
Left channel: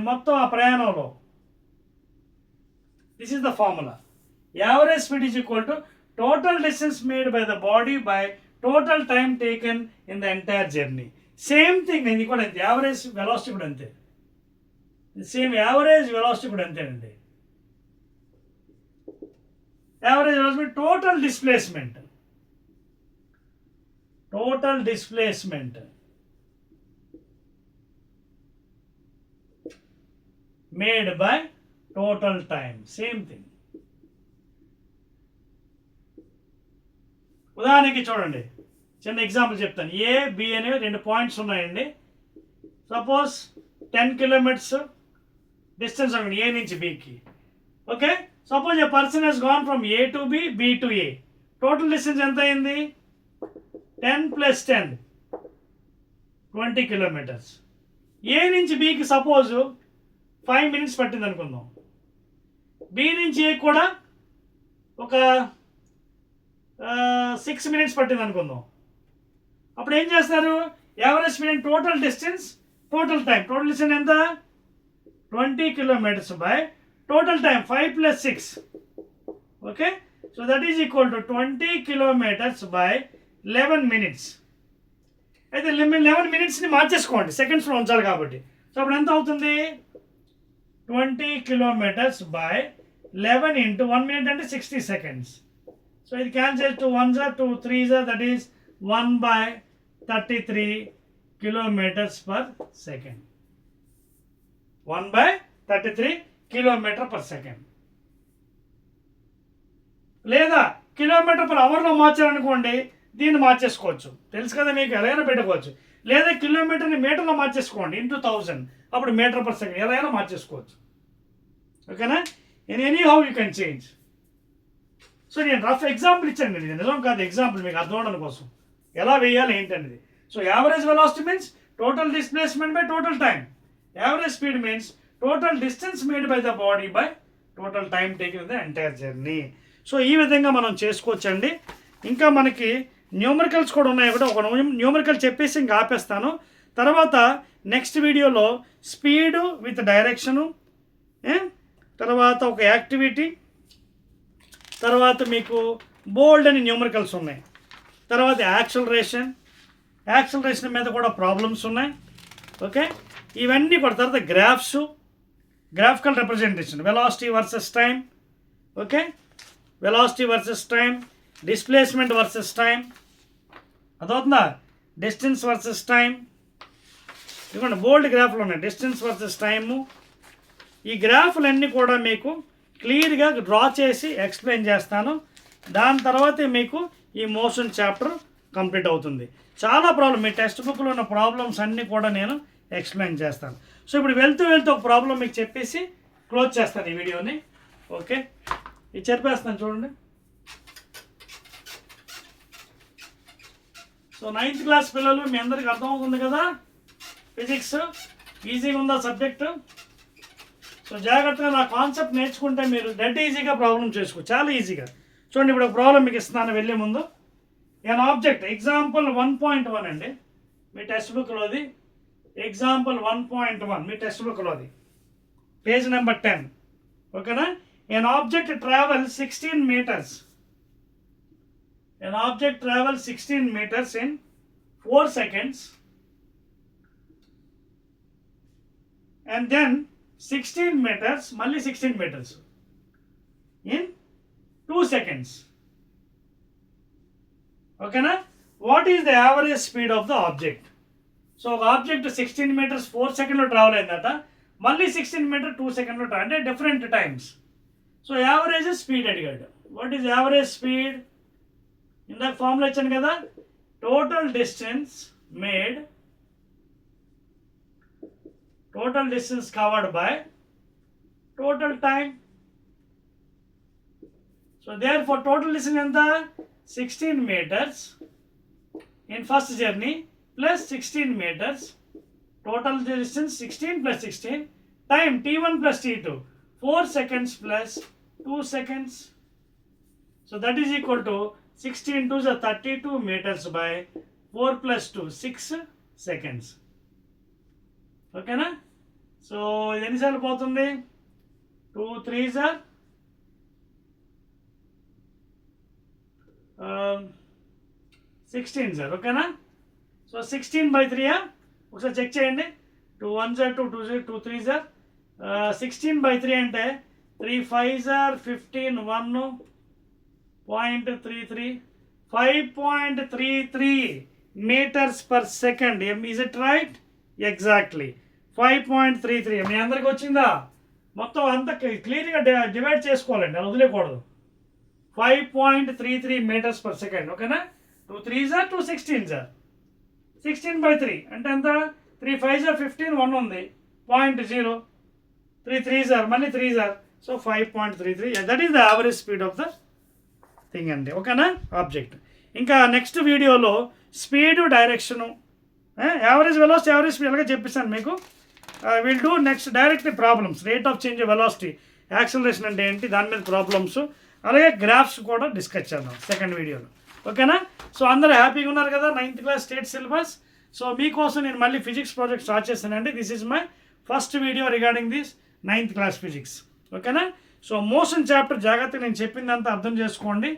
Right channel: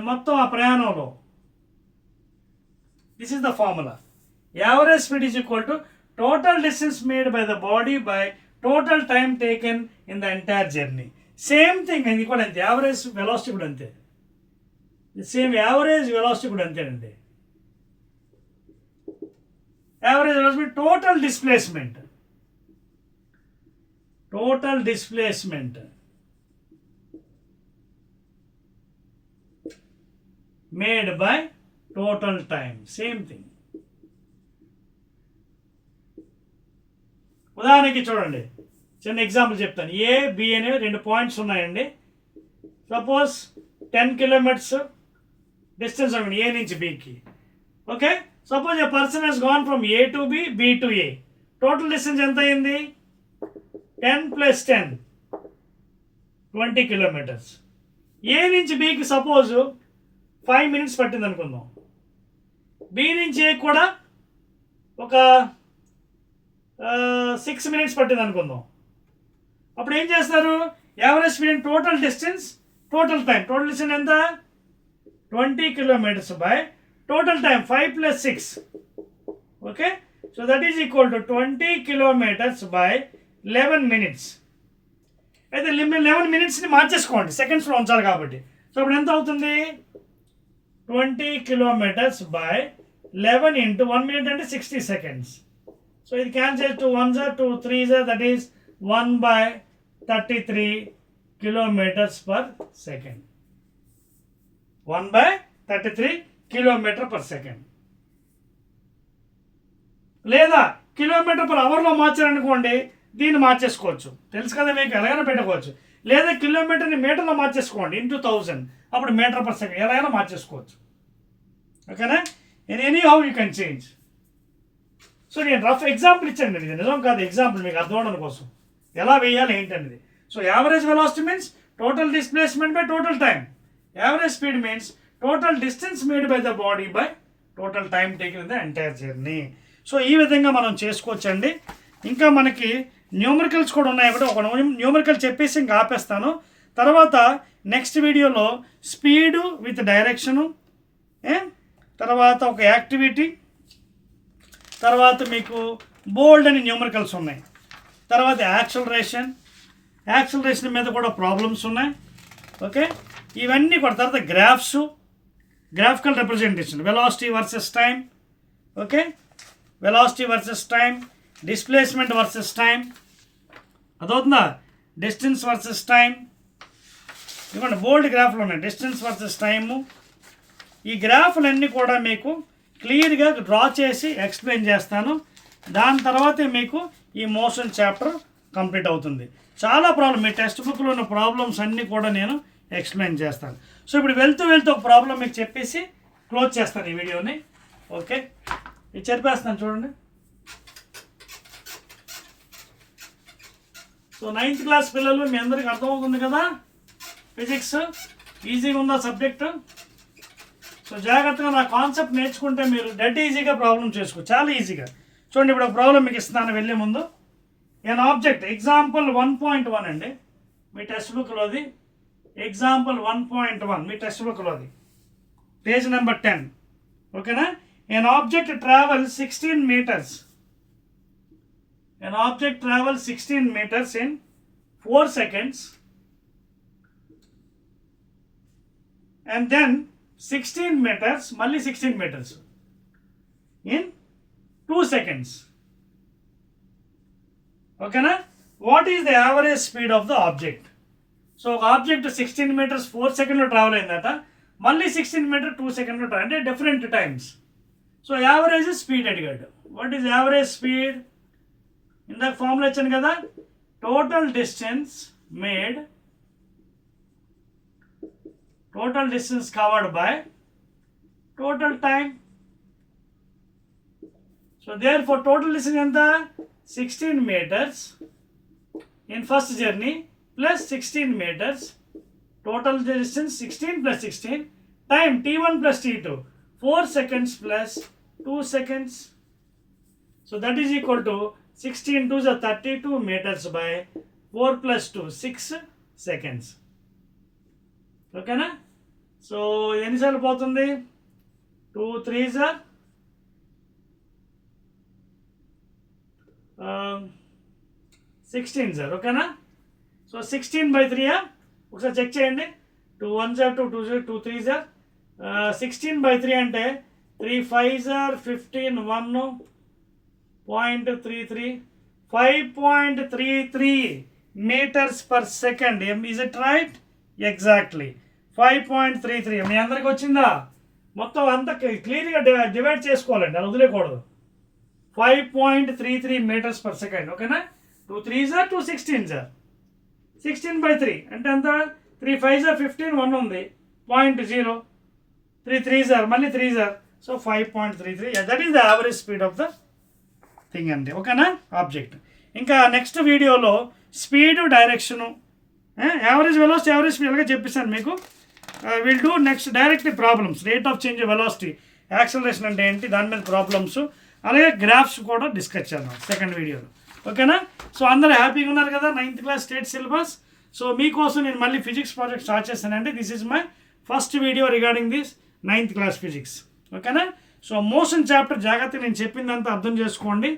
మొత్తం ఆ ప్రయాణంలో This is the formula. Average speed is equal to total distance made by the body by total time taken in the entire journey. Same thing, ఇది కూడా అంతే. Average velocity కూడా అంతే. Same average velocity కూడా అంతేనండి. Average velocity total displacement. Total displacement made by total time. Same thing. ఉదాహరణకి చూడండి, చిన్న ఎగ్జాంపుల్ చెప్తాను. ఏ బి అనేవి 2 పాయింట్స్ ఉన్నాయండి. సపోజ్ 10 కిలోమీటర్స్ డిస్టెన్స్ అనుకోండి ఏ నుంచి బికి. Okay, suppose a person he's gone from A to B, B to A. Total distance ఎంత అయింది? 10 + 10 20 కిలోమీటర్స్. ఏ నుంచి బికి సపోజ్ 5 minutes పట్టింది అనుకుందాం. బి నుంచి ఏ కూడా ఒక 6 minutes పట్టింది అనుకుందాం. అప్పుడు ఏం చేస్తారు? Average speed and total distance, total time. Total distance ఎంత? 20 kilometers by total time 5 + 6. Okay, so that is equal to 20 kilometers by 11 minutes. అయితే 11 minutesని మార్చేసుకోండి, సెకండ్స్లో ఉంచాలి కాబట్టి. సో అప్పుడు ఎంత అవుతుంది? 20 kilometers by 11 into 1 minute అంటే 60 seconds. So it cancels to 1s are 2 3s are, that is 1/33 kilometers per second. 1/33 kilometer per second. లేదా kilometre per అవర్లో మార్చారనుకోండి, దీన్ని మార్చేసుకోవచ్చు. తెలుసు కదా మీకు, ఎలాగైనా పెట్టుకోవచ్చు. లేదా కిలోమీటర్ని మీటర్లో మార్చేసుకోండి, ఇంటూ 1000, అప్పుడు మీటర్ పర్ సెకండ్ ఎలా అయినా మార్చేసుకోవచ్చు. ఓకేనా? In any how you can change. So నేను రఫ్ ఎగ్జాంపుల్ ఇచ్చాను, ఇది నిజం కాదు, ఎగ్జాంపుల్ మీకు అర్థం అవడం కోసం ఎలా వేయాలి ఏంటనేది. So average velocity means total displacement by total time. Average speed means total distance made by the body by total time taken in the entire journey. So ఈ విధంగా మనం చేసుకోవచ్చండి. ఇంకా మనకి న్యూమరికల్స్ కూడా ఉన్నాయి. ఒకటి ఒక న్యూమరికల్ చెప్పేసి ఇంకా ఆపేస్తాను. తర్వాత నెక్స్ట్ వీడియోలో స్పీడు విత్ డైరెక్షను, తర్వాత ఒక యాక్టివిటీ, తర్వాత మీకు బోల్డ్ అని న్యూమరికల్స్ ఉన్నాయి. తర్వాత యాక్సలరేషన్ మీద కూడా ప్రాబ్లమ్స్ ఉన్నాయి. ఓకే, ఇవన్నీ కూడా. తర్వాత graphical representation, velocity versus time. Okay, velocity versus time, displacement versus time, అదవుతుందా? Distance versus time. ఇవ్వండి బోల్డ్ గ్రాఫ్లు ఉన్నాయి, డిస్టెన్స్ వర్సెస్ టైము. ఈ గ్రాఫ్లన్నీ కూడా మీకు క్లియర్గా డ్రా చేసి ఎక్స్ప్లెయిన్ చేస్తాను. దాని తర్వాతే మీకు ఈ మోషన్ చాప్టర్ కంప్లీట్ అవుతుంది. చాలా ప్రాబ్లం, మీ టెక్స్ట్ బుక్లో ఉన్న ప్రాబ్లమ్స్ అన్నీ కూడా నేను ఎక్స్ప్లెయిన్ చేస్తాను. సో ఇప్పుడు వెళ్తూ ఒక ప్రాబ్లం మీకు చెప్పేసి క్లోజ్ చేస్తాను ఈ వీడియోని. ఓకే, ఇది చెప్పేస్తాను చూడండి. సో 9th క్లాస్ పిల్లలు, మీ అందరికి అర్థమవుతుంది కదా, ఫిజిక్స్ ఈజీగా ఉందా సబ్జెక్టు? సో జాగ్రత్తగా నా కాన్సెప్ట్ నేర్చుకుంటే మీరు డెడ్ ఈజీగా ప్రాబ్లం చేసుకోవచ్చు, చాలా ఈజీగా. చూడండి, ఇప్పుడు ఒక ప్రాబ్లం మీకు ఇస్తున్నాను వెళ్ళే ముందు. ఎన్ ఆబ్జెక్ట్, ఎగ్జాంపుల్ 1.1 అండి మీ టెక్స్ట్ బుక్లోది. ఎగ్జాంపుల్ 1.1 మీ టెక్స్ట్ బుక్లోది, పేజ్ నెంబర్ 10. ఓకేనా? An object travel 16 meters. An object travels 16 meters in 4 seconds, and then 16 meters, మళ్ళీ 16 meters in 2 seconds. ఓకేనా? What is the average speed of the object? So ఒక object 16 meters 4 seconds travel అయిందట, మళ్ళీ 16 meters 2 seconds travel, అంటే different times. So average speed అడిగాడు. What is average speed? ఇందాక formula ఇచ్చాను కదా, total distance made, total distance covered by total time. So therefore total distance ఎంత? 16 meters in first journey plus 16 meters. Total distance 16 + 16. Time t1 + t2, 4 seconds plus 2 seconds. So that is equal to 16 2s are 32 meters by 4 + 2 6 seconds. ఓకేనా? So ఎన్నిసార్లు పోతుంది? 2 3s are 16 sir, ఓకేనా? So 16/3 ఒకసారి check చేయండి. 2 1s are 2, 2 2 3s are 16/3 అంటే 3 5s are 15, 1.33, 5.33 meters per second. Is it right? Exactly 5.33. మీ అందరికి వచ్చిందా? మొత్తం అంతా క్లియర్గా డివైడ్ చేసుకోవాలండి, అది వదిలేకూడదు. 5.33 meters per second, ఓకేనా? 2 3s are 2 16s are 16/3 అంటే ఎంత? 3 5s are 15, 1 ఉంది, 0.0, 3 3s are మళ్ళీ 3s are, so 5.33. That is the average speed of the thing అండి, ఓకేనా? ఆబ్జెక్ట్. ఇంకా నెక్స్ట్ వీడియోలో speed, direction, average velocity, average speed అలాగే చెప్పిస్తాను మీకు. Will do next directly problems, rate of change velocity, acceleration అంటే ఏంటి, దాని మీద ప్రాబ్లమ్స్, అలాగే గ్రాఫ్స్ కూడా డిస్కస్ చేద్దాం సెకండ్ వీడియోలో, ఓకేనా? సో అందరూ హ్యాపీగా ఉన్నారు కదా? 9th class state syllabus. So మీకోసం నేను మళ్ళీ ఫిజిక్స్ ప్రాజెక్ట్ స్టార్ట్ చేస్తానండి. This is my first video regarding this 9th class physics, ఓకేనా? సో మోషన్ చాప్టర్ జాగ్రత్తగా నేను చెప్పిందంతా అర్థం చేసుకోండి.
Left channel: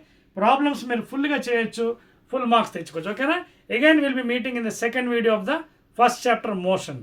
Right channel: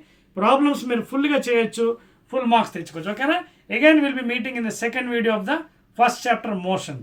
ప్రాబ్లమ్స్ మీరు ఫుల్గా చేయొచ్చు, ఫుల్ మార్క్స్ తెచ్చుకోవచ్చు, ఓకేనా? Again will be meeting in the second video of the first chapter motion.